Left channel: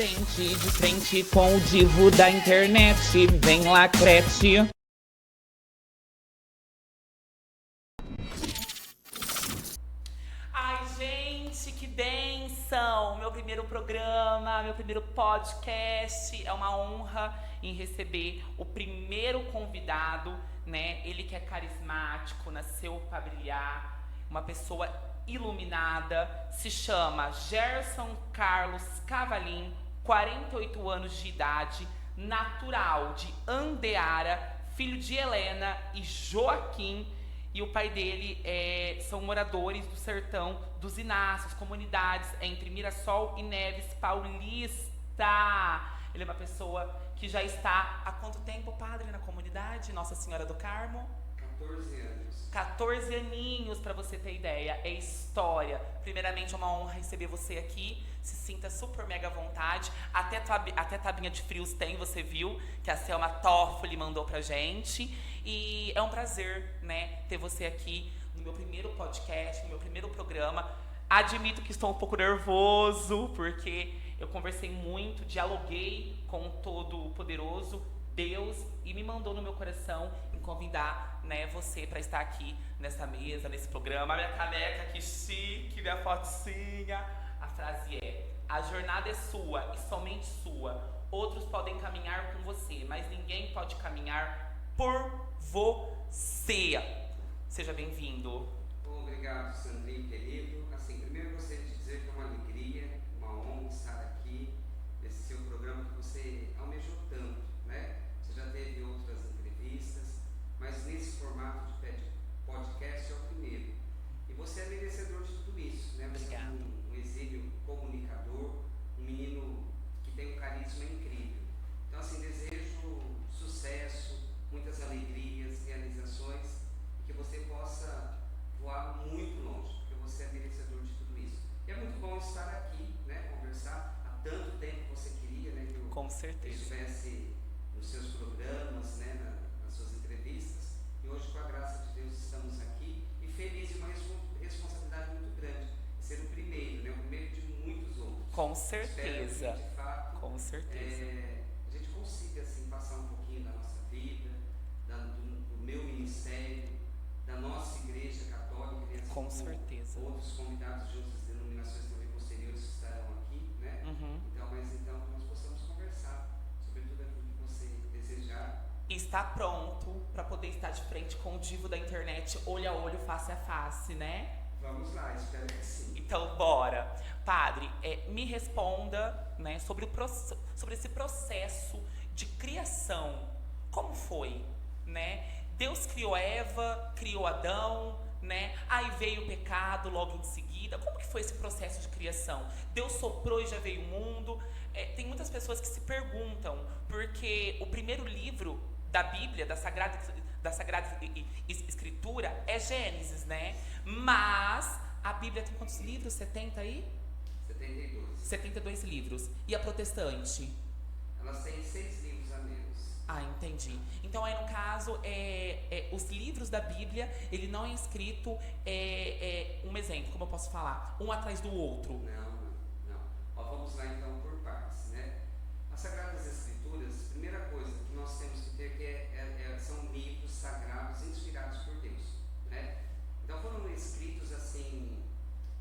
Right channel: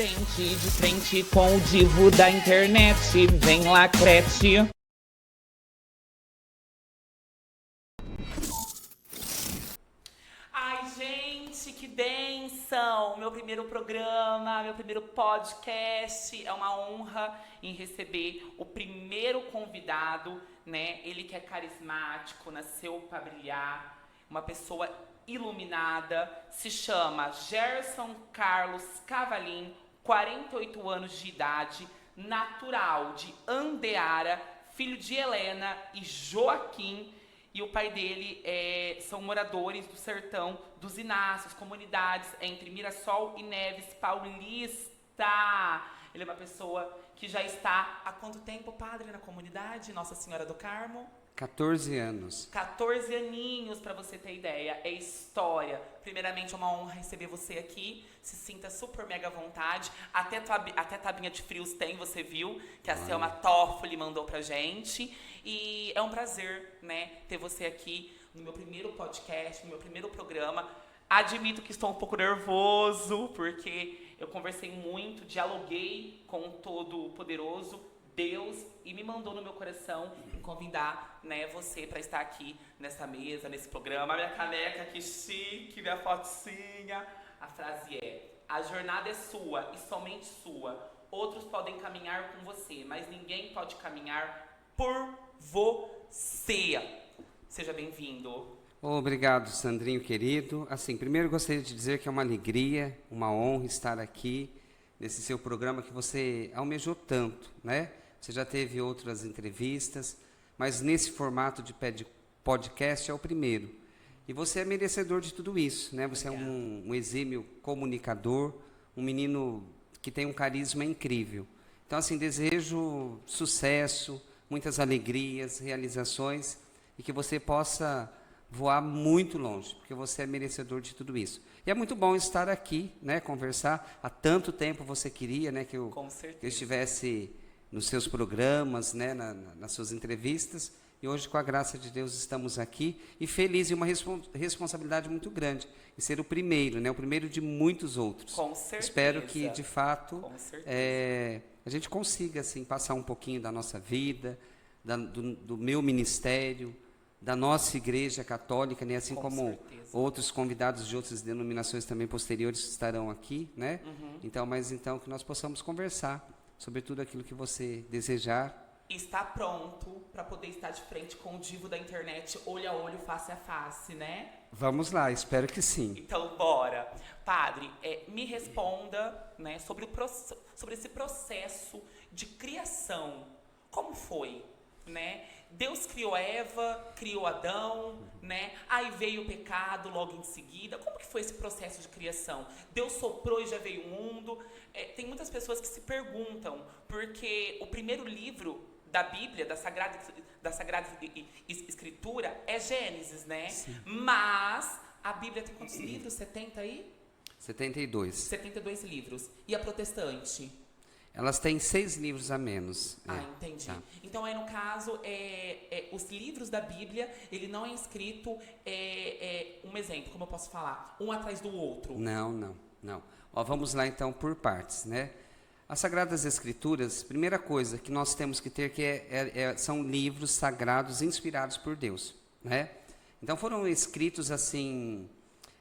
de frente com o divo da internet. Vem lá, crete. Ai, gente, que bênção! Meu primeiro programa, meu primeiro podcast. É uma honra em receber o primeiro convidado, né? Ele que é carismático, nasceu para brilhar, uma pessoa iluminada, se chama Gerson Carlos Cavalim, 48 anos de idade, natural de Andeara, filho de Helena e Joaquim. E o pai dele são moradores do sertão dos Inácios, comunidades entre Mirassol e Neves Paulista. Ele é uma pessoa que já está há quanto tempo, padre, na comunidade Nossa Senhora do Carmo? 14 anos. 14 aninhos, para você ter ideia. É história. Primeiramente, é uma honra receber você aqui. Se sinta super mega à vontade. Até tabinha de frios tem, você viu, que a Selma Toffoli mandou pra gente. E é um prazer, né, ter você aqui no meu primeiro podcast, no meu primeiro programa. Admito que estou um pouco nervoso, porque eu conversei muito, dialoguei com o Todo-Poderoso, Deus, e me mandou no meu coração em convidar, né, você para estar aqui nessa mesa, nesse programa. Minha caneca, que chique, minha fotinha. A frase é: a jornada é sua e somente sua. Outros podem caminhar com você, mas ninguém pode caminhar por você. Seja bem-vindo. Obrigado, Sandrinho querido. Assim, primeiro gostaria de dizer que é uma alegria, uma honra estar aqui nesse seu programa que você almejou tanto, né? Você já teve outras entrevistas, mas nesse formato de podcast é o primeiro. E você é merecedor de tudo isso, né? Você Obrigada. É um exímio comunicador, um menino que tem um carisma incrível. Então, assim, desejo sucesso, muitas alegrias, realizações, e que você possa voar muito longe, porque você é merecedor de tudo isso. E é muito bom estar aqui, né, conversar. Há tanto tempo você queria, né, que eu estivesse nos seus programas, né, nas suas entrevistas, e hoje, com a graça de Deus, estamos aqui, e feliz, e uma responsabilidade muito grande, em ser o primeiro, né, o primeiro de muitos outros. Com certeza. Espero que, de fato, com certeza, a gente consiga, assim, passar um pouquinho da nossa vida, do meu ministério, da nossa igreja católica, né? Assim com como certeza. outros convidados de outras denominações também posteriores estarão aqui, né? Uhum. Então que nós possamos conversar sobre tudo aquilo que você desejar. Está pronto para poder estar de frente com o divo da internet, olho a olho, face a face, né? Vamos lá, espero que sim. Então, bora. Padre, me responda, né, sobre esse processo de criação. Como foi, né? Deus criou Eva, criou Adão, né? Aí veio o pecado logo em seguida. Como que foi esse processo de criação? Deus soprou e já veio o mundo? Tem muitas pessoas que se perguntam, porque o primeiro livro da Bíblia, da Sagrada Escritura, é Gênesis, né? Sim. Mas a Bíblia tem quantos livros? 70 aí? 72. 72 livros. E a protestante? Elas têm 6 livros a menos. Ah, entendi. Tá. Então, aí no caso, os livros da Bíblia, ele não é escrito, um exemplo, como eu posso falar, um atrás do outro. Não. Ó, vamos lá então por partes, né? As Sagradas Escrituras, primeira coisa que nós temos que ter são livros sagrados inspirados por Deus, né? Então foram escritos assim,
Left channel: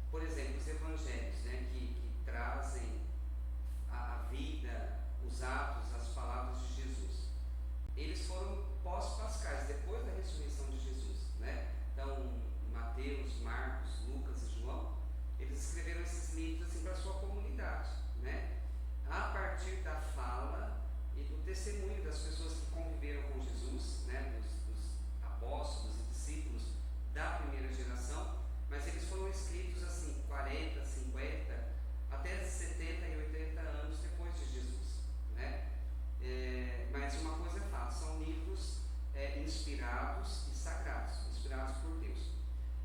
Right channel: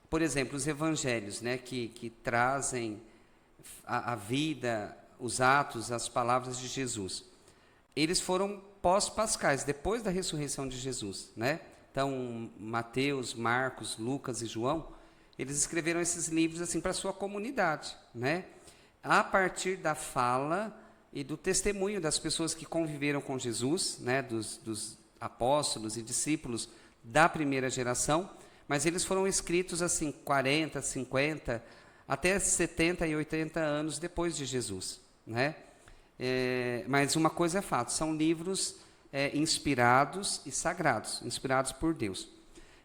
por exemplo, os Evangelhos, né? Que trazem a vida, os atos, as palavras de Jesus. Eles foram pós-pascais, depois da ressurreição de Jesus, né? Então, Mateus, Marcos, Lucas e João, eles escreveram esses livros assim para a sua comunidade, né? A partir da fala e do testemunho das pessoas que conviveram com Jesus, né? Dos apóstolos e discípulos da primeira geração, mas eles foram escritos assim 40, 50, até 70 e 80 anos depois de Jesus, né? Mas uma coisa é fato, são livros inspirados e sagrados, inspirados por Deus.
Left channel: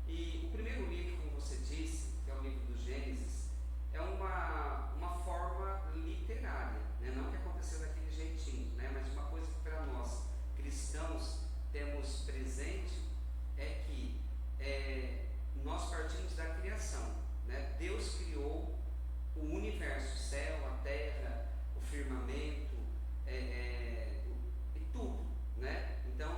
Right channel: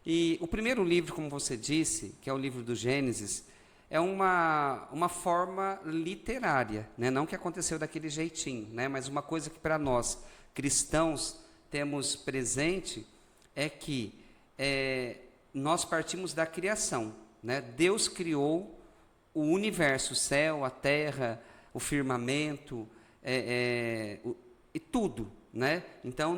E o primeiro livro, como você disse, que é o livro do Gênesis, é uma forma literária, né? Não que aconteceu daquele jeitinho, né? Mas uma coisa que para nós, cristãos, temos presente é que nós partimos da criação, né? Deus criou o universo, o céu, a terra, o firmamento, e tudo, né? Então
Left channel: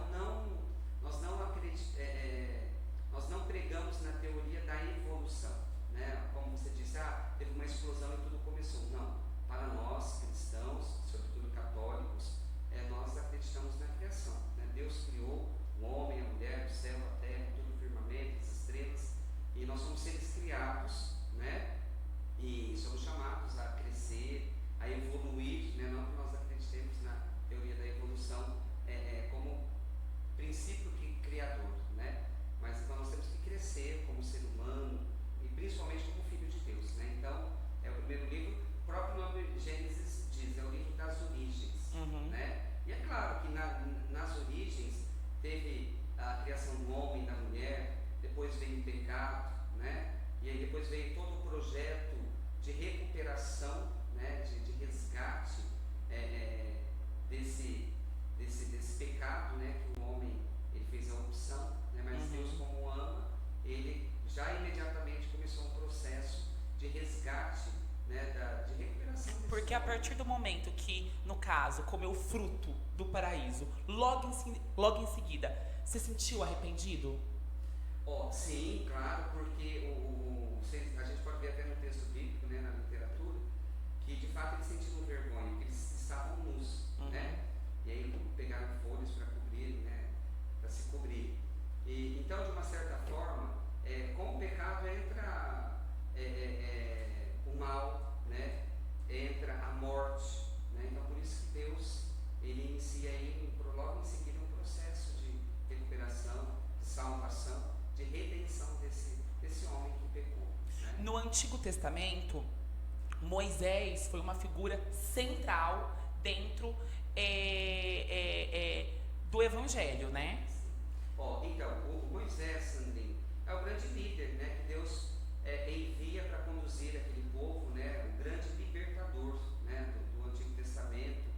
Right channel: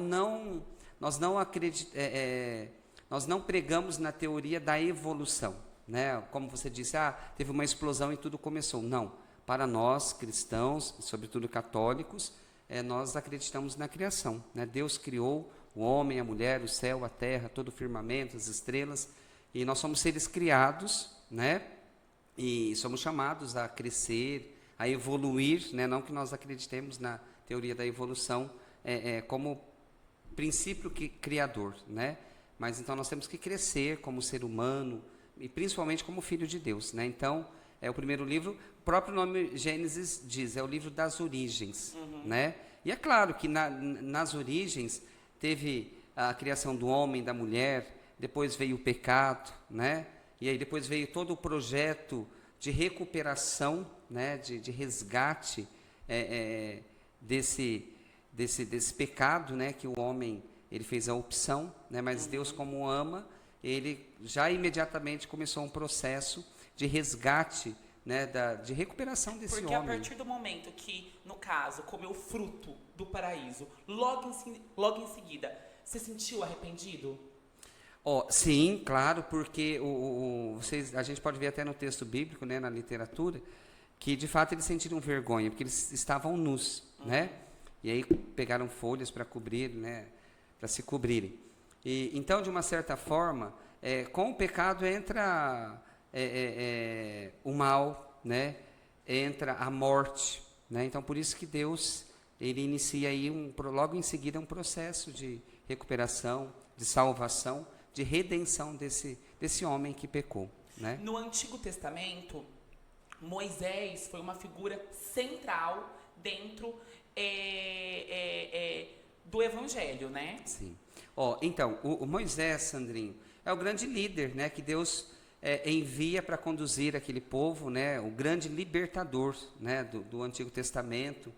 nós não pregamos na teoria da evolução, né? Como você disse, teve uma explosão e tudo começou. Não, para nós cristãos, sobretudo católicos, nós acreditamos na criação, né? Deus criou o homem, a mulher, o céu, a terra, todo o firmamento, as estrelas, e nós somos seres criados, né? E somos chamados a crescer, a evoluir, né? Não que nós acreditemos na teoria da evolução como princípio criador, né? Mas então nós temos que crescer como ser humano e principalmente como filho de Deus, né? Então, o primeiro livro, o próprio nome Gênesis diz, é o livro das origens, né? E é claro que nas origens teve a criação do homem, da mulher, depois veio o pecado, né? E aí depois veio todo o projeto de recuperação, né? De resgate desse pecado, né? Que o homem ele fez a opção, né? Mas Deus, como ama, ele já imediatamente começou um processo de resgate, né? De recuperação desse homem. Porque a partir do momento que, no caso, comeu o fruto do paraíso, logo em seguida, você sentiu arrependido? Sim, claro, porque a gente pode ver até no texto bíblico, né? Na literatura, que de fato eles sentiram vergonha, porque eles estavam nus, né? E aí pegaram folhas para cobrir, né? Para se cobrirem. E então, de uma certa forma, com o pecado entra o mal, né? Entra a morte, né? Então, por isso que Deus ele inicia aí logo em seguida um processo de recuperação, de salvação, de redenção desse homem que pecou, né? No Antigo Testamento, Moisés foi uma figura central dentro do Evangelho, né? Sim. Então, o Moisés, Sandrinho, é o grande líder, né, que Deus envia para conduzir aquele povo, né, o grande libertador, né, do Antigo Testamento.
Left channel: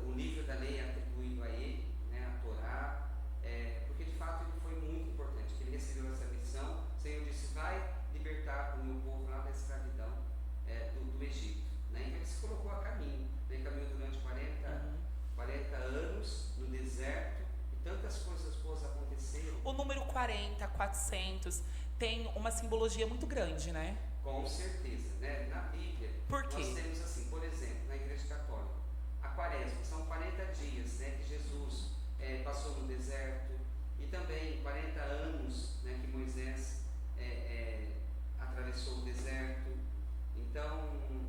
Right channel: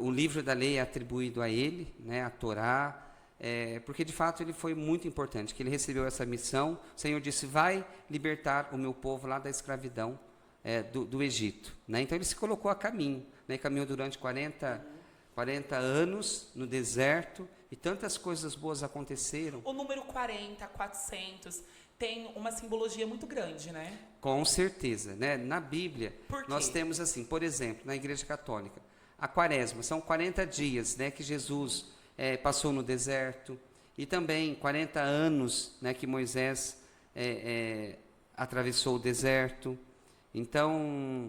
O livro da lei é atribuído a ele, né, a Torá, porque de fato ele foi muito importante, que ele recebeu essa missão. O Senhor disse, vai libertar o meu povo lá da escravidão do Egito, né? Então ele se colocou a caminho, né, caminhou durante 40 anos no deserto, e tantas coisas boas aconteceram. O número 40, 400, tem uma simbologia muito grande, né? Com certeza, né? Na Bíblia, Por quê? nós temos assim, por exemplo, na Igreja Católica, a Quaresma, são 40 dias, né, que Jesus passou no deserto, e também 40 anos, né, que Moisés atravessou o deserto. Então,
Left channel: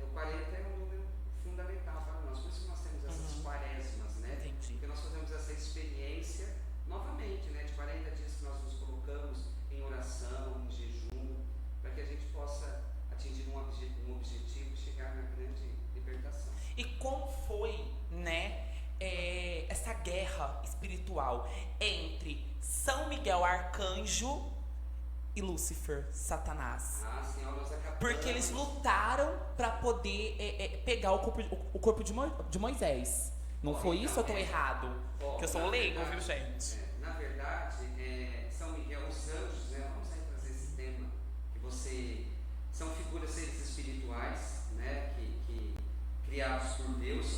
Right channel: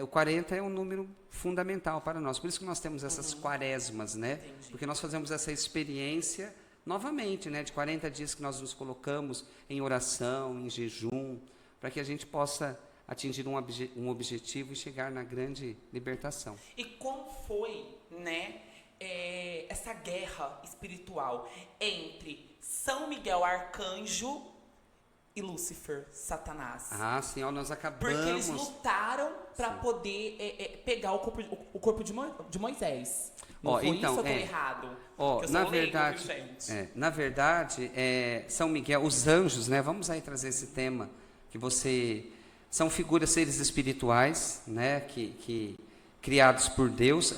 o 40 é um número fundamental para nós, por isso que nós temos essas quaresmas, né? Entendi. Porque nós fazemos essa experiência novamente, né, de 40 dias que nós nos colocamos em oração, em jejum, para que a gente possa atingir um objetivo e chegar na grande libertação. E como foi, né, essa guerra espiritual entre São Miguel Arcanjo e Lúcifer, Satanás? Sim, nós acabamos... Porque eles lutaram para poder pegar o corpo de Moisés. Não foi então, isso ou eu estou errado? Porque eu sou leigo, viu, gente? Na verdade, São Miguel, os anjos, né? Vamos aí trazer esse tema, são figuras, seres espirituais, né? Que criados por Deus.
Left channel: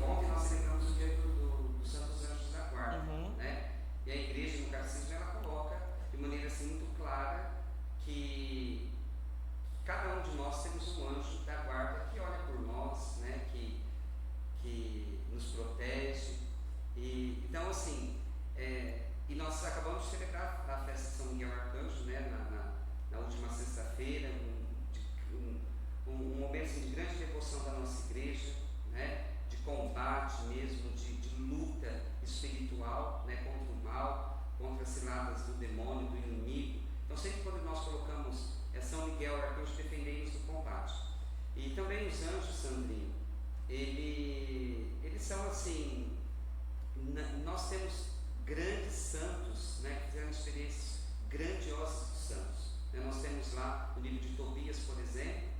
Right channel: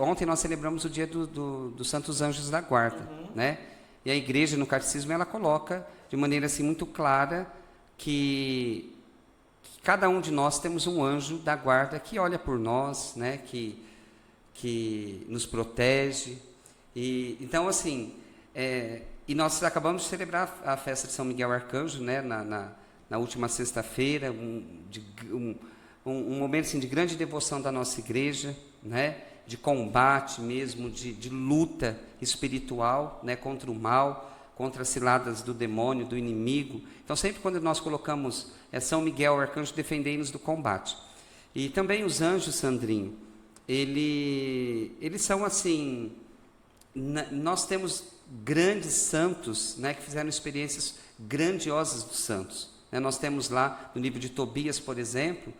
Ontem nós celebramos o dia dos Santos Anjos da Guarda, né? E a igreja, no catecismo, ela coloca de maneira assim muito clara que cada um de nós temos um anjo da guarda que olha por nós, né? Que nos protege. E então assim, e nós acabamos de celebrar a festa de São Miguel Arcanjo, né? Na última sexta-feira, um momento assim, de grande devoção da nossa igreja, né? De combate mesmo, de luta espiritual, né? Contra o mal, contra as ciladas do demônio, do inimigo. Então sempre quando nós colocamos São Miguel Arcanjo, defendei-nos do combate. E também os anjos, Sandrinho, eles são assim, nós temos grandes santos, né, que fizeram experiências grandiosas dos santos, né? Nós temos lá no livro de Tobias, por exemplo,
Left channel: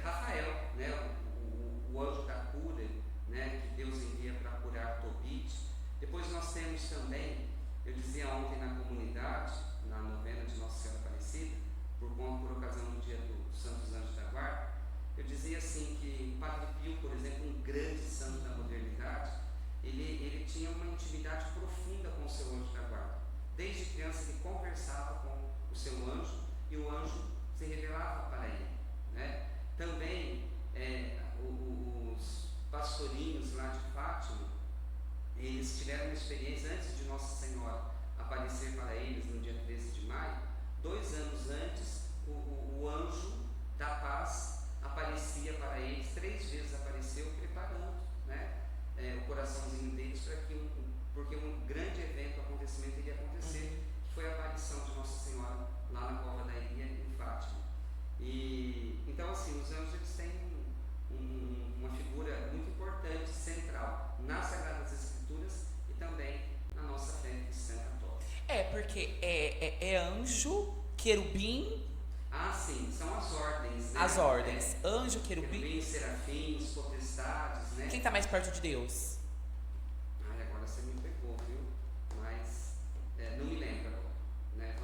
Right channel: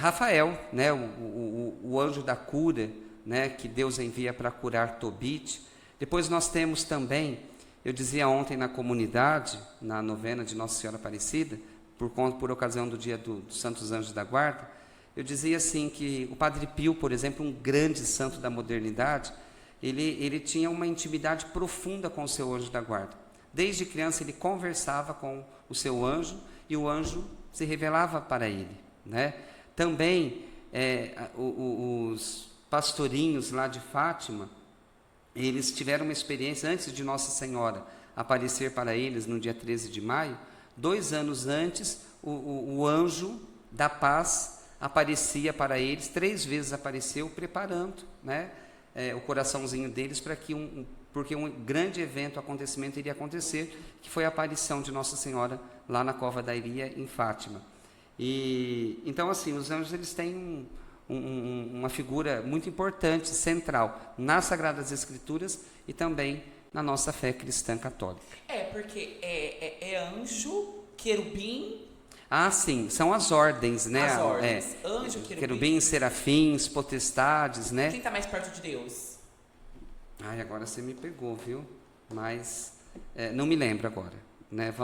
Rafael, né, o anjo da cura, né, que Deus envia para curar Tobit. Depois nós temos também Eu dizia ontem na comunidade, na novena de Nossa Senhora Aparecida, por ocasião do dia dos Santos Anjos da Guarda, eu dizia assim que o Padre Pio, por exemplo, um grande santo da modernidade, ele tinha uma intimidade profunda com o seu anjo da guarda. Desde criança ele conversava com o seu anjo e o anjo se revelava para ele, né? Também os pastorinhos lá de Fátima, eles tiveram uma experiência antes de Nossa Senhora aparecer para eles no dia 13 de maio, 2 anos antes, o anjo da paz aparecia para eles, 3 vezes apareceu, preparando, né, o coraçãozinho deles para que porque um grande evento, acontecimento iria acontecer, que foi a aparição de Nossa Senhora lá na Cova da Iria, em Fátima. E então, assim, os anjos, eles têm uma figura muito importante, central, nas Sagradas Escrituras e também na nossa fé cristã católica. Porque é anjo, querubim... Ah, sim, são as ordens, né? As ordens, anjo, querubim, serafins, potestades, né? Quem está mais perto de Deus? Ai, agora você me pegou, viu? Mas não me lembro agora, né?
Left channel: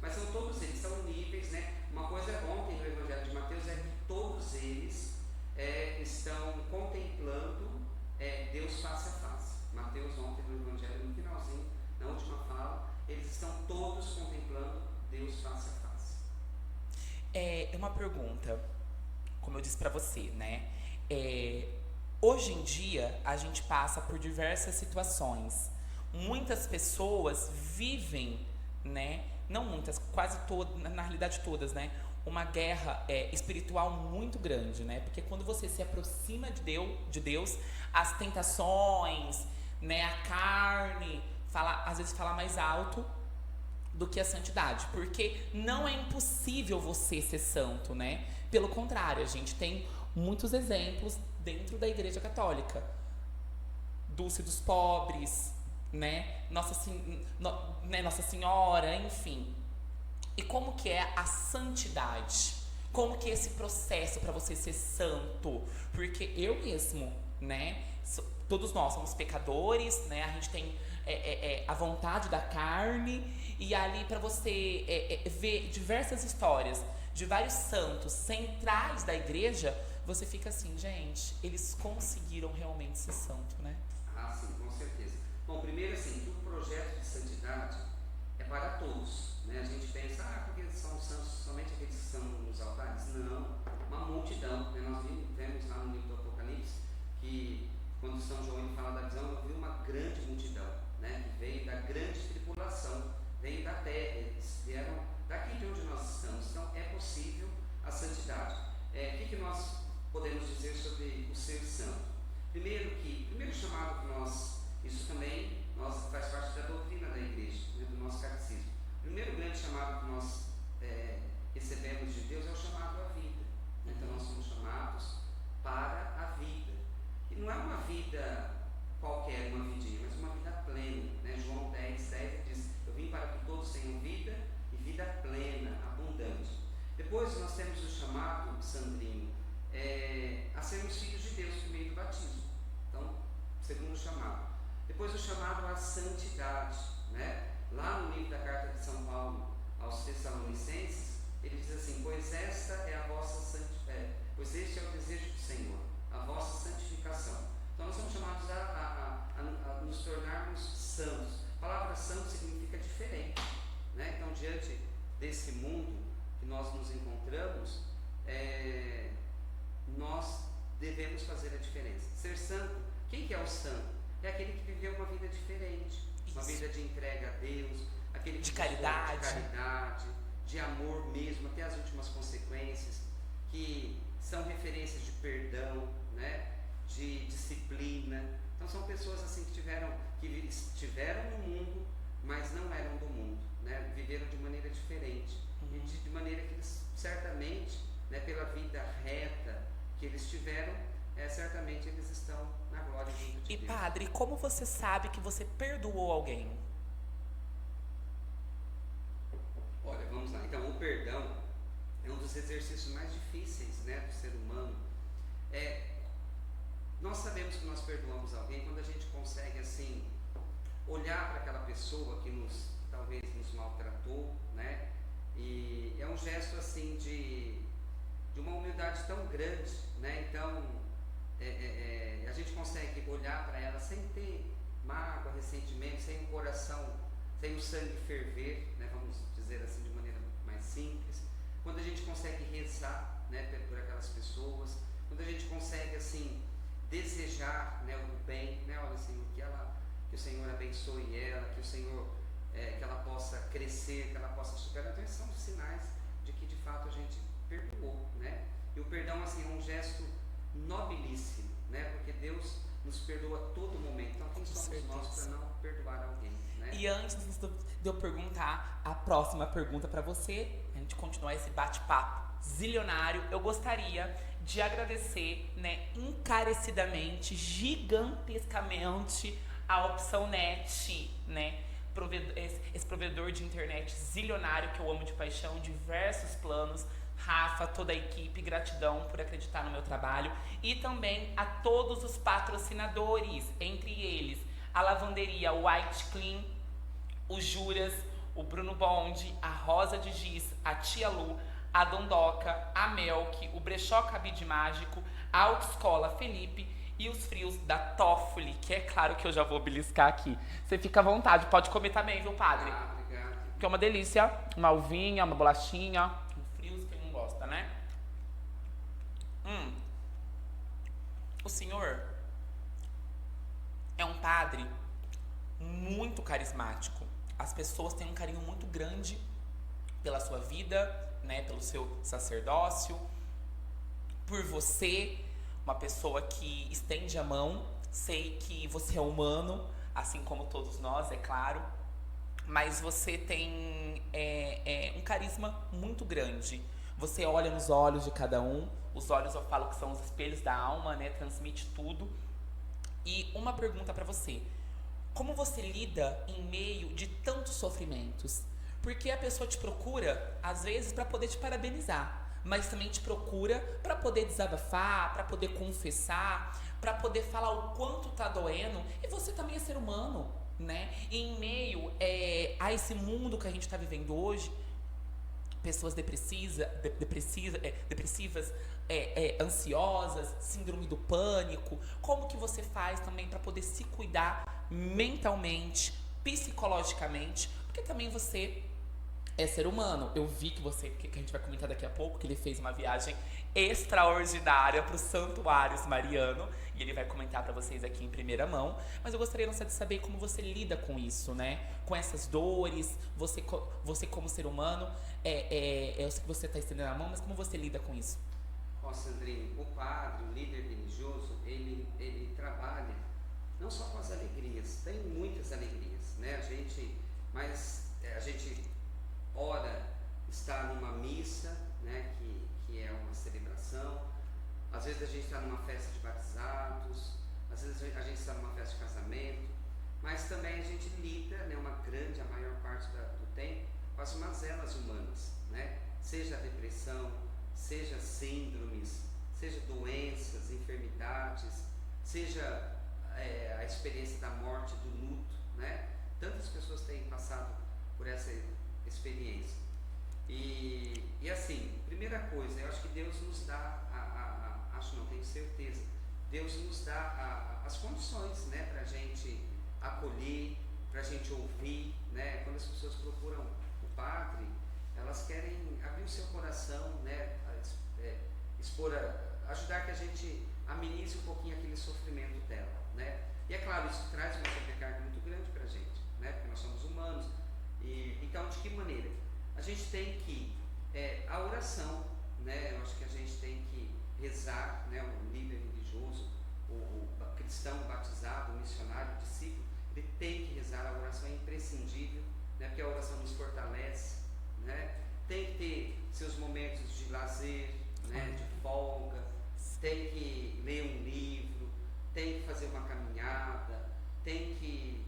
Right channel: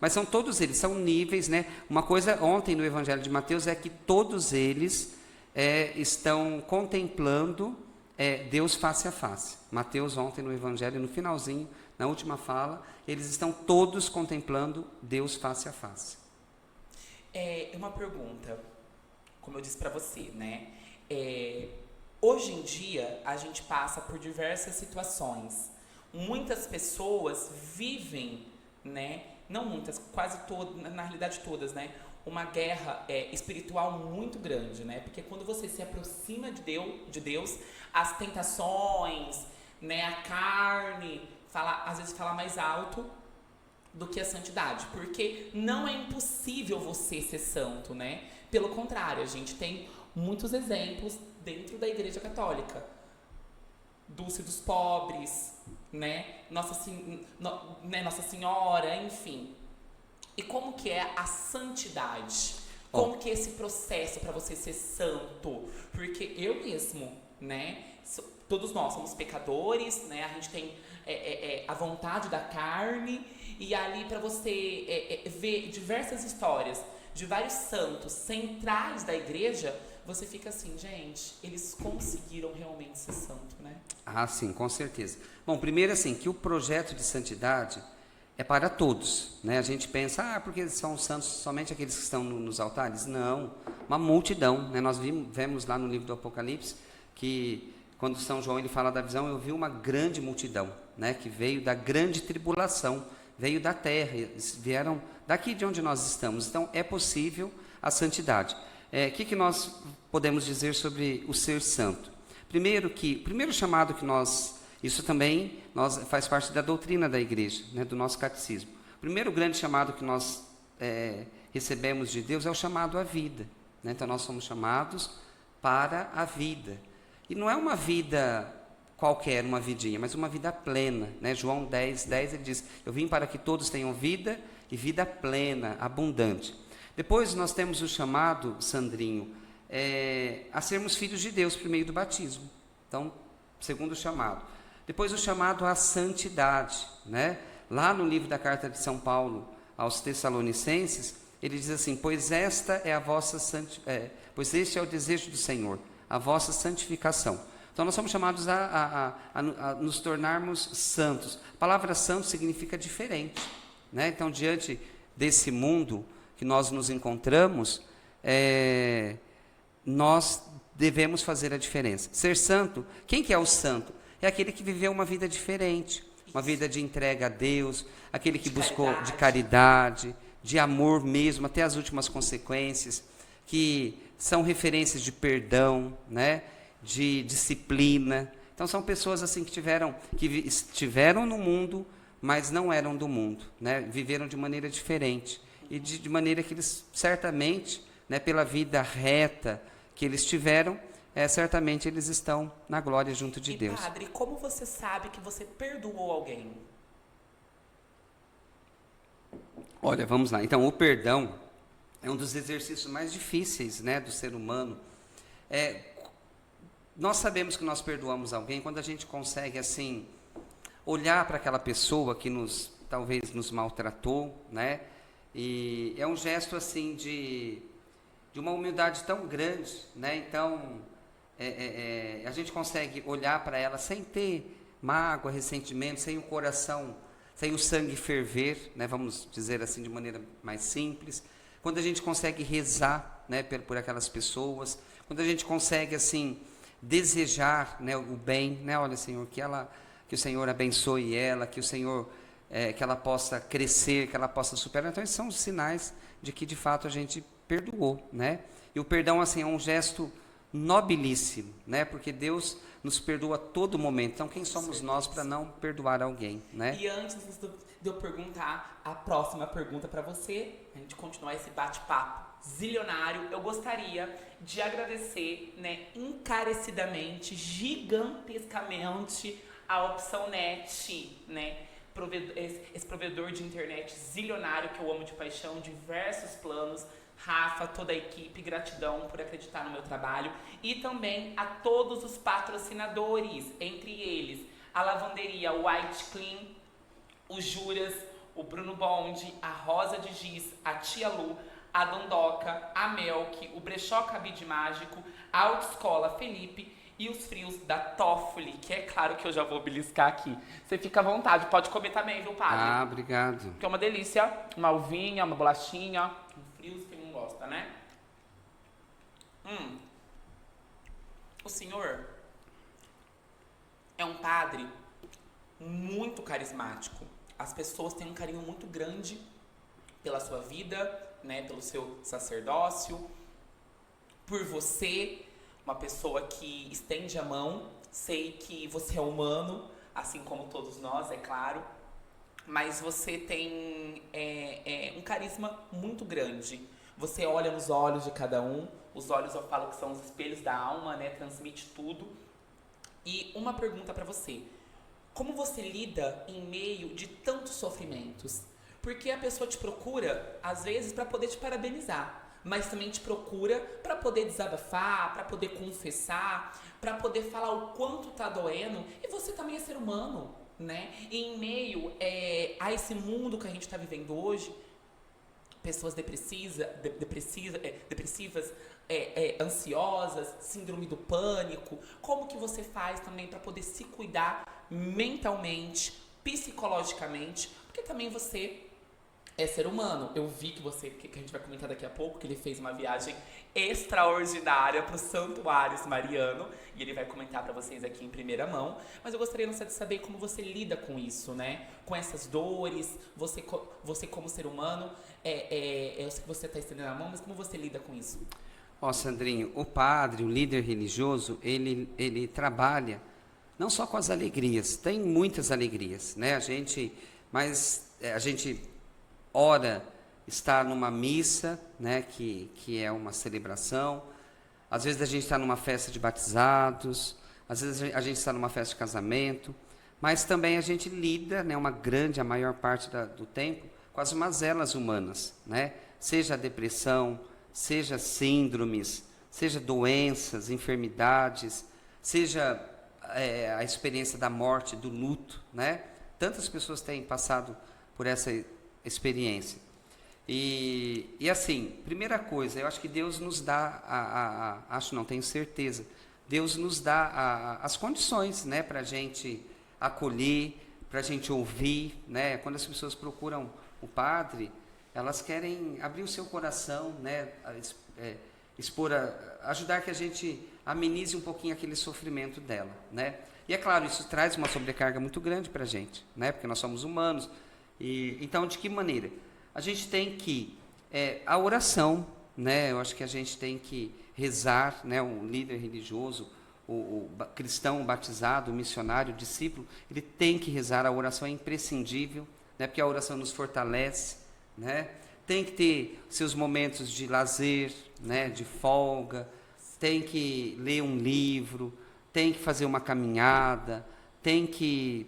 Mas são todos eles, são níveis, né? Uma coisa ontem no Evangelho de Mateus é que todos eles estão contemplando Deus face a face. Mateus ontem no Evangelho, no finalzinho, na última fala, eles estão todos contemplando Deus face a face. Uma pergunta, como eu disse para você, né? Hoje em dia, a gente passa por diversas situações. Muitas pessoas vivem, né? Não muitas, quase todas, na realidade todas, né? Uma guerra espiritual muito grande, né? Porque quando você se aproxima de Deus, as tentações, né? A carne, às vezes fala mais alto do que a santidade, porque não é impossível você ser santo, né? Pelo contrário, a gente tem muitos exemplos dentro da Igreja Católica. Dulce dos pobres, né? Nossa Senhora, enfim. E como que é a santidade? Como que é esse processo para você ser santo? Porque eu mesmo, né? Todos nós somos pecadores, né? A gente tem a vontade da carne. E ali para você ver diversas histórias de vários santos centrais da igreja, você fica assim, gente, eles conseguiram realmente ser santo, né? Ah, sim, com certeza. Bom, primeiro assim, que o projeto de santidade é para todos, né? A gente pensa, porque são santos somente aqueles que estão nos altares? Não, uma multidão, né? Nós vemos lá no livro do Apocalipse que quando São João ele fala da visão, eu vi uma grande multidão, né? Que veio da grande tribulação, veio da terra, eles vieram daqui de onde nós estamos. Então é possível a santidade. Que nós podemos dizer sobre o ser santo? Primeiro que o primeiro chamado que isso também faz parte da doutrina da igreja, né, do nosso catecismo. O primeiro grande chamado que nós recebemos de Deus é o chamado à vida, né? Então nós somos chamados para a vida. E não é uma vida qualquer, uma vidinha, mas uma vida plena, né? João 10, ele diz, eu vim para que todos tenham vida e vida plena, abundante. Depois nós temos o chamado, Sandrinho, a sermos filhos de Deus por meio do batismo. Então, segundo chamado. Depois o chamado à santidade, né? Lá no livro da carta de São Paulo aos Tessalonicenses, ele diz assim, pois este é o desejo do Senhor, a vossa santificação. Então nós somos chamados a nos tornarmos santos. A palavra santo significa diferente, né? Então, diante desse mundo que nós nos encontramos, nós devemos fazer a diferença. Ser santo, quem que é o santo? É aquele que viveu uma vida diferente, uma vida de entrega a Deus, aquele que buscou de caridade, de amor mesmo, até as últimas consequências, que são referências de perdão, né? De disciplina. Então são pessoas assim que estiveram no mundo, mas não eram do mundo, né? Viveram de maneira diferente e de maneira que eles certamente, né, pela vida reta que eles tiveram, certamente eles estão na glória junto de Deus. Padre, como você sabe que você perdoou alguém? Olha, vamos lá. Então, o perdão é um dos exercícios mais difíceis, né, do ser humano. Nós sabemos que nós perdoamos alguém quando a gente consegue, assim, olhar para aquela pessoa que talvez nos maltratou, né? E é um gesto assim de uma humildade tão grande, né? Então a gente consegue olhar para ela sem ter mágoa, ressentimento, sem o coração, sem o sangue ferver, né? Vamos dizer assim de maneira mais simples. Quando a gente consegue rezar, né, por aquelas pessoas, quando a gente consegue assim desejar, né, o bem, né? Olha, Senhor, que o Senhor abençoe ela, que o Senhor que ela possa crescer, que ela possa superar. Então esses são os sinais de que de fato a gente perdoou, né? E o perdão assim é um gesto nobilíssimo, né? Porque Deus nos perdoa a todo momento. Então quem somos nós para não perdoar alguém, né? E antes de eu perguntar a próxima pergunta para você, a gente continuar esse bate-papo zilionário, eu gostaria de agradecer, né, encarecidamente, gigantescamente a Opção Net, né? Esse provedor de internet zilionário que eu amo de paixão, diversos planos. Rafa, toda a equipe, gratidão por acreditar no meu trabalho. E também a todos os patrocinadores, entre eles a lavanderia White Clean, o Juras, o Bruno Bond, a Rosa de Giz, a Tia Lu, a Dondoca, a Melk, o Brechó Cabide Mágico, a Autoescola Felipe e os frios da Toffoli, que é claro que eu já vou beliscar aqui. Você fica à vontade, pode comer também, viu, padre? Ah, obrigado. Que é uma delícia, uma uvinha, uma bolachinha, um frios, quem não gosta, né? O senhor é um padre muito carismático. As pessoas têm um carinho muito grande pela sua vida, né, pelo seu sacerdócio, por você, uma pessoa que estende a mão. Sei que você é humano, assim como todos nós, é claro, mas você tem um carisma muito grande. Você olha nos olhos de cada um, os olhos eu falo que são os espelhos da alma, né, transmite tudo. E uma pergunta para você: como você lida em meio de tantos sofrimentos? Porque a pessoa te procura, às vezes, para poder te parabenizar, mas também te procura para poder desabafar, para poder confessar, para poder falar o quanto tá doendo. E você também é ser humano, né? E em meio a esse mundo que a gente tá vivendo hoje, pessoas depressivas, ansiosas, síndrome do pânico. Como que você faz também para poder se cuidar mentalmente, psicologicamente? Porque também você é ser humano. Eu vi que a gente vai comentar daqui a pouco, que ele fez uma viagem extraordinária para os Santuários Mariano, e ele vai comentar para vocês aqui em primeira mão. Mas eu gostaria de saber como você lida com isso, né? Com essas dores, você como ser humano, eu sei que você está estendendo a mão, mas como você lida com isso? Ó, Sandrinho, o padre, o líder religioso, ele trabalha não só com as alegrias, tem muitas alegrias, né? A gente ora, está numa missa, né, que é uma celebração. Às vezes a gente está numa festa de batizados, às vezes a gente está numa festa de casamento, mas também a gente lida, né, a maior parte do tempo, com as mazelas humanas, né? Seja a depressão, seja síndromes, seja doenças, enfermidades, seja a experiência da morte, do luto, né? Tantas pessoas têm passado por essa experiência. E assim, primeira coisa, eu acho que Deus nos dá, tenho certeza, Deus nos dá as condições, né, para a gente acolher, para a gente ouvir, né? Quando as pessoas procuram o padre, elas querem abrir o seu coração, né, ajudar que a gente amenize um pouquinho aquele sofrimento dela, né? E é claro, isso traz uma sobrecarga muito grande para a gente, né? Porque nós somos humanos. Então, de que maneira? A gente tem que, a oração, né? Eu acho que a gente tem que rezar, né? O líder religioso, o cristão batizado, o missionário, o discípulo, ele tem que rezar. A oração é imprescindível, né? Porque a oração nos fortalece, né? Tem que ter seus momentos de lazer, né? De folga, tem que ler um livro, tem que fazer uma caminhada, tem que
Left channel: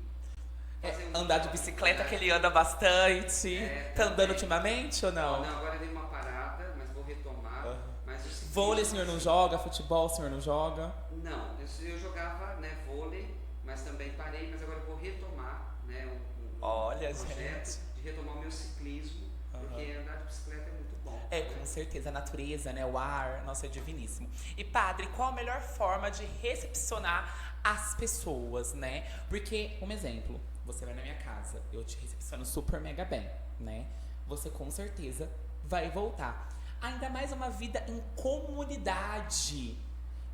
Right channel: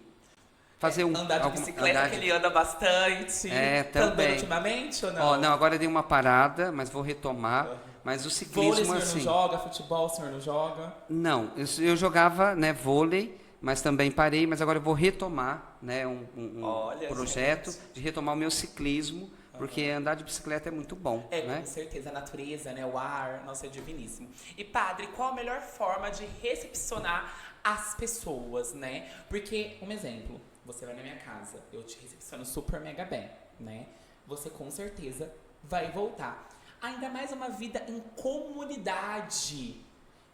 fazer andar de bicicleta, que ele anda bastante. Tá andando ultimamente ou não? Não, agora eu dei uma parada, mas vou retomar. Mas o ciclismo, vôlei, o senhor não joga? Futebol, o senhor não joga? Não, eu jogava, né, vôlei, mas também parei, mas agora eu vou retomar, né, um Olha, projeto gente. de retomar o meu ciclismo, porque andar de bicicleta é muito bom, né? Com certeza, a natureza, né, o ar, nossa, é diviníssimo. E padre, qual a melhor forma de recepcionar as pessoas, né? Porque, um exemplo, você vai na minha casa, eu te recepciono super mega bem, né? Você com certeza vai voltar. Ainda mais uma vida em comunidade,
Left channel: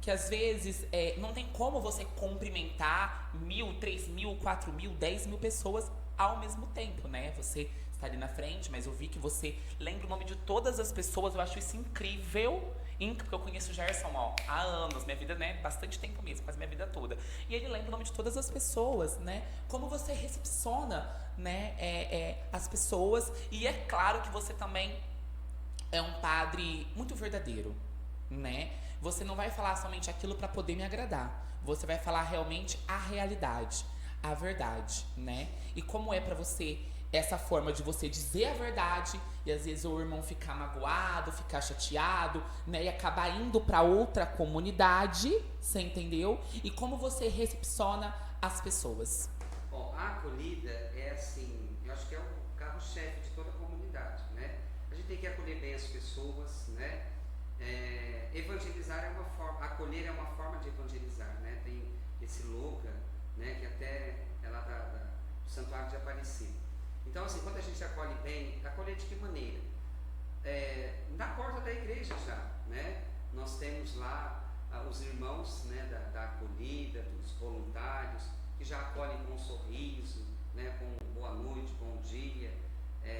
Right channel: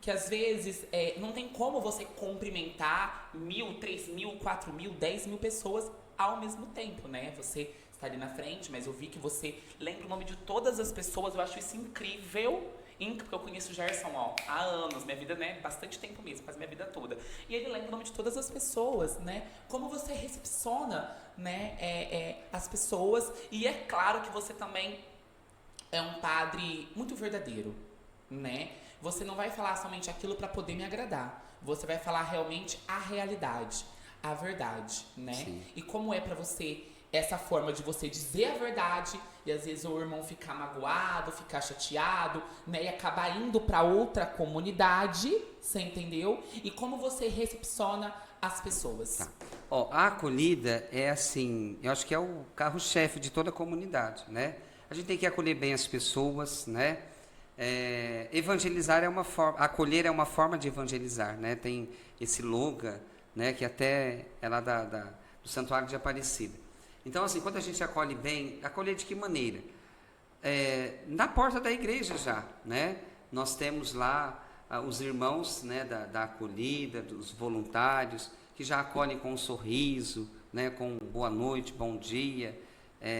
que às vezes não tem como você cumprimentar 1.000, 3.000, 4.000, 10.000 pessoas ao mesmo tempo, né? Você está ali na frente, mas eu vi que você lembra o nome de todas as pessoas, eu acho isso incrível, porque eu conheço o Gerson, ó, há anos, minha vida, né, bastante tempo mesmo, quase minha vida toda. E ele lembra o nome de todas as pessoas, né? Como você recepciona, né, as pessoas. E é claro que você também é um padre muito verdadeiro, né? Você não vai falar somente aquilo para poder me agradar. Você vai falar realmente a realidade, a verdade, né? Sim. E como é para você essa forma de você dizer a verdade e às vezes o irmão ficar magoado, ficar chateado, né? E acabar indo para outra comunidade, você entendeu? E como você recepciona as pessoas. Ó, a acolhida é assim, eu acho que é o carro-chefe de toda a comunidade, né? A gente tem que acolher bem as pessoas, né? Evangelizar é uma forma, acolher é uma forma de evangelizar, né? Tem esse slogan, né? Que até é lá do Santuário de Aparecida. Então, assim, quando a gente acolhe bem, acolher de que maneira? Na porta da igreja já, né? Nós temos lá os irmãos, né? Da acolhida, dos voluntários, que já acolhem com um sorriso, né? Com boa noite, bom dia,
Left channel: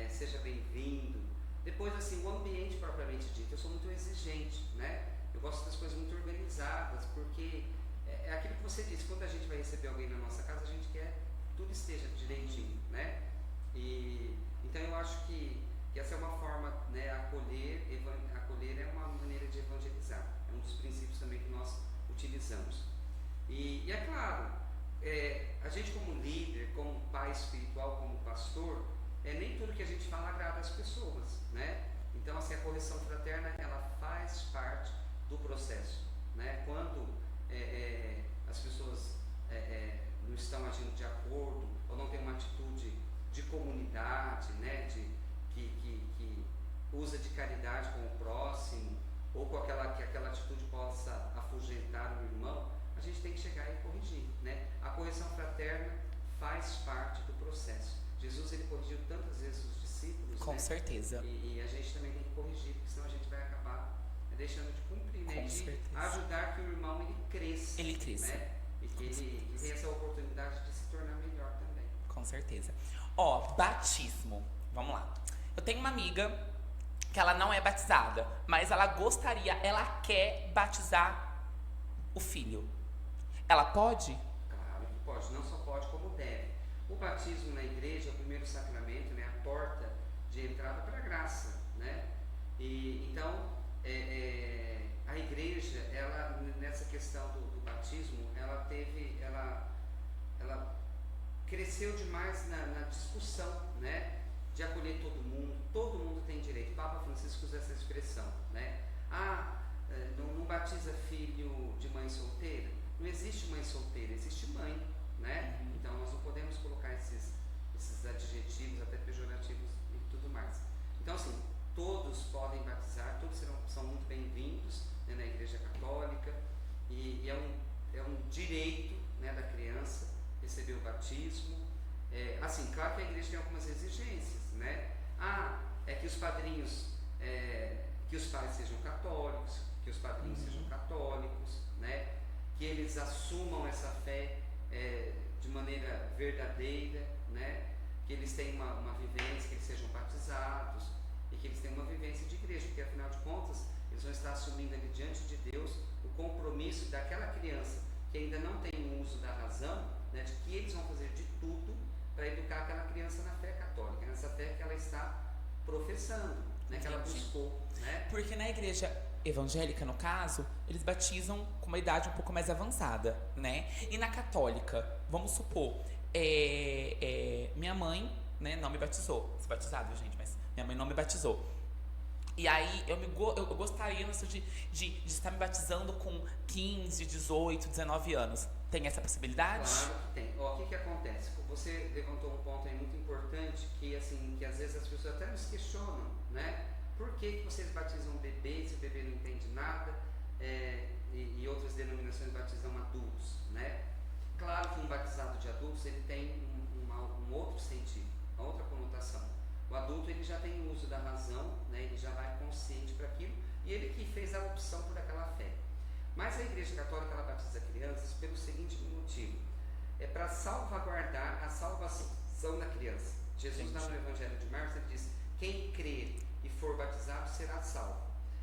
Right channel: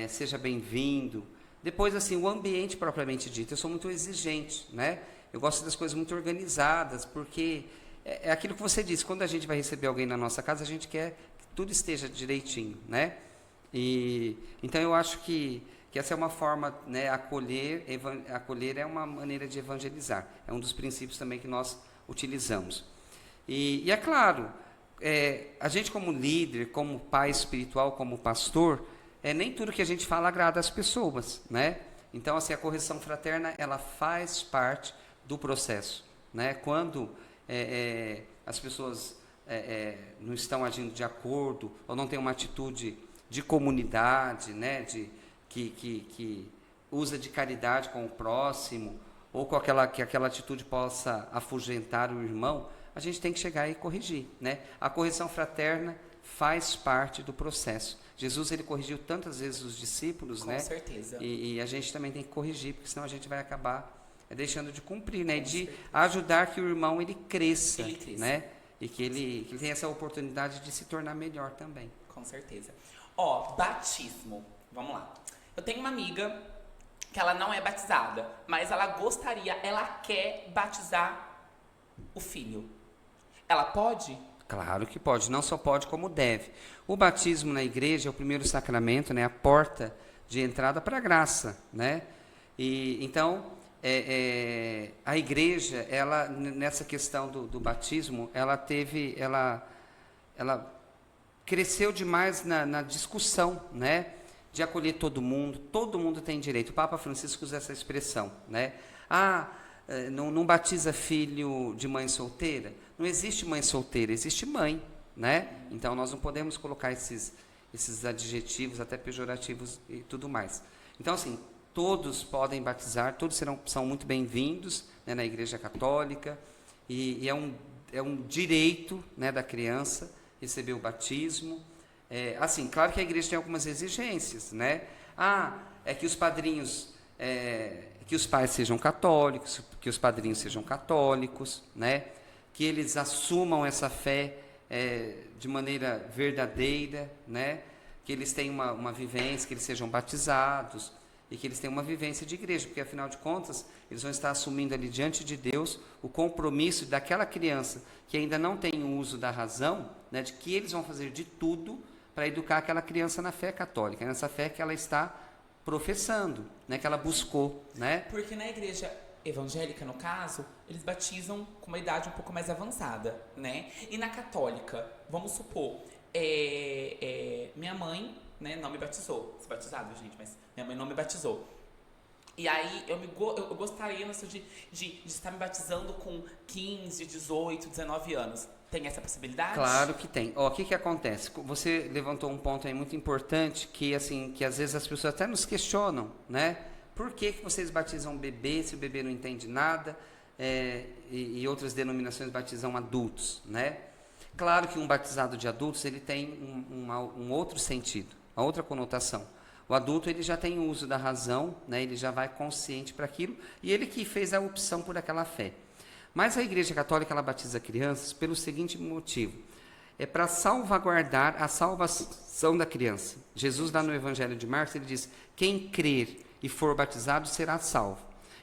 seja bem-vindo. Depois, assim, o ambiente propriamente dito, eu sou muito exigente, né? Eu gosto das coisas muito organizadas, porque é aquilo que você disse, quando a gente vai receber alguém na nossa casa, a gente quer que tudo esteja direitinho, né? Então eu acho que essa é uma forma, né? Acolher é uma maneira de evangelizar, é um dos princípios também que nós utilizamos. E é claro, a gente como líder, como pai espiritual, como pastor, nem tudo que a gente fala agrada as pessoas, né? Então, assim, a correção fraterna, ela faz parte do processo, né? Quando as pessoas não estão agindo de acordo, ou não têm uma atitude de comunidade, né? Que usa de caridade com o próximo, ou com que aquela atitude possa afugentar o irmão, a gente tem que chegar e corrigir, né? A correção fraterna faz parte do processo. Jesus, ele corrigiu tantas vezes os discípulos, né? Com certeza. E a gente também tem que corrigir, porque senão a gente vai acabar deixando de cumprir, né? Com De certeza. ajudar que o irmão, ele cresça, né? E que ele tenha essa oportunidade de se tornar melhor também. Com certeza. Ó, batismo. Vamos lá. Eu tenho uma amiga que ela não é batizada, mas ela quer batizar o filho. Ela pode? Claro que pode, não só pode como deve. O batismo na igreja é o primeiro sacramento, né? A porta de entrada para a graça, né? E então a igreja, ela nessa questão do batismo, ela cresceu demais na discussão, né? De acolher todo mundo tem direito. O Papa Francisco usa essa expressão, né? Não batiza filho de mãe solteira. Não existe mãe solteira, existe mãe, né? Então nós não podemos colocar esses adjetivos até pejorativos e tudo mais. Então, assim, todos podem batizar, todos são muito bem-vindos, né, na Igreja Católica, e é um direito, né, da criança receber o batismo. Assim, claro que a igreja tem algumas exigências, né? É que os padrinhos, que os pais sejam católicos, que os padrinhos sejam católicos, né? Que eles assumam essa fé de maneira verdadeira, né? Que eles tenham uma vivência, que eles sejam batizados e que eles tenham uma vivência de igreja, porque afinal de contas eles vão estar assumindo ali diante de Deus o compromisso daquela criança que ainda não tem o uso da razão, né? De que eles vão fazer de tudo para educar aquela criança na fé católica, nessa fé que ela está professando, né? Que ela buscou, né? Porque na igreja evangélica, no caso, eles batizam com uma idade um pouco mais avançada, né? E na católica, vamos supor, minha mãe, né, não me batizou. Sou batizado, gente, mas minha mãe não me batizou. E aí eu gostaria de estar me batizando com 15, 18, 19 anos. Tem essa possibilidade? Claro que tem. Ó, o que que acontece? Você levantou um ponto aí muito importante que assim, que às vezes as pessoas até nos questionam, né? Por que que vocês batizam bebê se o bebê não entende nada? E outras denominações batizam adultos, né? Claro que um batizado de adultos ele tem um outro sentido, uma outra conotação. O adulto ele já tem o uso da razão, né? Ele já vai consciente para aquilo e ele que fez a opção por aquela fé. Mas a Igreja Católica ela batiza crianças pelo seguinte motivo: é para salvaguardar a salvação da criança. Jesus lá no Evangelho de Marcos ele diz: quem crer e for batizado será salvo.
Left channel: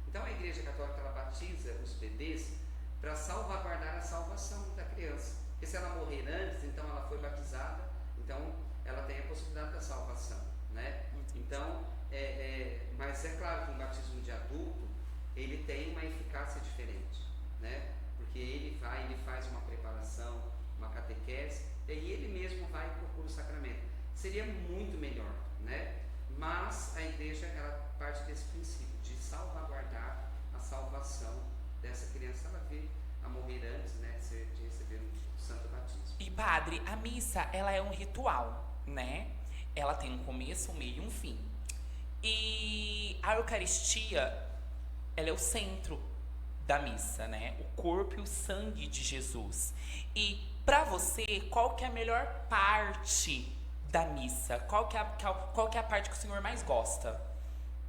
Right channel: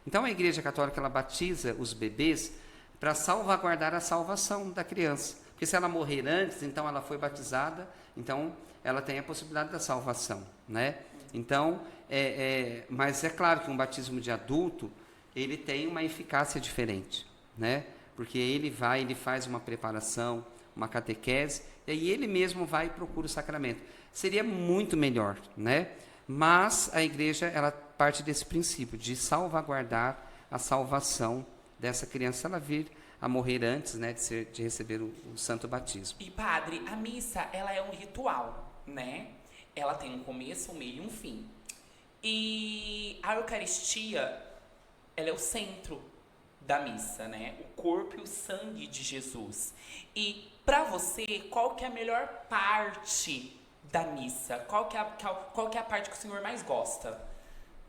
Então a Igreja Católica ela batiza os bebês para salvaguardar a salvação da criança. Porque se ela morrer antes, então ela foi batizada, então ela tem a possibilidade da salvação, né? Então, mas é claro que um batismo de adulto ele tem uma eficácia diferente, né? Porque ele faz uma preparação, uma catequese, e aí ele mesmo vai e procura o sacramento. Seria muito melhor, né? Mas a igreja, ela parte desse princípio de salvaguardar a salvação dessa criança, ela vir a morrer antes, né, de receber o santo batismo. E padre, a missa, ela é um ritual, né? Ela tem um começo, um meio e um fim. E a Eucaristia, ela é o centro da missa, né? O corpo e o sangue de Jesus. E para você, qual que é a melhor parte da missa? Qual que é a parte que o senhor mais gosta?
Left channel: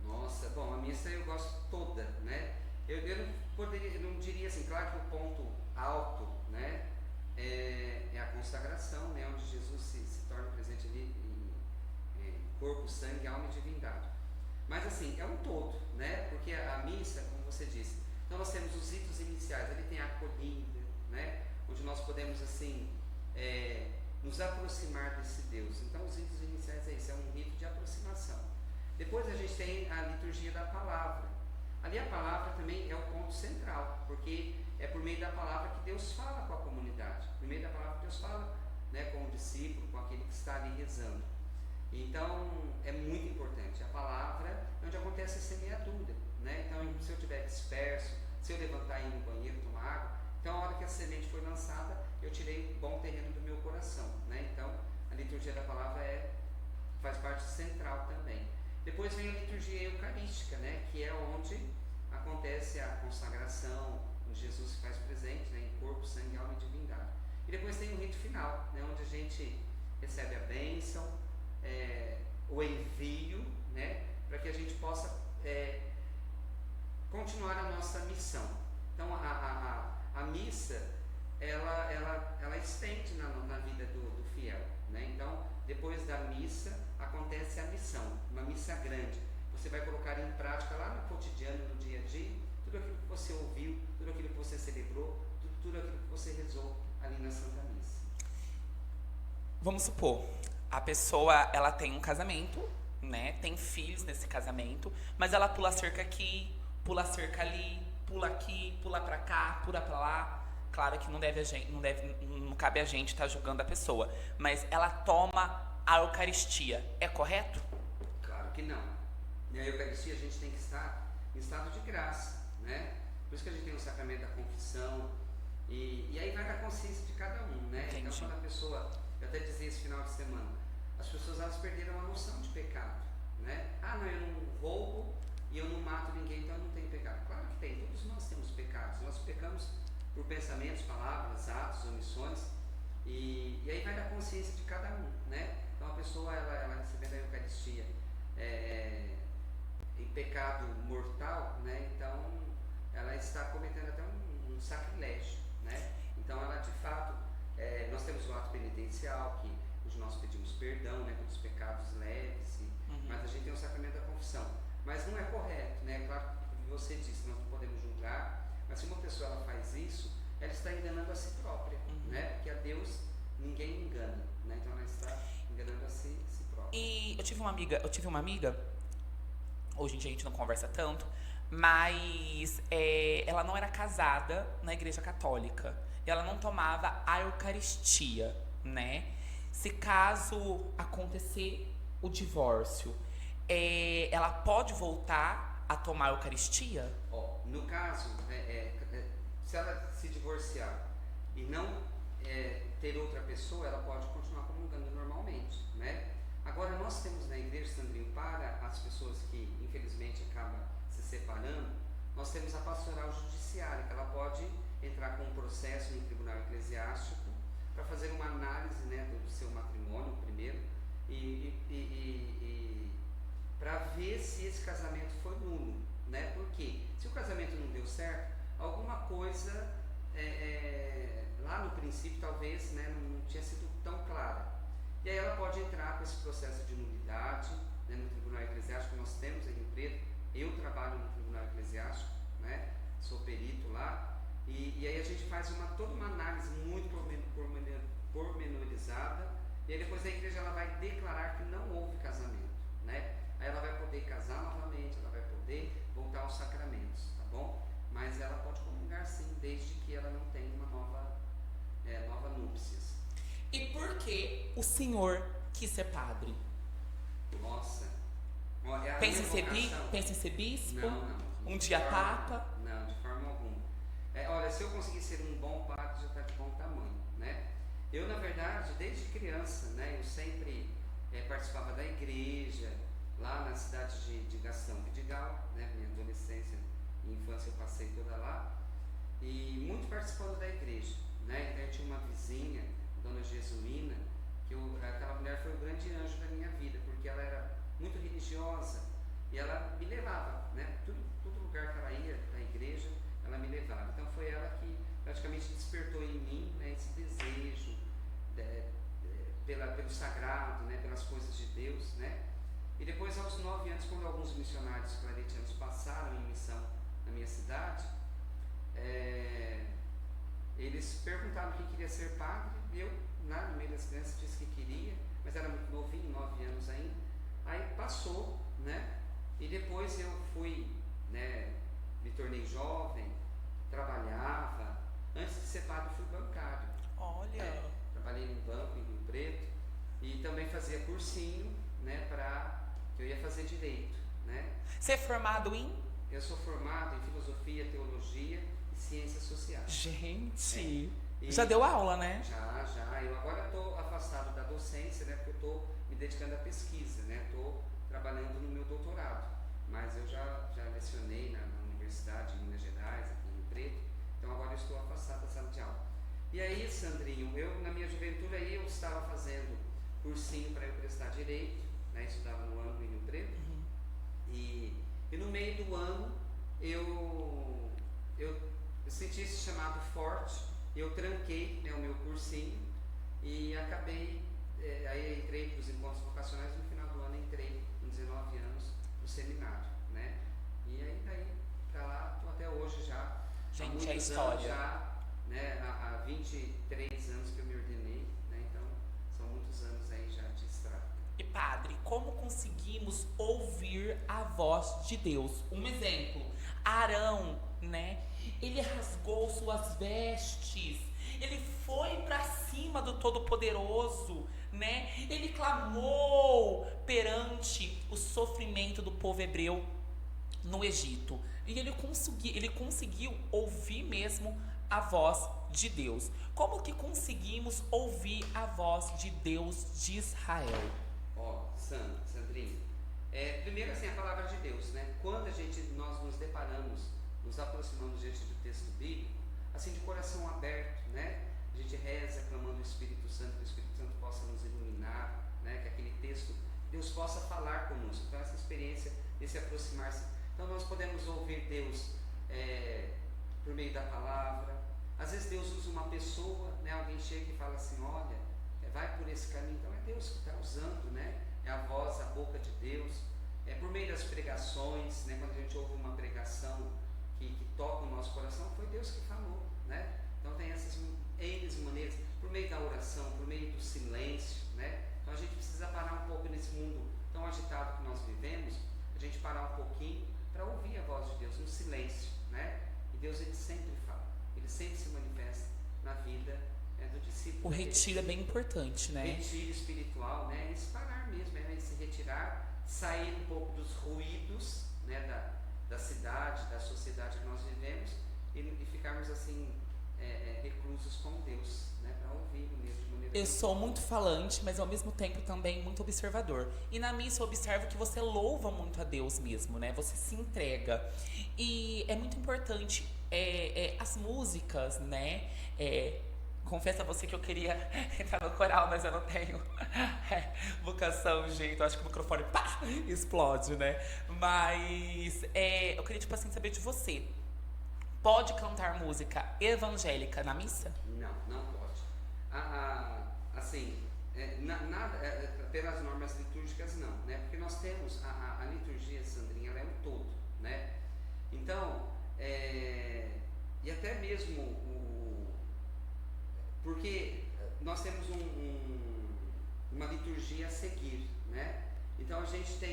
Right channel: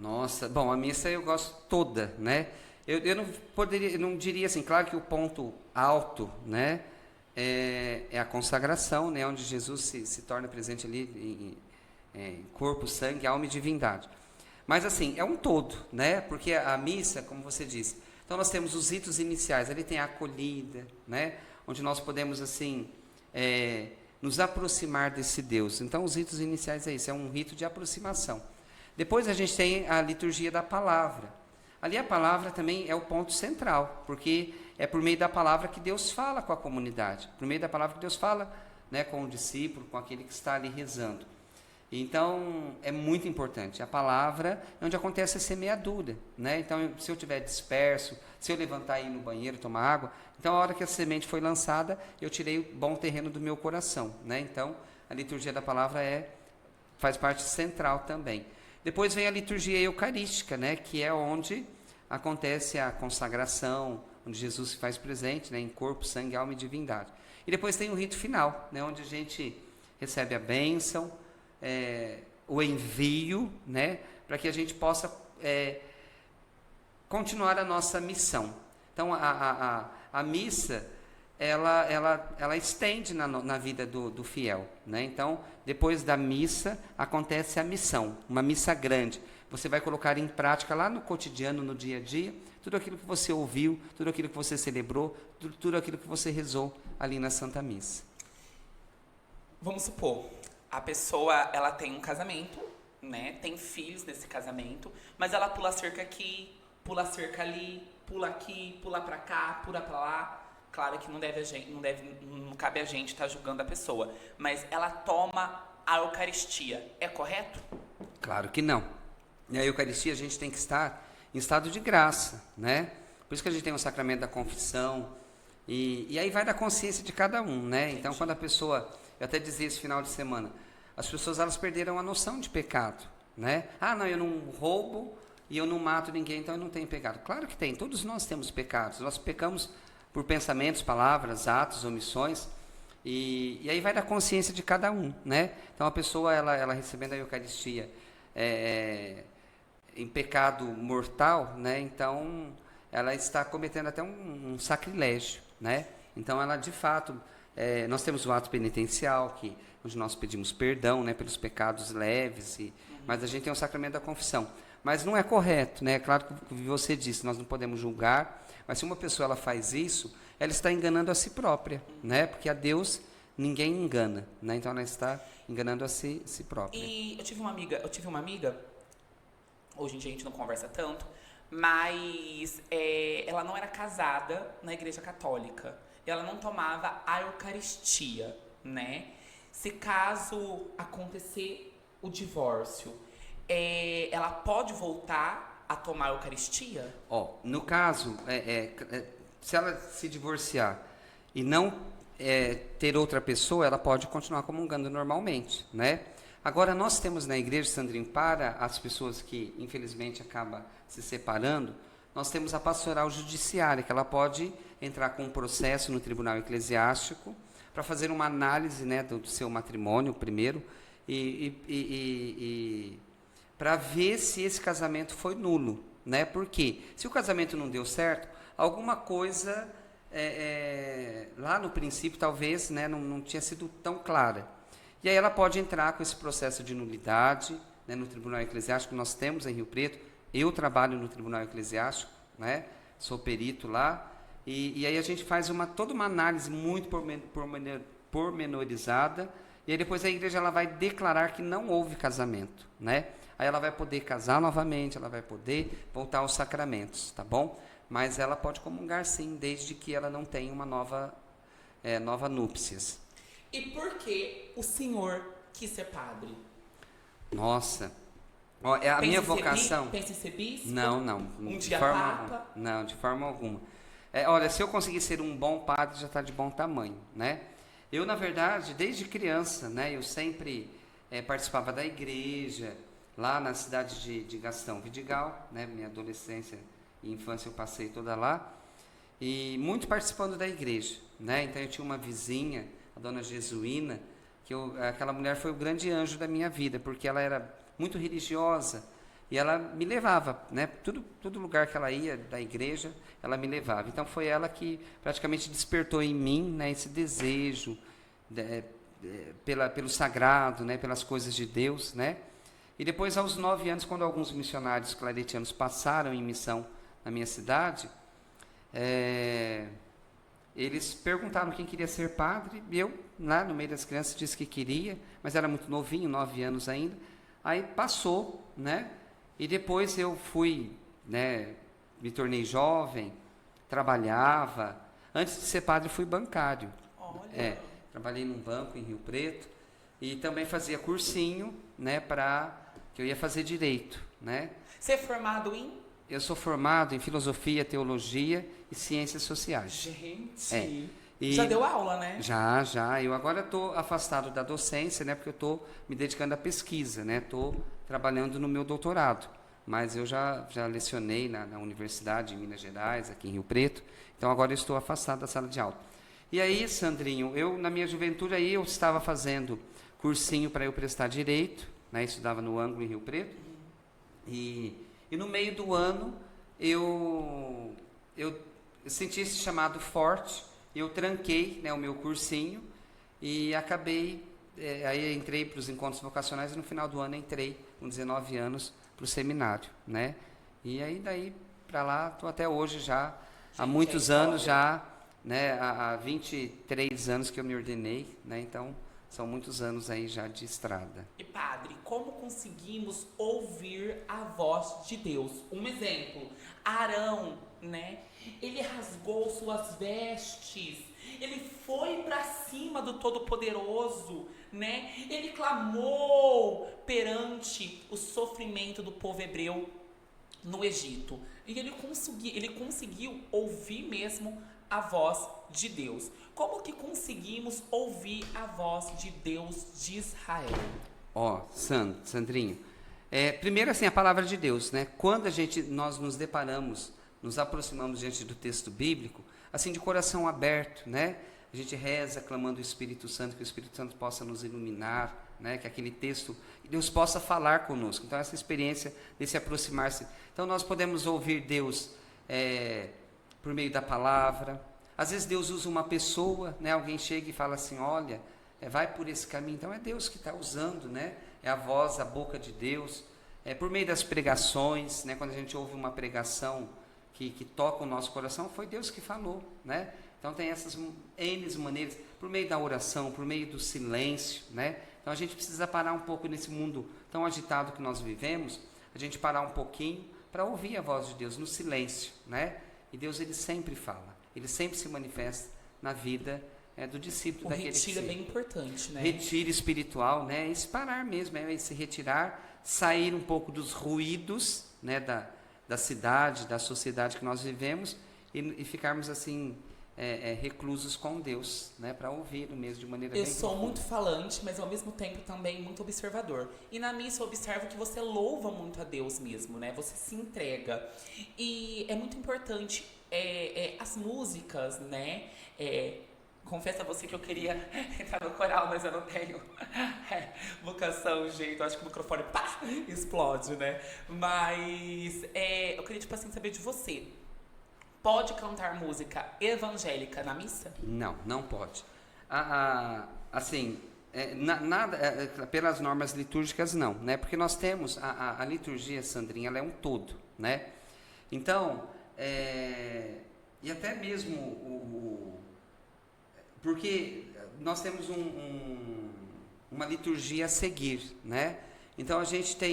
Nossa, bom, a missa eu gosto toda, né? Eu não diria assim, claro que o ponto alto, né, é a consagração, né, onde Jesus se torna presente ali em corpo, sangue, alma e divindade. Mas assim, é um todo, né? Porque a missa, como você disse, então nós temos os ritos iniciais, ali tem a acolhida, né? Onde nós podemos assim nos aproximar desse Deus. Então os ritos iniciais é isso, é um rito de aproximação. Depois a gente tem a liturgia da palavra. Ali a palavra também é o ponto central, porque é por meio da palavra que Deus fala com a comunidade, por meio da palavra que Deus fala, né, com o discípulo, com aquele que está ali rezando. Então é muito importante. A palavra é onde acontece a semeadura, né? Então se eu estiver disperso, se eu levantar e ir no banheiro tomar água, então a hora que a semente foi lançada, eu tirei o bom terreno do meu coração, né? Então a liturgia da palavra faz parte central também. Depois vem a liturgia eucarística, né, que é onde acontece a consagração, onde Jesus se faz presente, né, em corpo, sangue, alma e divindade. E depois tem o rito final, né, onde a gente recebe a bênção, o envio, né, para que a gente possa continuar a nossa missão. Então a missa ela estende na vida do fiel, né? Então depois da missa acontece a missão, uma missa grande. Você vai colocar em prática lá no cotidiano, no dia a dia, tudo aquilo que você ouviu, tudo aquilo que você celebrou, tudo aquilo que você rezou ali na Santa Missa. Vamos supor, a pessoa ela tem um casamento, né? Tem filhos nesse casamento, mas ela pula cerca aqui, pula cerca ali, pula aqui, pula para cá, pula para lá. Claro que não cabe a gente estar julgando a pessoa, mas ela toma a Eucaristia. É correto? Claro que não. E a Eucaristia a gente tem que estar em estado de graça, né? Por isso que a gente tem o sacramento da confissão, e aí vai da consciência de cada um, né? Entendi. Então quando a pessoa, eu até dizia esse final de semana, as pessoas elas perderam a noção de pecado, né? Ah, não, eu não roubo e eu não mato ninguém, então eu não tenho pecado. Claro que tem, todos nós temos pecados, nós pecamos por pensamentos, palavras, atos, omissões, e aí vai da consciência de cada um, né? Então a pessoa, ela recebendo a Eucaristia em pecado mortal, né? Então ela está cometendo até um sacrilégio, né? Então ela de fato, nós temos o ato penitencial, onde nós pedimos perdão, né, pelos pecados leves, mas a gente tem o sacramento da confissão. Mas não é correto, né? Claro que você disse, nós não podemos julgar, mas se uma pessoa ela faz isso, ela está enganando a si própria, né? Porque a Deus ninguém engana, né? Então ela está enganando a si própria. E eu tive uma amiga, hoje em dia a gente não conversa tanto, mas ela não era casada na Igreja Católica. Ela não tomava a Eucaristia, né? Se caso acontecer o divórcio, ela pode voltar a tomar a Eucaristia? No caso, se ela se divorciar e não ter outra pessoa, ela pode continuar comungando normalmente, né? Agora, nós temos na igreja, Sandrinho, para as pessoas que, infelizmente, acabam se separando, nós temos a pastoral judiciária, que ela pode entrar com um processo no tribunal eclesiástico para fazer uma análise, né, do seu matrimônio, primeiro, e para ver se esse casamento foi nulo, né? Porque se o casamento não deu certo, alguma coisa lá no princípio talvez, né, não tinha sido tão clara. E aí ela pode entrar com esse processo de nulidade, né, no Tribunal Eclesiástico. Nós temos em Rio Preto, eu trabalho no Tribunal Eclesiástico, né, sou perito lá, e aí a gente faz toda uma análise muito pormenorizada, e aí depois a igreja ela vai declarar que não houve casamento, né? Aí ela vai poder casar novamente, ela vai poder voltar aos sacramentos, tá bom? Mas ela pode comungar sim, desde que ela não tenha uma nova núpcias. E por que o senhor quis ser padre? Nossa, ó, a minha vocação... Pensa em ser bispo? Não. Um dia papa? Não, de forma alguma. Olha, se eu conseguir ser um bom padre, já está de bom tamanho, né? Eu, na verdade, desde criança, né, eu sempre participava da igreja, lá na cidade de Gastão Vidigal, né, minha adolescência e infância eu passei toda lá, e muito participando da igreja, né? Então eu tinha uma vizinha, a dona Jesuína, que aquela mulher foi o grande anjo da minha vida, porque ela era muito religiosa, e ela me levava, né? Todo lugar que ela ia da igreja, ela me levava. Então foi ela que praticamente despertou em mim, né, esse desejo pelo sagrado, né, pelas coisas de Deus, né? E depois, aos 9 anos, quando alguns missionários claretianos passaram em missão na minha cidade, eles perguntaram quem queria ser padre, e eu, lá no meio das crianças, disse que queria, mas era muito novinho, 9 anos ainda. Aí passou, né? E depois eu fui, né, me tornei jovem, trabalhava. Antes de ser padre, fui bancário. Olha! Trabalhei num banco em Rio Preto e também fazia cursinho, né, que eu ia fazer direito, né? Você é formado em? Eu sou formado em filosofia, teologia e ciências sociais. Gente! Já deu aula, né? Já. Eu agora estou afastado da docência, né, porque eu estou me dedicando à pesquisa, né? Estou trabalhando no meu doutorado, mas eu já lecionei na Universidade de Minas Gerais, aqui em Rio Preto, então agora eu estou afastado da sala de aula. E aí, Sandrinho, eu na minha juventude aí eu estava fazendo cursinho para eu prestar direito, né? Estudava no ângulo em Rio Preto, e no meio do ano eu senti esse chamado forte, eu tranquei, né, o meu cursinho e acabei, aí entrei para os encontros vocacionais e no final do ano entrei com 19 anos para o seminário, né? E aí daí para lá, estou até hoje já, há muitos anos já, né? Há 23 anos que eu me ordenei, né? Então são muitos anos aí já de estrada. E padre, como conseguimos ouvir a voz de Deus? Um exemplo, Arão, né? Ele rasgou suas vestes, ele foi para cima do Todo-Poderoso, né? Ele clamou perante o sofrimento do povo hebreu no Egito. E ele conseguiu ouvir mesmo a voz de Deus. Como que conseguimos ouvir a voz de Deus de Israel? Sandrinho, primeiro assim, a palavra de Deus, né? Quando nós nos deparamos, nos aproximamos diante do texto bíblico, assim, de coração aberto, né? A gente reza clamando o Espírito Santo, que o Espírito Santo possa nos iluminar, né? Que aquele texto, Deus possa falar conosco. Então essa experiência de se aproximar-se, então nós podemos ouvir Deus por meio da palavra. Às vezes Deus usa uma pessoa, né? Alguém chega e fala assim, olha, vai por esse caminho. Então é Deus que está usando, né? É a voz, a boca de Deus. Por meio das pregações, né? Quando a gente ouve uma pregação que toca o nosso coração, foi Deus que falou, né? Então tem essas N maneiras, por meio da oração, por meio do silêncio, né? Então a gente precisa parar um pouco nesse mundo tão agitado que nós vivemos, a gente parar um pouquinho para ouvir a voz de Deus no silêncio, né? E Deus, ele sempre fala, ele sempre se manifesta na vida do discípulo. O retiro é bem importante, né? Retiro espiritual, né? Esse parar mesmo, esse retirar, sair um pouco dos ruídos, né? Da cidade, da sociedade que nós vivemos e ficarmos assim reclusos com Deus, né, para ouvir mesmo de maneira Eu bem sou profunda. muito falante, mas ao mesmo tempo também muito observador. E na missa eu observo que você louva muito a Deus mesmo, né? Você se entrega. E é muito importante as músicas, né? Confesso a você que eu queria entrar no coral, mas eu não tenho vocação, jeito. Eu acho que o microfone pá, explode, né? Mas eu queria, tipo assim, saber de você. Pode cantar música evangélica na missa? Não, não pode. Assim, nada, pelas normas litúrgicas não, né? Porque nós temos a liturgia, Sandrinha, ela é um todo, né? Então, e até mesmo porque nós temos uma liturgia a seguir, né? Então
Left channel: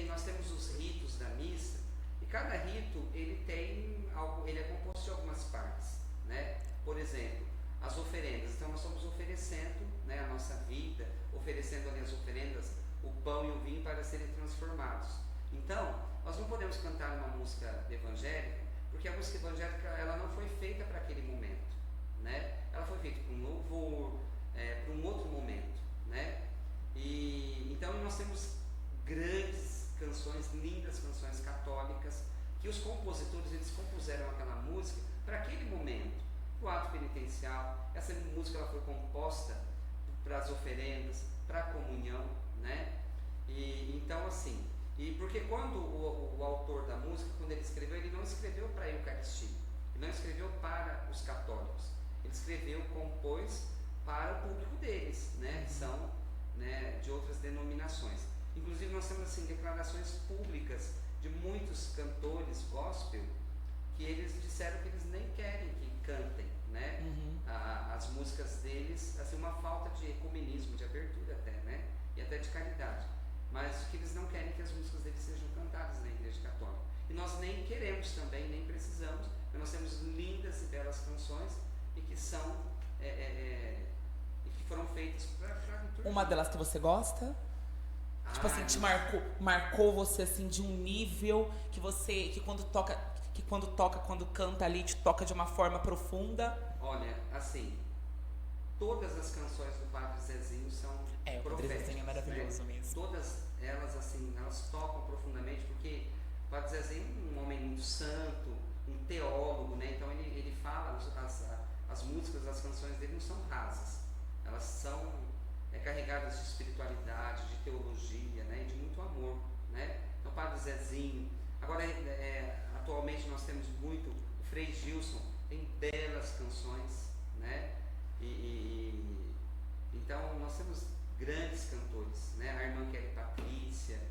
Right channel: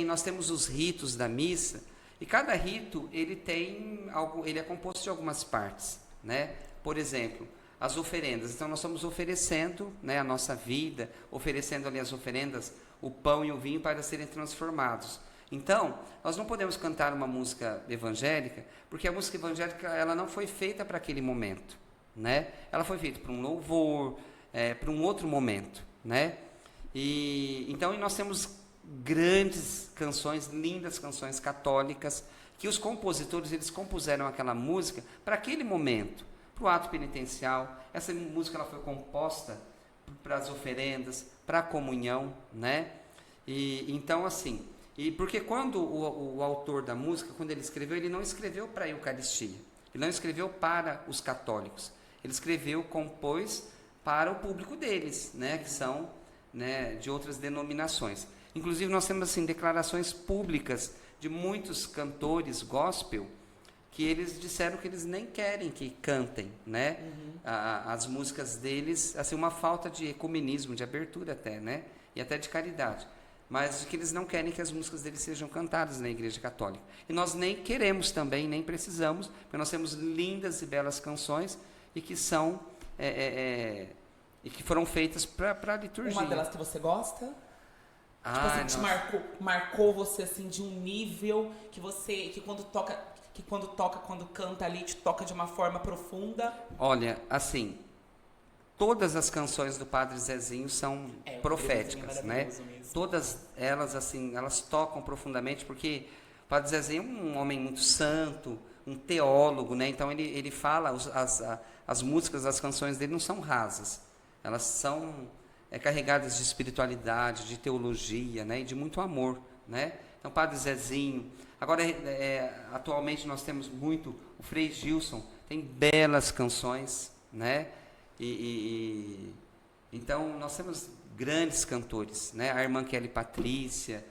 nós temos os ritos da missa, e cada rito ele é composto de algumas partes, né? Por exemplo, as oferendas. Então nós estamos oferecendo, né, a nossa vida, oferecendo ali as oferendas, o pão e o vinho para serem transformados. Então, nós não podemos cantar uma música evangélica, porque a música evangélica ela não foi feita para aquele momento, né? Ela foi feita para um louvor, para um outro momento, né? Então nós temos grandes canções, lindas canções católicas, que os compositores eles compuseram aquela música para aquele momento, para o ato penitencial. Essa música ela foi composta para as oferendas, para a comunhão, né? Então assim, porque quando o autor da música, quando ele escreveu, ele não escreveu para a Eucaristia, ele não escreveu para os católicos, ele escreveu, compôs para o público deles, né? Que são, né, de outras denominações. Inclusive nós temos assim declarações públicas de muitos cantores gospel que eles disseram que eles nem querem que cantem, né? As músicas deles, assim, uma falta de ecumenismo, de abertura até, né? E até de caridade, mas que eles não querem que as músicas deles sejam cantadas na Igreja Católica. E nós nem queremos também, nem precisamos, porque nós temos lindas e belas canções e que são e que foram feitas para a liturgia. Uma delas que você gosta? Tipo assim, te marcou você assim de um nível que quando canta ali, te toca de uma forma profunda. Olha, assim, todas as canções do Padre Zezinho são proféticas, né? Mesmo. Todas elas, assim, elas tocam profundamente, porque o Padre Zezinho é um homem muito santo, um teólogo, né? Então ele fala, as músicas, as canções dele não são rasas, elas são carregadas de espiritualidade, de teologia, né? E de muito amor, né? Então, Padre Zezinho. Agora, atualmente nós temos muito o Frei Gilson, tem belas canções, né? Então nós temos grandes cantores, né? A irmã Kelly Patrícia,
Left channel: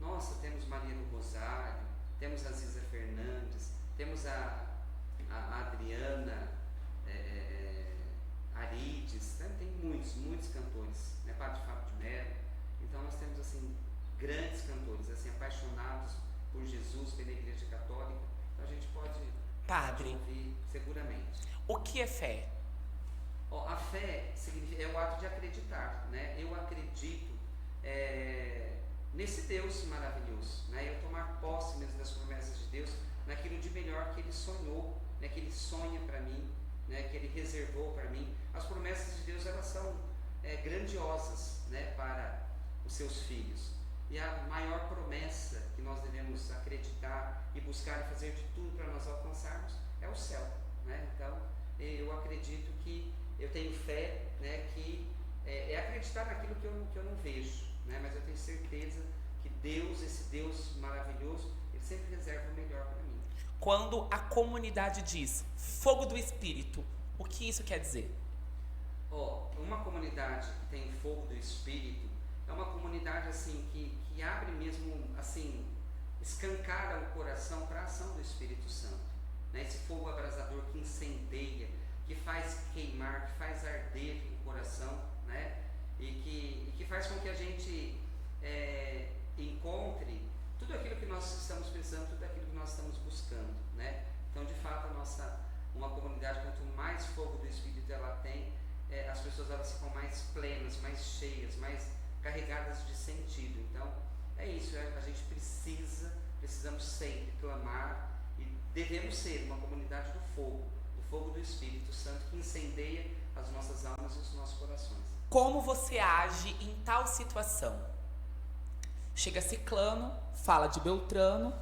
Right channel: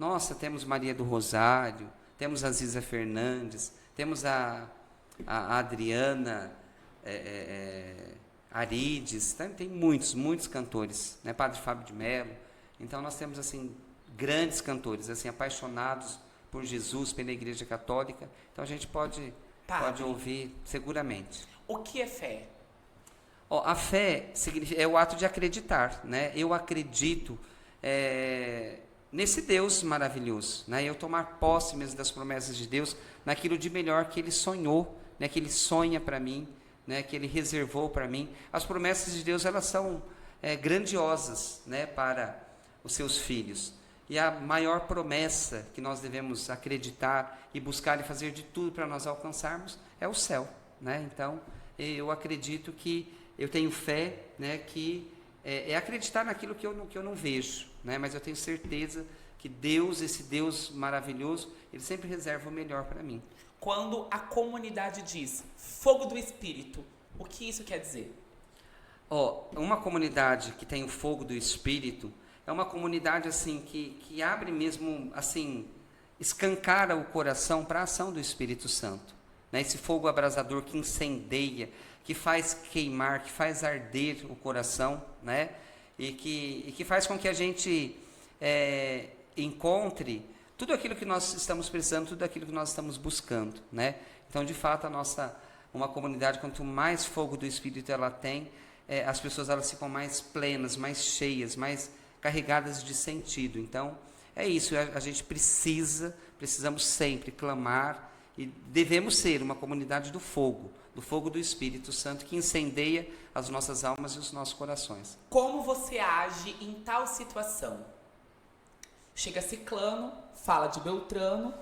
nossa, temos Maria do Rosário, temos a Ziza Fernandes, temos a Adriana Arides, tem muitos cantores, né? Padre Fábio de Mello. Então nós temos assim grandes cantores, assim, apaixonados por Jesus, pela Igreja Católica. Então a gente pode ouvir seguramente. O que é fé? A fé é o ato de acreditar, né? Eu acredito nesse Deus maravilhoso, né? Eu tomar posse mesmo das promessas de Deus, naquilo de melhor que Ele sonhou, né? Que Ele sonha para mim, né? Que Ele reservou para mim. As promessas de Deus, elas são grandiosas, né? Para os seus filhos. E a maior promessa que nós devemos acreditar e buscar e fazer de tudo para nós alcançarmos é o céu, né? Então, eu acredito que eu tenho fé, né, que é acreditar naquilo que eu não vejo, né? Mas eu tenho certeza que Deus, esse Deus maravilhoso, Ele sempre reserva o melhor para mim. Quando a comunidade diz fogo do Espírito, o que isso quer dizer? Uma comunidade que tem o fogo do Espírito é uma comunidade assim que abre mesmo, assim, escancara o coração para a ação do Espírito Santo, né? Esse fogo abrasador que incendeia, que faz queimar, que faz arder o coração, né? E que faz com que a gente encontre tudo aquilo que nós estamos precisando, tudo aquilo que nós estamos buscando, né? Então, de fato, uma comunidade, quanto mais fogo do Espírito ela tem, as pessoas elas ficam mais plenas, mais cheias, mais carregadas de sentido. Então, é isso, a gente precisamos sempre clamar e devemos ser uma comunidade do fogo, do fogo do Espírito Santo que incendeia as nossas almas e os nossos corações. Como você age em tal situação? Chega ciclano, fala de Beltrano,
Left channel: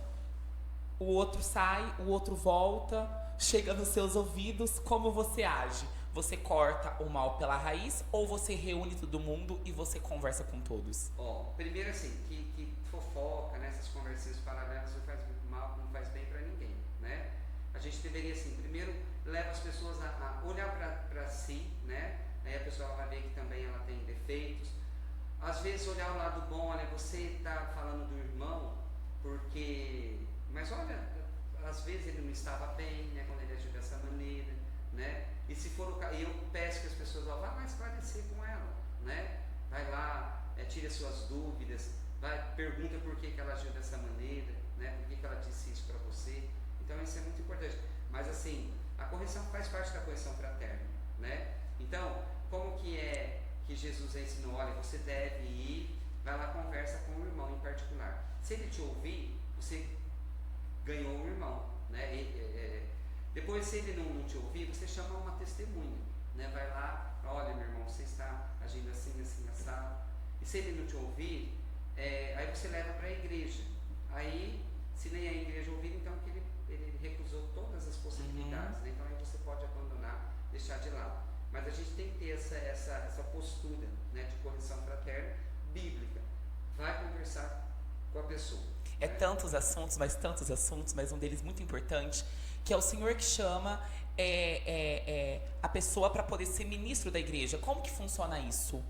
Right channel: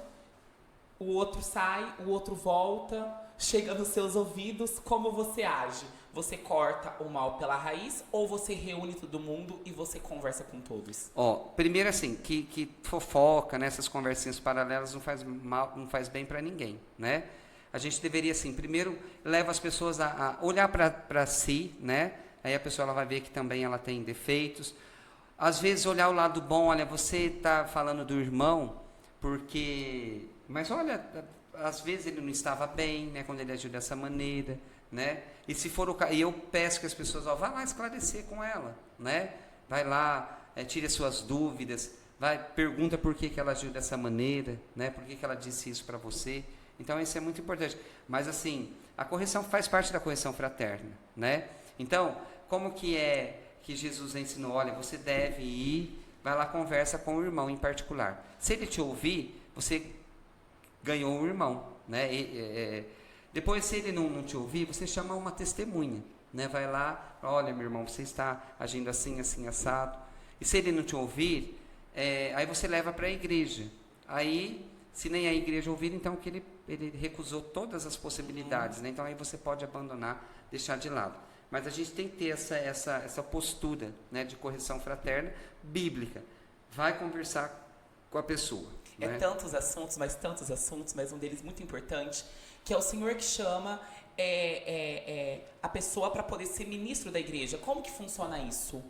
o outro sai, o outro volta, chega nos seus ouvidos, como você age? Você corta o mal pela raiz ou você reúne todo mundo e você conversa com todos? Primeiro assim, que fofoca, né, essas conversinhas paralelas não faz mal, não faz bem para ninguém, né? A gente deveria assim, primeiro leva as pessoas a olhar para si, né? Aí a pessoa ela vai ver que também ela tem defeitos. Às vezes olhar o lado bom, olha, você está falando do irmão mas olha, às vezes ele não estava bem, né, quando ele agiu dessa maneira, né? E se for o caso, eu peço que as pessoas vá lá esclarecer com ela, né? Vai lá, tire as suas dúvidas, pergunta por que ela agiu dessa maneira, né? Por que ela disse isso para você? Então isso é muito importante. Mas assim, a correção faz parte da correção fraterna, né? Então, como que Jesus ensinou? Olha, você deve ir, vai lá, conversa com o irmão em particular. Se ele te ouvir, você ganhou um irmão, né? Depois, se ele não te ouvir, você chama uma testemunha, né? Vai lá, olha, meu irmão, você está agindo assim, assim, assado. E se ele não te ouvir, aí você leva para a igreja. Aí, se nem a igreja ouvir, então que ele recusou todas as possibilidades, né? Então aí você pode abandonar, deixar de lado. Mas a gente tem que ter essa postura, né, de correção fraterna bíblica. Vai conversar com a pessoa. É né? tantos assuntos, mas um deles muito importante, que é o Senhor que chama a pessoa para poder ser ministro da igreja. Como que funciona isso?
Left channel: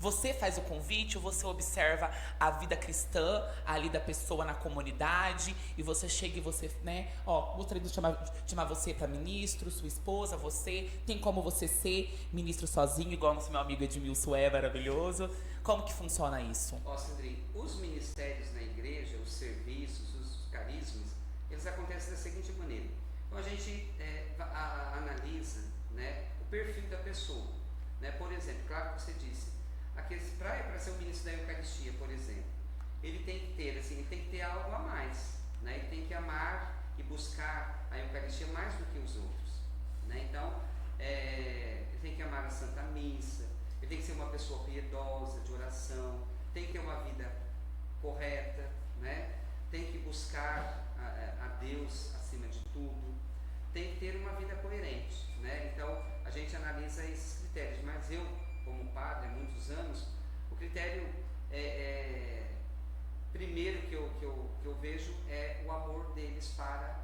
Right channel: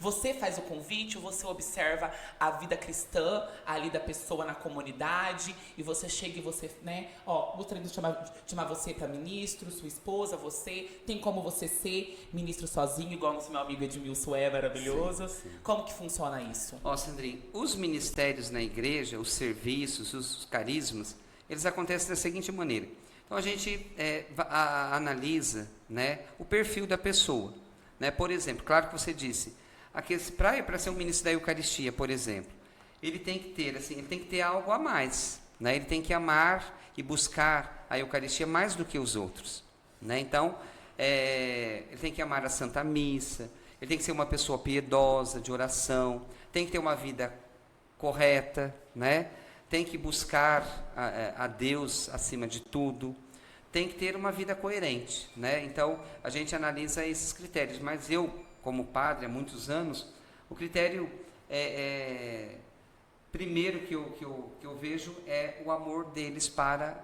Você faz o convite, você observa a vida cristã ali da pessoa na comunidade, e você chega e você, né, gostaria de chamar você para ministro, sua esposa, você, tem como você ser ministro sozinho, igual nosso meu amigo Edmilson é maravilhoso. Sim. Como que funciona isso? Sandrinho, os ministérios na igreja, os serviços, os carismas, eles acontecem da seguinte maneira. Então a gente analisa, né, o perfil da pessoa, né? Por exemplo, claro que você disse, para ser um ministro da Eucaristia, por exemplo, ele tem que ter algo a mais, né? Ele tem que amar e buscar a Eucaristia mais do que os outros, né? Então, ele tem que amar a Santa Missa, ele tem que ser uma pessoa piedosa, de oração, tem que ter uma vida correta, né? Tem que buscar a Deus acima de tudo, tem que ter uma vida coerente, né? Então, a gente analisa esses critérios, mas eu, como padre há muitos anos, o critério primeiro que eu vejo é o amor deles para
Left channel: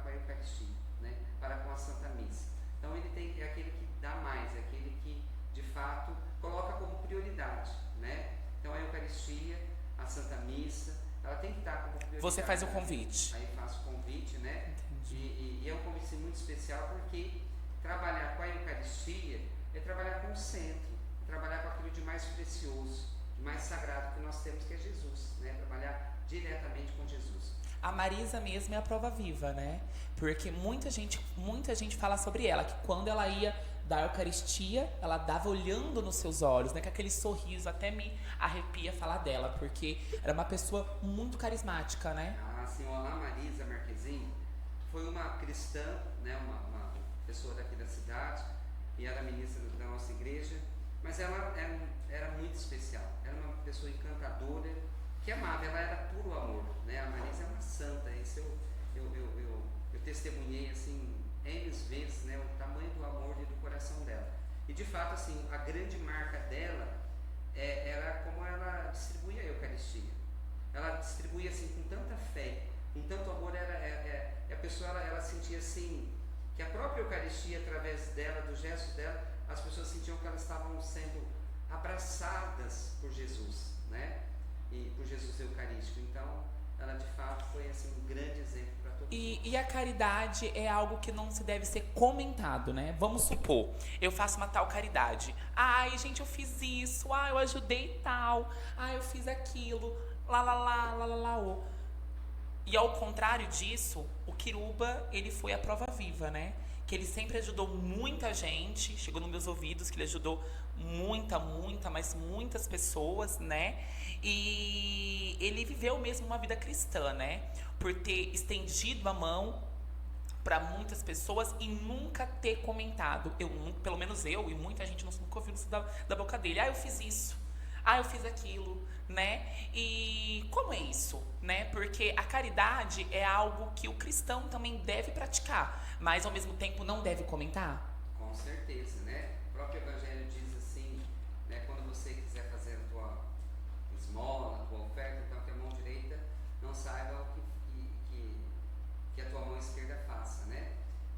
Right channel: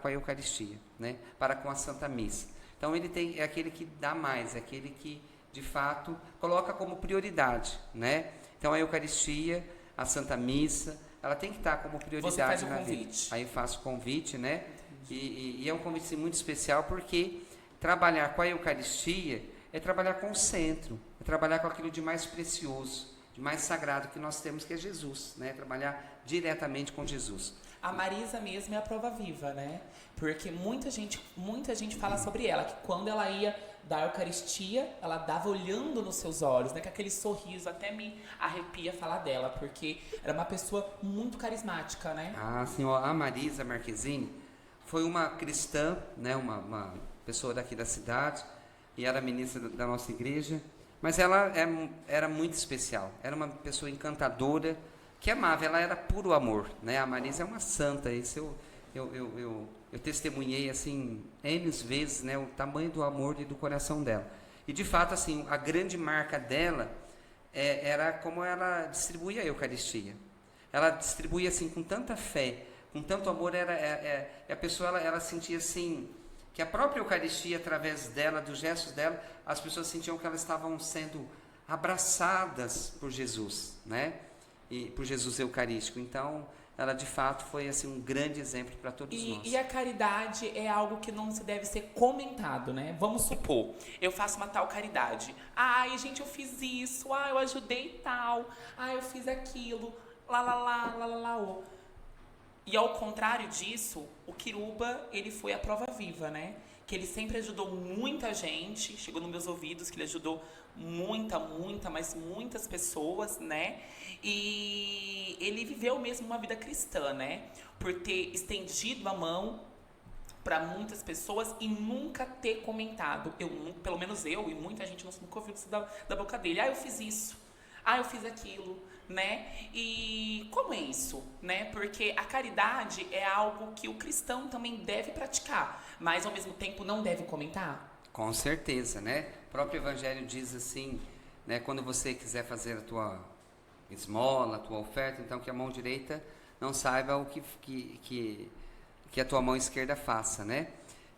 com a Eucaristia, né? Para com a Santa Missa. Então é aquele que dá mais, é aquele que de fato coloca como prioridade, né? Então a Eucaristia, a Santa Missa, ela tem que estar como prioridade. Você faz o convite. Aí faço o convite, né? E é um convite muito especial porque trabalhar com a Eucaristia é trabalhar com o centro, é trabalhar com aquilo de mais precioso, de mais sagrado que nós temos, que é Jesus, né? Trabalhar diretamente com Jesus. A Marisa mesmo é a prova viva, né? Porque muita gente fala sobre ela, que quando ela ia dar a Eucaristia, ela dava olhando nos seus olhos, né? Com aquele sorriso, até me arrepia falar dela, porque era uma pessoa muito carismática, né? Sim, a Marisa Marquezine foi uma cristã, né? Uma pessoa daqui da cidade, e era ministra da nossa igreja, mas ela era muito especial, era uma pessoa encantadora, que amava, ela era puro amor, né? A Marisa é uma santa, isso eu testemunhei assim N vezes, né, o tamanho do amor e do coração dela. E de fato assim, a grande marca dela era como ela distribuía a Eucaristia. Ela distribuía assim com tanta fé, com tanto amor, a pessoa ela sentia assim que a própria Eucaristia, através dela, dos gestos dela, as pessoas sentiam que elas estavam sendo abraçadas por Jesus, né? E por Jesus Eucarístico. Então, ela de fato foi assim um grande exemplo para todos nós. E a caridade é algo que não se deve ser comentado, né? Vamos supor, eu faço uma tal caridade. Ai, gente, eu fiz isso. Eu ajudei tal. Eu fiz aquilo. Lá. E ao contrário disso, o Quiruba, ele foi a prova viva, né? Que ele sempre ajudou muita gente, chegou nos meus ouvidos que ele ajudou mas muitas pessoas, né? E ele viveu mesmo uma vida cristã, né? Por ter estendido a mão para muitas pessoas e nunca ter comentado. Pelo menos eu e muita gente nunca ouviu isso da boca dele. Eu fiz isso. Eu fiz aquilo, né? E como é isso, né? Porque a caridade é algo que o cristão também deve praticar, mas ao mesmo tempo não deve comentar. Com certeza, né? O próprio Evangelho diz assim, né? Quando você quiser fazer a tua esmola, a tua oferta, então que a mão direita não saiba o que a tua mão esquerda faça, né?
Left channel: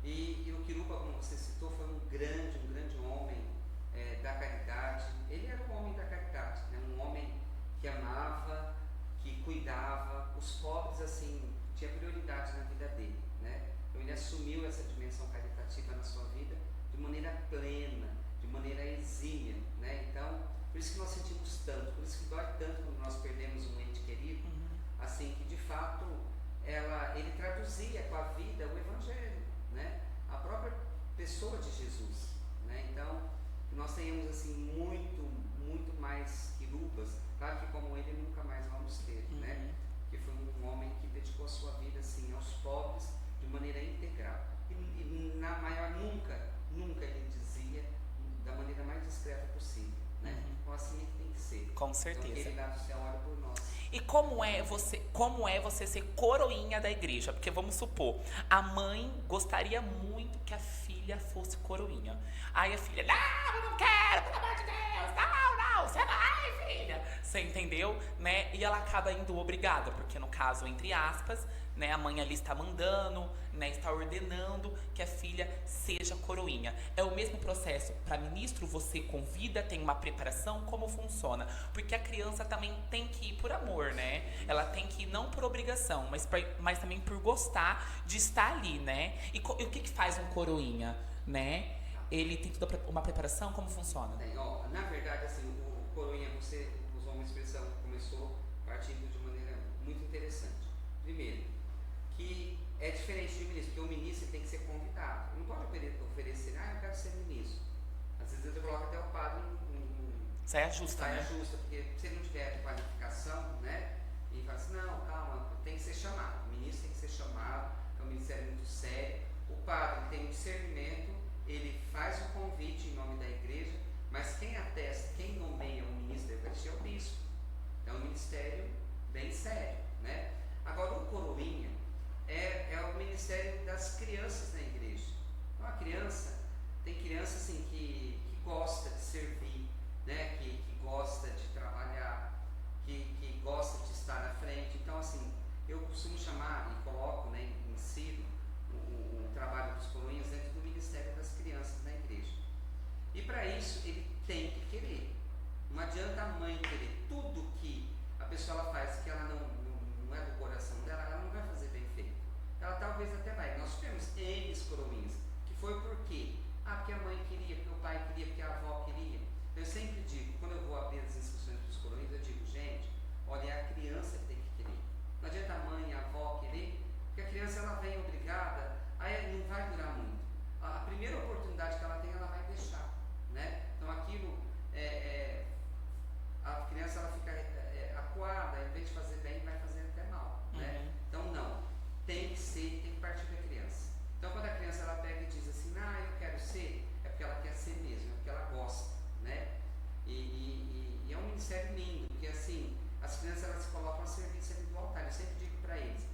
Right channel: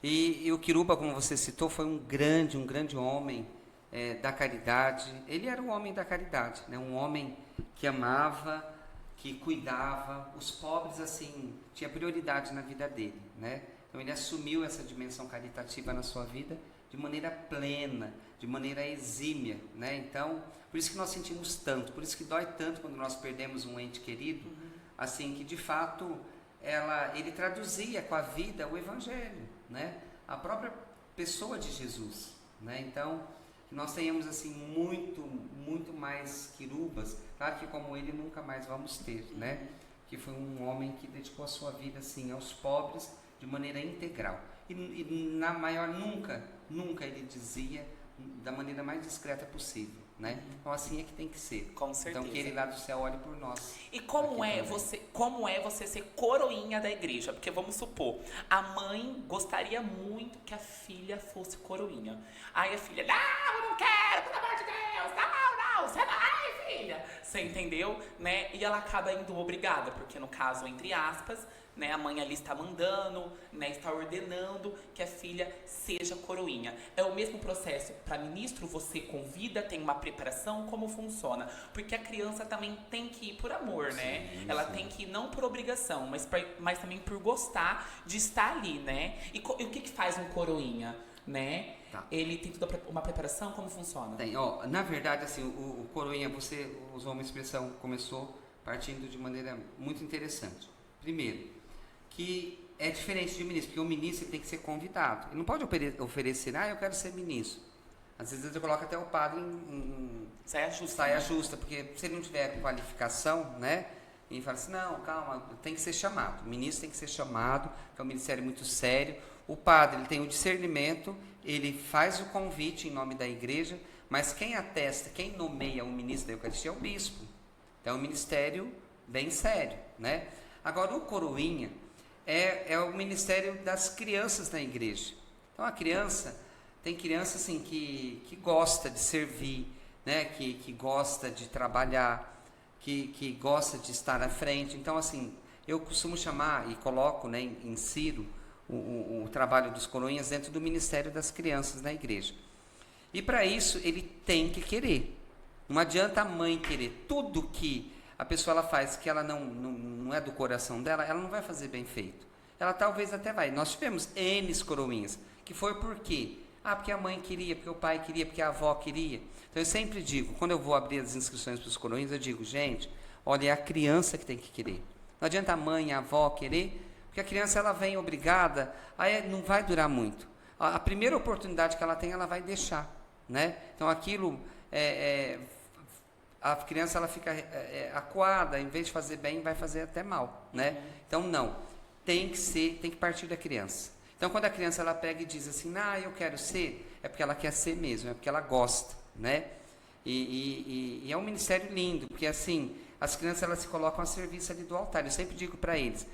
E o Quiruba, como você citou, foi um grande homem da caridade. Ele era um homem da caridade, né? Um homem que amava, que cuidava, os pobres, assim, tinha prioridade na vida dele, né? Então ele assumiu essa dimensão caritativa na sua vida de maneira plena, de maneira exímia, né? Então, por isso que nós sentimos tanto, por isso que dói tanto quando nós perdemos um ente querido, assim, que de fato ele traduzia com a vida o Evangelho, né? A própria pessoa de Jesus, né? Então, nós tenhamos assim muito mais quirubas, claro que como ele nunca mais vamos ter, né? Que foi um homem que dedicou a sua vida assim aos pobres de maneira integral e na maior nunca ele dizia da maneira mais discreta possível, né? Então assim é que tem que ser. Com certeza. Então que ele lá do céu olhe por nós. E como é você ser coroinha da igreja? Porque vamos supor, a mãe gostaria muito que a filha fosse coroinha. Aí a filha, não, eu não quero, pelo amor de Deus, não, você vai, filha. Você entendeu? Né? E ela acaba indo obrigada, porque no caso, entre aspas, né, a mãe ali está mandando, né, está ordenando que a filha seja coroinha. É o mesmo processo para ministro, você convida, tem uma preparação, como funciona? Porque a criança também tem que ir por amor, né? Ela tem que ir não por obrigação, mas também por gostar de estar ali, né? E o que faz um coroinha, né? Ele tem toda uma preparação, como funciona? Tem, na verdade, assim, o coroinha, você usou uma expressão, começou partindo de maneira muito interessante. Primeiro, que é diferente de ministro, porque o ministro tem que ser convidado. Ele não pode oferecer, eu quero ser ministro. Às vezes ele coloca até o padre em saia justa, porque se ele não tiver qualificação, né? E fala assim, não, calma, tem que ser chamado. O ministro tem que ser chamado, que é um ministério muito sério. O padre, ele tem o discernimento, ele faz o convite em nome da igreja, mas quem atesta, quem nomeia o ministro da Eucaristia é o bispo. É um ministério bem sério, né? Agora, o coroinha é o ministério das crianças da igreja. Então, tem criança assim que gosta de servir, né? Que gosta de trabalhar, que gosta de estar à frente. Então, assim, eu costumo chamar e coloco, né, insiro o trabalho dos coroinhas dentro do ministério das crianças na igreja. E para isso ele tem que querer. Não adianta a mãe querer. Tudo que a pessoa ela faz que ela não é do coração dela, ela não vai fazer bem feito. Ela talvez até vai. Nós tivemos N coroinhas, que foi por quê? Porque a mãe queria, porque o pai queria, porque a avó queria. Então eu sempre digo, quando eu vou abrir as inscrições para os coroinhas, eu digo, gente, olha, é a criança que tem que querer. Não adianta a mãe, a avó querer, porque a criança ela vem obrigada, aí não vai durar muito. A primeira oportunidade que ela tem, ela vai deixar, né? Então aquilo, a criança ela fica acuada, em vez de fazer bem, vai fazer até mal, né? Então não, tem que partir da criança. Então quando a criança ela pega e diz assim, eu quero ser, é porque ela quer ser mesmo, é porque ela gosta, né? E é um ministério lindo, porque assim, as crianças elas se colocam a serviço ali do altar. Eu sempre digo para eles,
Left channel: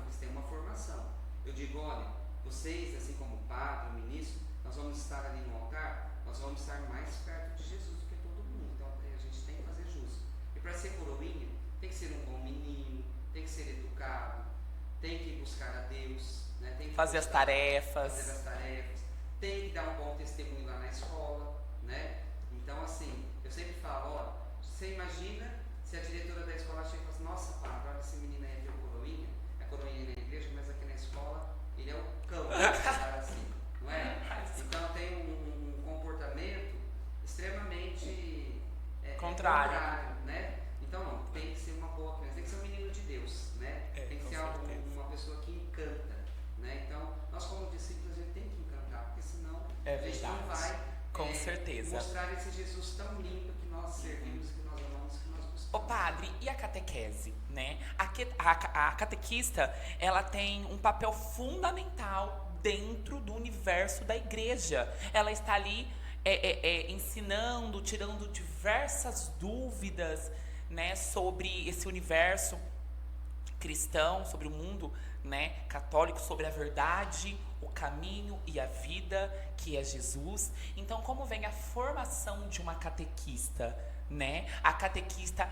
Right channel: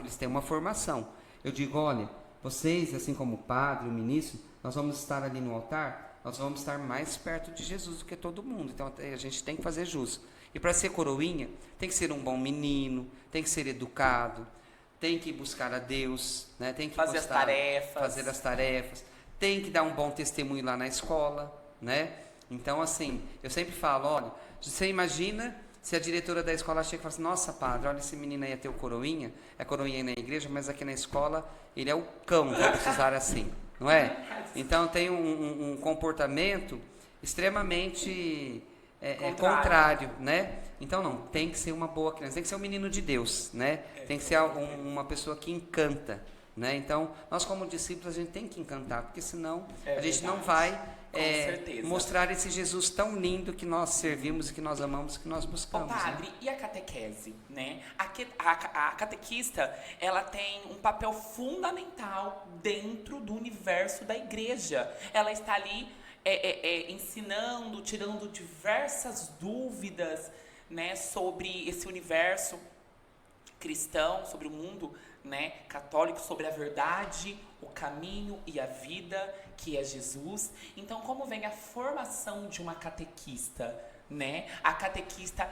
eles têm uma formação. Eu digo, olha, vocês, assim como o padre, o ministro, nós vamos estar ali no altar, nós vamos estar mais perto de Jesus do que todo mundo. Então a gente tem que fazer jus. E para ser coroinha, tem que ser um bom menino, tem que ser educado, tem que buscar a Deus, né? Tem que fazer as tarefas, tem que dar um bom testemunho lá na escola, né? Então assim, eu sempre falo, olha, você imagina se a diretora da escola chega e fala assim, nossa padre, olha, esse menino aí é teu coroinha, é coroinha aí na igreja, mas aqui na escola ele é o cão, vamos usar assim, não é? Então tem um comportamento extremamente contrário, né? Então não, tem que ser uma boa criança, tem que ser um menino de Deus, né? Tem que ser uma pessoa que encanta, né? Então, nós como discípulos, a gente tem que encantar, porque senão É a gente não verdade. vai Com certeza. mostrar esse Jesus tão lindo que nós servimos e que nós amamos, que nós Ô buscamos. padre, e a catequese, né? A catequista, ela tem um papel fundamental dentro do universo da igreja. Ela está ali ensinando, tirando diversas dúvidas, né, sobre esse universo cristão, sobre o mundo, né, católico, sobre a verdade, o caminho e a vida, que é Jesus. Então, como vem a formação de uma catequista, né? A catequista,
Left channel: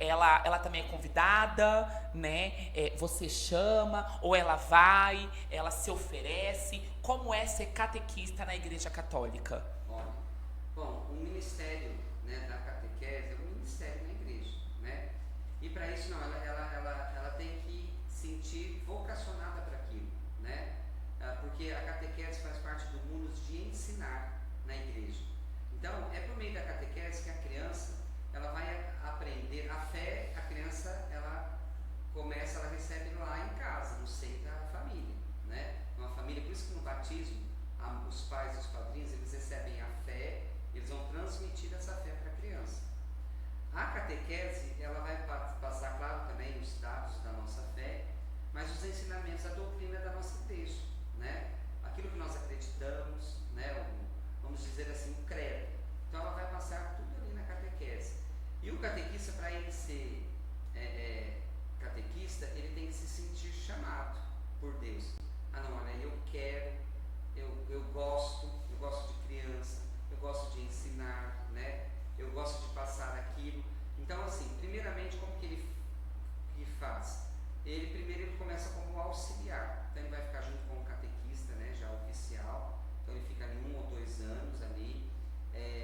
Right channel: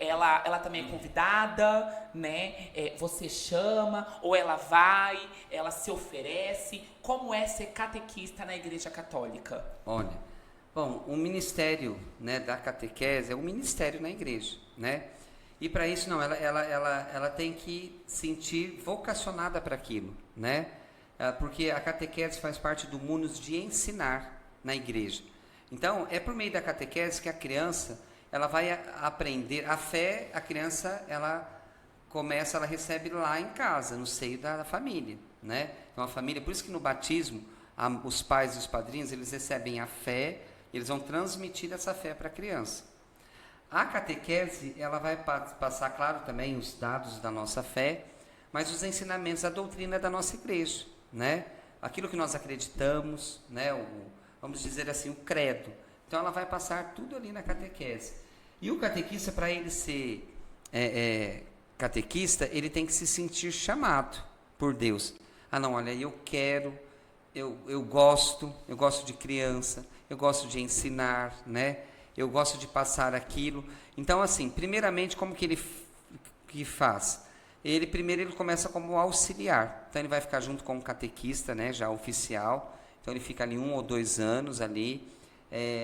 ela também é convidada, né? Você chama, ou ela vai, ela se oferece. Como é ser catequista na Igreja Católica? Olha, bom, o ministério, né, da catequese é um ministério na igreja, né? E para isso, não, ela tem que sentir vocacionada para aquilo, né? Porque a catequese faz parte do munus de ensinar na igreja. Então, é por meio da catequese que a criança, ela vai aprender. A fé, a criança, ela recebe lá em casa, no seio da família, né? Então, a família, por isso que no batismo, os pais e os padrinhos, eles recebem a fé, eles vão transmitir essa fé para a criança. A catequese, ela vai passar, claro, também os dados da nossa fé, mas os ensinamentos, a doutrina da nossa igreja, né? Aquilo que nós acreditamos, né? Vamos dizer assim, o credo. Então, ela vai passar tudo ali na catequese. E o catequista, para ele ser catequista, ele tem que se sentir chamado por Deus. Ah, não, olha, eu quero, eu gosto de criança, eu gosto de ensinar, né? Eu gosto de passar aquilo. Então, assim, primeiramente, como que ele faz? Primeiro ele começa como auxiliar. Então, ele vai ficar junto com o catequista, né, já oficial. Então, ele fica ali 1 ou 2 anos ali,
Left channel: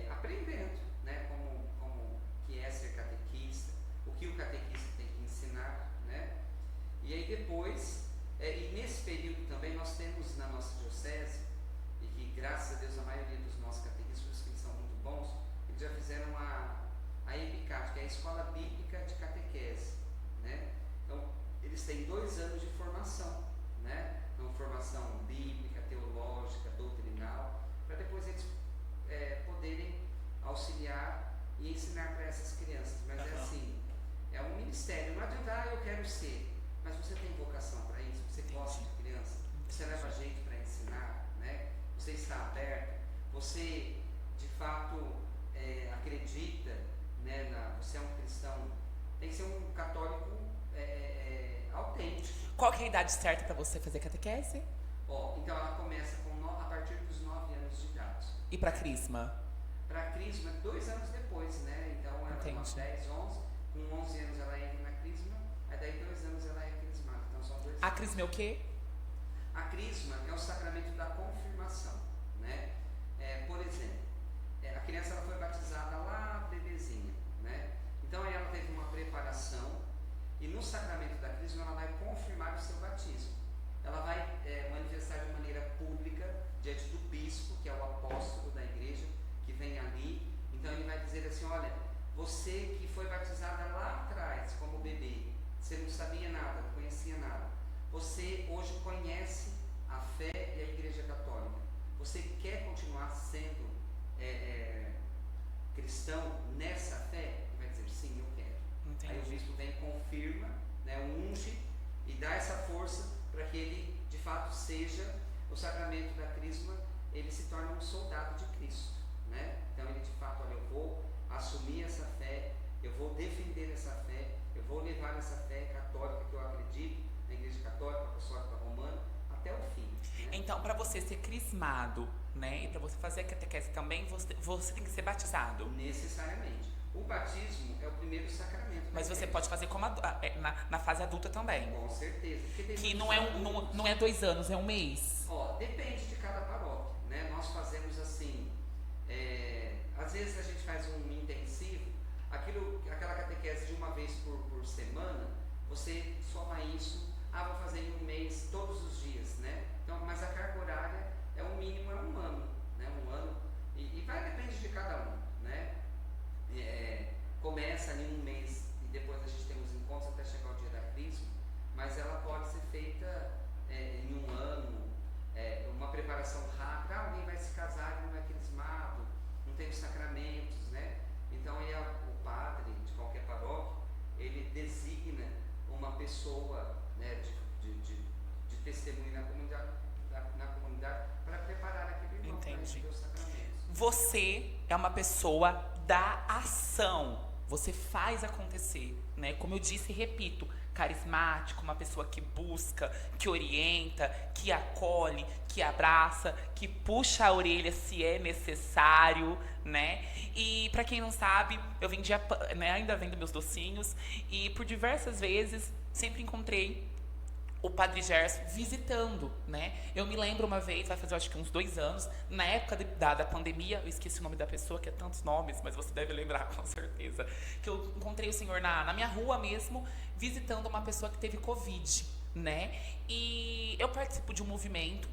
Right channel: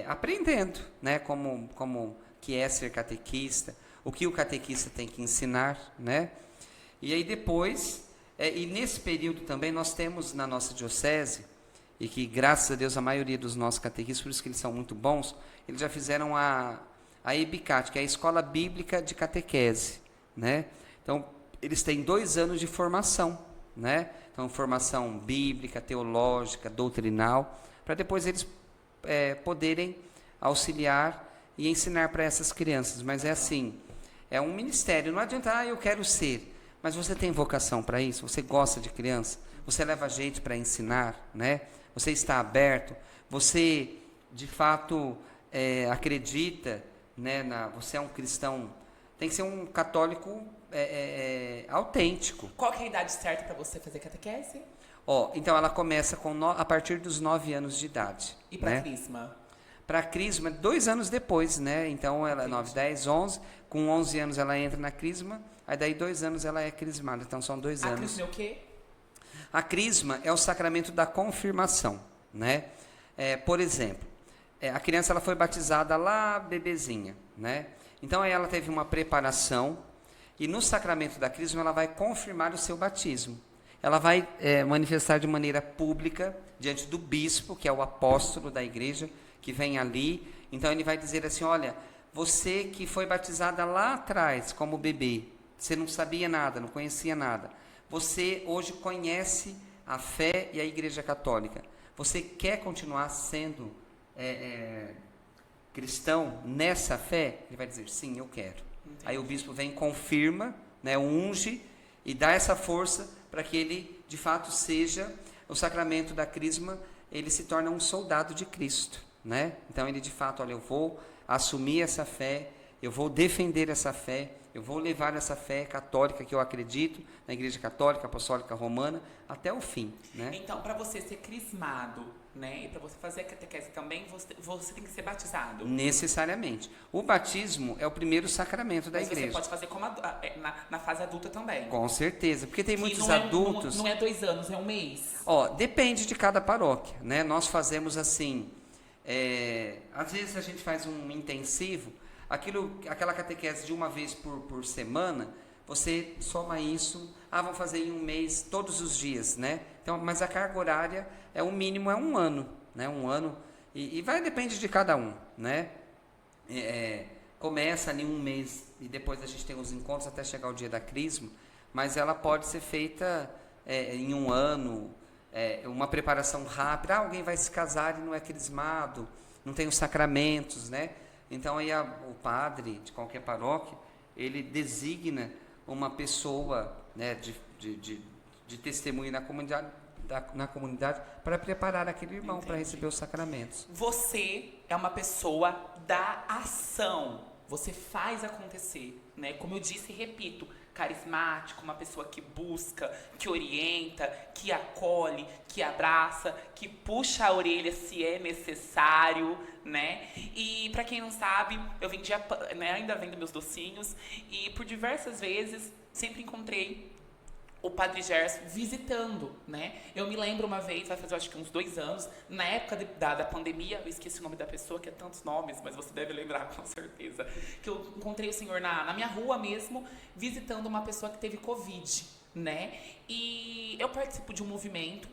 aprendendo, né, como que é ser catequista, o que o catequista tem que ensinar, né? E aí depois, e nesse período também nós temos na nossa diocese, e que graças a Deus a maioria dos nossos catequistas, por isso que eles são muito bons, eles já fizeram a EBICAT, que é a Escola Bíblica de Catequese, né? Então, eles têm 2 anos de formação, né? Então, formação bíblica, teológica, doutrinal, para depois eles poderem auxiliar e ensinar para essas crianças. Mas é assim, é um ministério, não adianta, eu quero ser, mas você tem vocação para isso? Você gosta de criança? Você leva jeito para ensinar, né? Você está aberto? Você, de fato, acredita, né, você é um cristão, tem que ser um católico autêntico. Qual que é a idade certa para você fazer catequese? Então ela começa a partir dos 9 anos de idade. E para né? crisma? Para crisma, 2 anos depois, né? Então ela é 9, 10, 11. Com 11 anos ela entra na crisma. Aí daí 2 anos ela é crismada. Então são 2 anos. A crisma é o quê? A crisma é o sacramento da confirmação, né? Por exemplo, a criança ela foi batizada lá bebezinha, né? Então aí ela teve uma preparação e no sacramento da crisma ela vai confirmar o seu batismo. Ela vai manifestar de maneira pública diante do bispo, que é o apóstolo da igreja, que vem ali. Então ele vai dizer assim, olha, você que foi batizada lá atrás como bebê, você não sabia nada, não conhecia nada, você hoje conhece a fé e a Igreja Católica, você quer continuar sendo cristão nessa fé? Ele vai dizer, sim, eu quero. Entendi. Aí o bispo vem, confirma, né, unge e dá essa força para que ele de fato seja, o sacramento da crisma, ele se torna um soldado de Cristo, né? Então ele de fato, olha, eu vou assumir essa fé, eu vou defender essa fé, eu vou levar essa fé católica que eu acredito, na Igreja Católica, Apostólica Romana, até o fim, né? Então, para você ser crismado, né, e para você fazer a catequese também, você tem que ser batizado. Necessariamente. O batismo é o primeiro sacramento da igreja. Mas você pode fazer como na fase adulta também. Com certeza, porque tem muitos não adultos... Não é 2 anos, é 1 mês. Depende de cada paróquia, né? Nós fazemos assim, às vezes a gente faz um intensivo, aquela catequese de 1 vez por semana, você soma isso, vamos fazer em 1 mês, todos os dias, né? Então, mas a carga horária o mínimo é 1 ano, né? 1 ano, e depende de cada um, né? Começa ali 1 mês, e depois a gente tem os encontros até chegar o dia da crisma, mas ela pode ser feita em um ano, uma preparação rápida. Alguém vai se casar e não é crismado, não tem os sacramentos, né? Então aí o padre de qualquer paróquia, ele designa uma pessoa, né, de testemunho na comunidade para preparar aquele irmão para receber os sacramentos. Você é uma pessoa da ação. Você faz acontecer, né? Como eu disse e repito, carismático, uma pessoa que busca, que orienta, que acolhe, que abraça, que puxa a orelha se é necessário, né? E para quem não sabe, eu vendia, né, ainda vendo meus docinhos, e por diversas vezes sempre encontrei o Padre Gerson visitando, né? Eu me lembro uma vez, vai fazer acho que uns 2 anos, na época da pandemia, eu esqueci o nome da pessoa, que é tantos nomes, mas você deve lembrar com certeza, que eu encontrei o senhor na minha rua mesmo, visitando uma pessoa que teve Covid, né? E eu participo de um movimento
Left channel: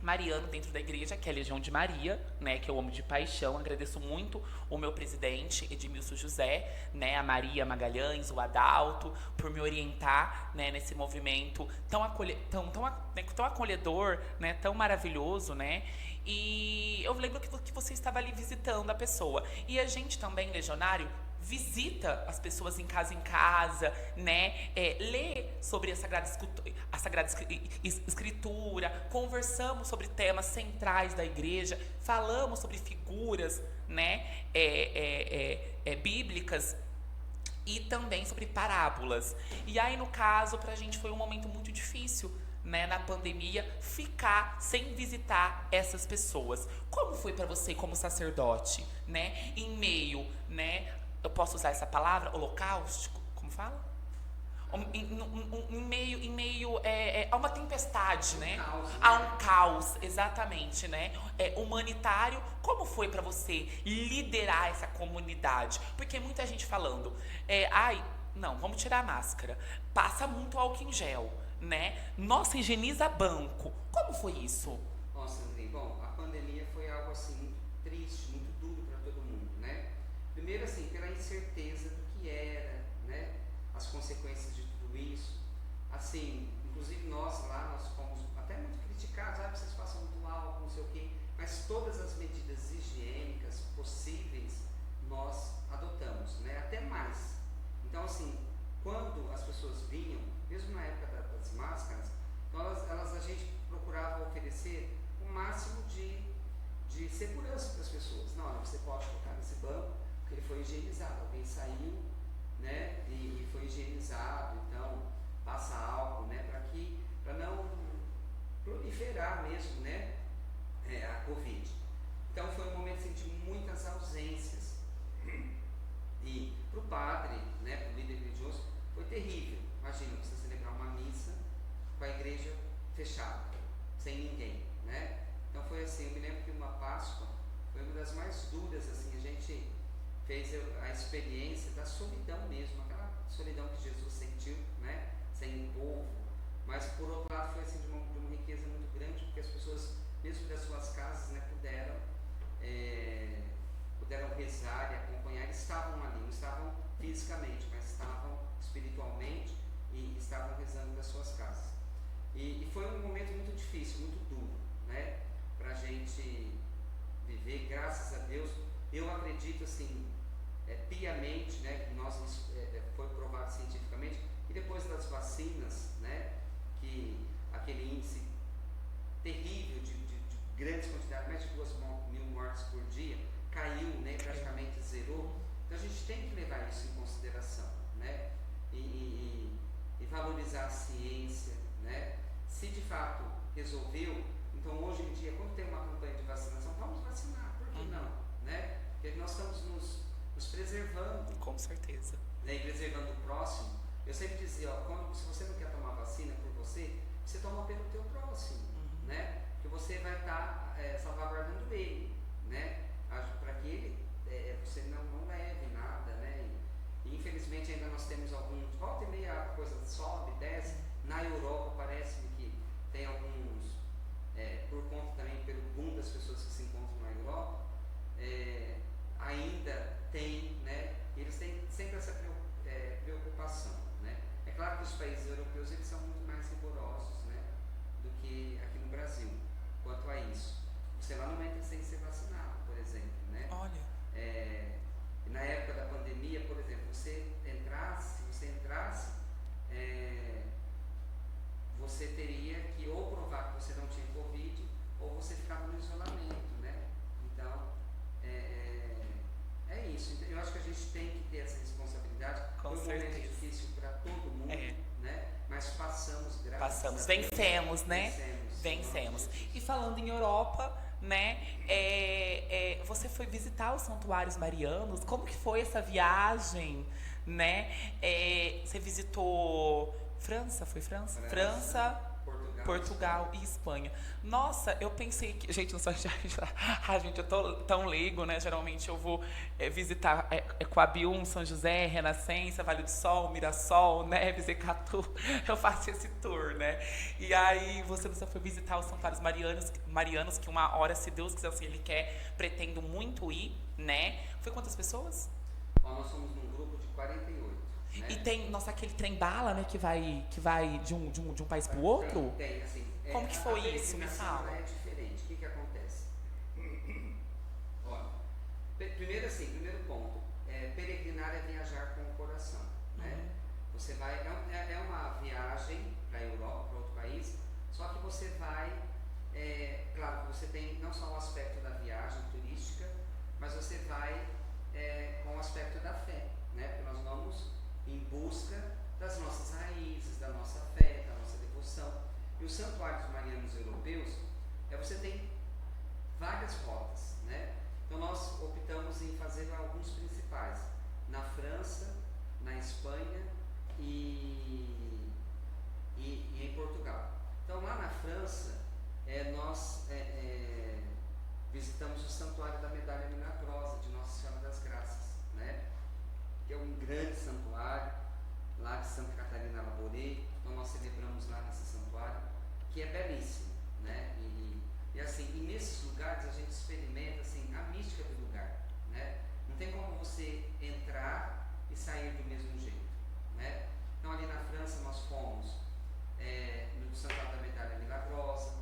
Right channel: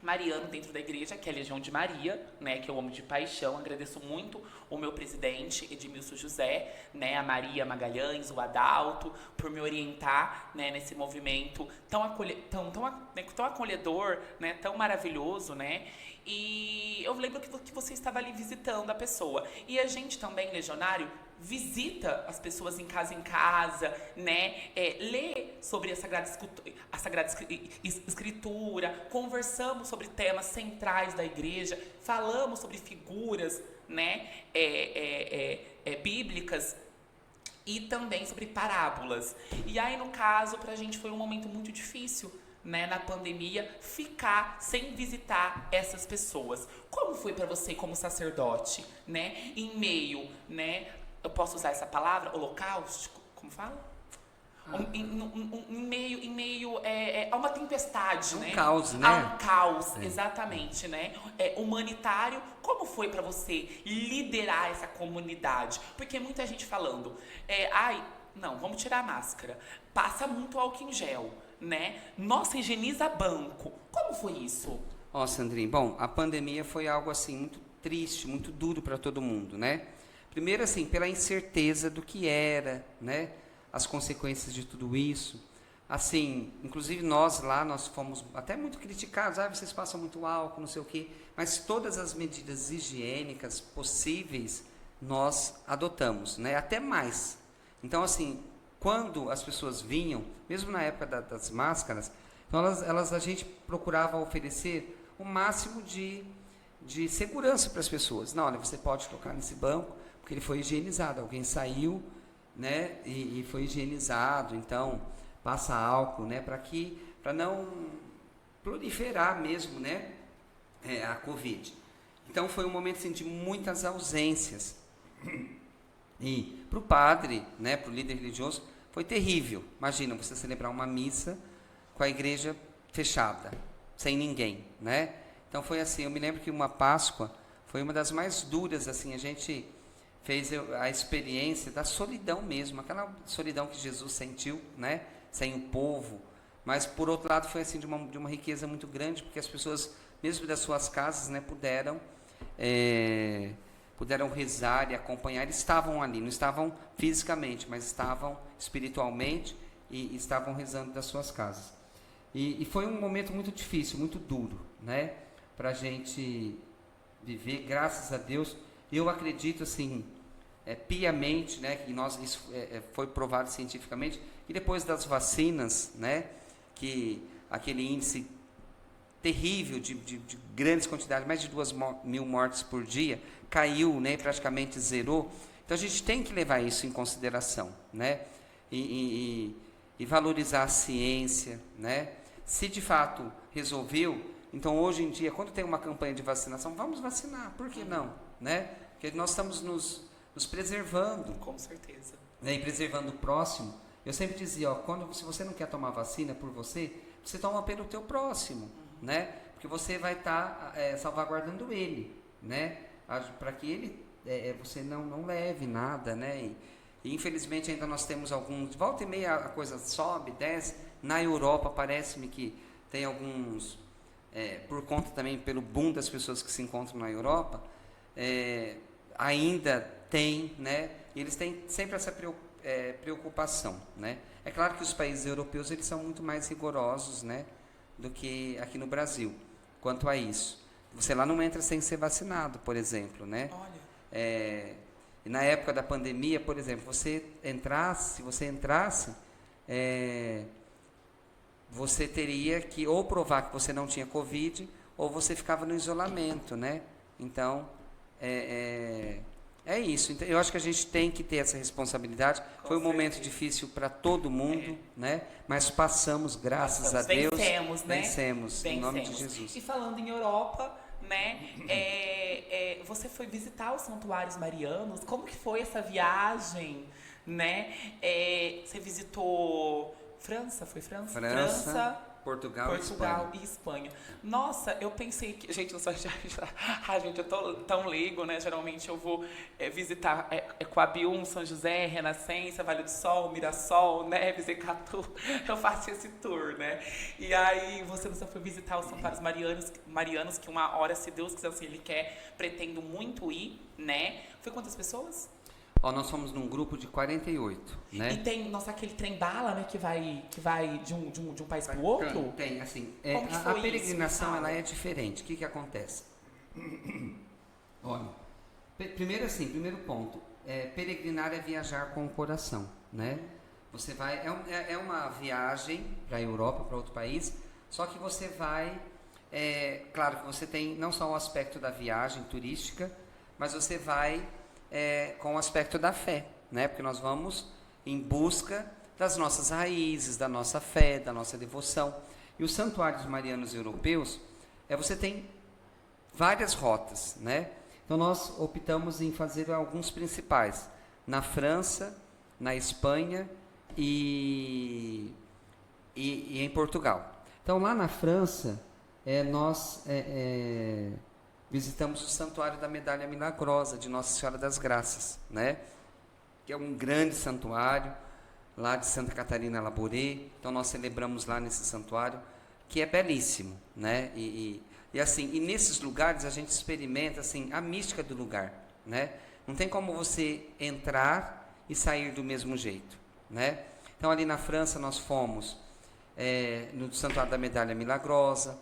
mariano dentro da igreja, que é a Legião de Maria, né, que eu amo de paixão. Agradeço muito o meu presidente, Edmilson José, né, a Maria Magalhães, o Adalto, por me orientar, né, nesse movimento tão acolhedor, né, tão maravilhoso, né. E eu lembro que você estava ali visitando a pessoa. E a gente também, legionário, visita as pessoas em casa, né? Lê sobre a Sagrada Escritura, conversamos sobre temas centrais da igreja, falamos sobre figuras, né? Bíblicas e também sobre parábolas. E aí, no caso, pra gente foi um momento muito difícil, né, na pandemia, ficar sem visitar essas pessoas. Como foi para você como sacerdote, né? Em meio, né? Eu posso usar essa palavra? Holocausto? Como fala? Em meio a uma tempestade, né? Caos, né? A um caos, exatamente, né? Humanitário. Como foi para você liderar essa comunidade? Porque muita gente falando, não, vamos tirar a máscara. Passa muito álcool em gel, né? Nossa, higieniza banco. Como foi isso? Ó, Sandrinho, bom, a pandemia foi algo assim muito triste, muito duro para todo mundo, né? Primeiro, assim, pela incerteza do que era, né? As consequências de tudo isso. Assim, inclusive nós fomos até muito criticados. Vocês passam muito álcool, não sei o quê. Mas todas as medidas higiênicas possíveis nós adotamos, né? Até mais. Então, assim, quando as pessoas vinham, mesmo na época das máscaras, então a gente procurava oferecer o máximo de segurança para as pessoas. Não, olha, você pode tocar nesse banco, porque ele foi higienizado. Alguém saiu, né, e foi higienizado. Então, passa álcool, né, para não proliferar mesmo, né, a Covid. Então, foi um momento assim, de muitas ausências. E para o padre, né, para o líder religioso, foi terrível. Imagina você celebrar uma missa com a igreja fechada, sem ninguém, né? Então foi assim, eu me lembro que uma Páscoa foi uma das mais duras, assim, a gente fez a experiência da solidão mesmo, aquela solidão que Jesus sentiu, né? Sem o povo. Mas por outro lado foi assim de uma riqueza muito grande, porque as pessoas, mesmo das suas casas, né, puderam rezar e acompanhar. Eles estavam ali, não estavam fisicamente, mas estavam espiritualmente e estavam rezando das suas casas. E foi um momento muito difícil, muito duro, né, para a gente viver. Graças a Deus, eu acredito assim, piamente, né, que isso foi provado cientificamente, e depois das vacinas, né, que aquele índice terrível de grandes quantidades, mais de 2.000 mortes por dia, caiu, né, praticamente zerou. Então a gente tem que levar isso em consideração, né, e valorizar a ciência, né. Se de fato resolveu, então hoje em dia, quando tem uma campanha de vacinação, vamos vacinar, por que não, né? Porque nós estamos nos preservando. Com certeza. Né, e preservando o próximo. Eu sempre dizia, se você não quer tomar vacina por você toma pelo teu próximo, né? Porque você vai estar salvaguardando ele, né? Para que ele, você não leve nada, né? E infelizmente ainda nós temos alguns, volta e meia a coisa sobe, desce. Na Europa parece-me que tem alguns, por conta também pelo boom das pessoas que se encontram na Europa, ainda tem, né? Eles têm sempre essa preocupação, né? É claro que os países europeus eles são muito mais rigorosos, né? do que aqui no Brasil, quanto a isso. Você lá não entra sem ser vacinado, por exemplo, né? Olha. E na época da pandemia, por exemplo, se você entrasse, você teria que ou provar que você não tinha Covid, ou você ficava no isolamento, né? Então, é isso. Então, eu acho que a gente tem que ter essa responsabilidade. Com Foi um momento certeza. difícil para todo mundo, né? Mas passamos, graças a Deus. Vencemos, né? Vencemos, em nome de Vencemos. Jesus. E falando em Europa, né? Você foi visitar os santuários marianos. Como que foi essa viagem, né? Você visitou França? Foi França? Portugal e Espanha. Nossa, eu pensei que... Gente, eu gente, eu tô tão leigo, né? Geralmente eu vou visitar Coabium, São José, Renascença, Vale do Sol, Mirassol, Neves, Ecatu. Eu faço esse tour, né? E aí você foi visitar os santuários marianos, que uma hora, se Deus quiser, assim, Ele quer, pretendo muito ir, né? Foi quantas pessoas? Nós somos num grupo de 48, né? E tem, nossa, aquele trem-bala, né, que vai de um país pro outro? Tem, assim. Como que foi a isso? peregrinação, Me ela fala. é diferente. O que acontece? Olha, primeiro ponto. Peregrinar é viajar com o coração, né? Você vai... É uma viagem para a Europa, para outro país, só que você vai... claro que você tem não só o aspecto da viagem turística, mas você vai... com o aspecto da fé, né? Porque nós vamos em busca das nossas raízes, da nossa fé, da nossa devoção. E os santuários marianos europeus, você tem várias rotas, né? Então nós optamos em fazer alguns principais na França, na Espanha e em Portugal. Então lá na França, nós visitamos o Santuário da Medalha Milagrosa de Nossa Senhora das Graças, né? Que é um grande santuário lá de Santa Catarina Labouré. Então nós celebramos lá nesse santuário, que é belíssimo, né? E nesses lugares a gente experimenta assim a mística do lugar, né? Não tem como você entrar e sair do mesmo jeito, né? Então ali na França nós fomos no Santuário da Medalha Milagrosa.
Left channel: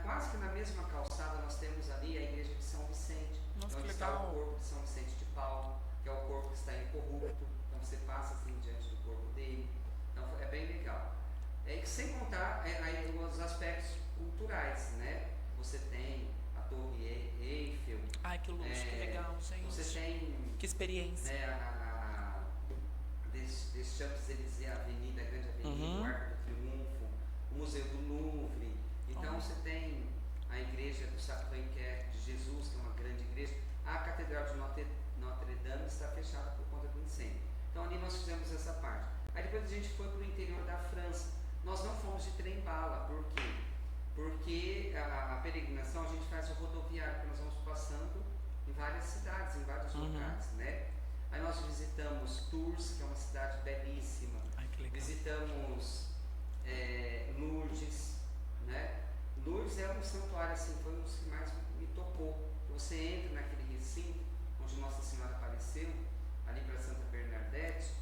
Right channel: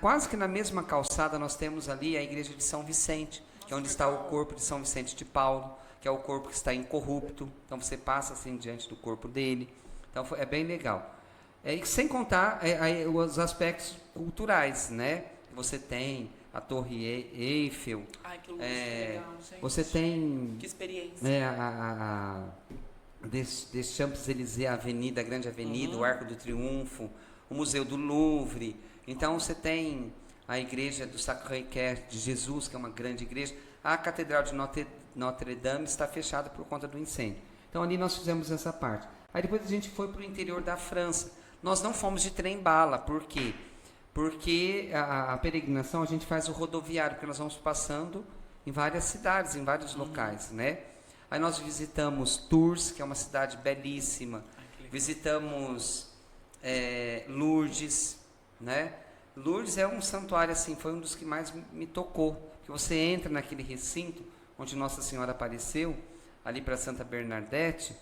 Quase que na mesma calçada nós temos ali a igreja de São Vicente, que é onde está o corpo de São Vicente de Paulo, que é o corpo que está incorrupto. Então você passa assim diante do corpo dele. Então é bem legal. E sem contar os aspectos culturais, né? Você tem a Torre Eiffel. Ai, que luxo, que legal, gente. Você tem... Que experiência. Des Champs-Élysées, a Grande Avenida, o Arco do Triunfo, o Museu do Louvre. Então você tem a igreja do Sacré-Cœur de Jesus, que é uma grande igreja. A Catedral de Notre-Dame está fechada por conta do incêndio. Então ali nós fizemos essa parte. Aí depois a gente foi para o interior da França. Nós não fomos de trem-bala. Por quê? Porque a peregrinação a gente faz o rodoviário, porque nós vamos passando em várias cidades, em vários locais, né? Aí nós visitamos Tours, que é uma cidade belíssima. Visitamos Lourdes, né? Lourdes é um santuário assim, foi um dos que mais me tocou. Que você entra naquele recinto onde Nossa Senhora apareceu, ali para Santa Bernadette,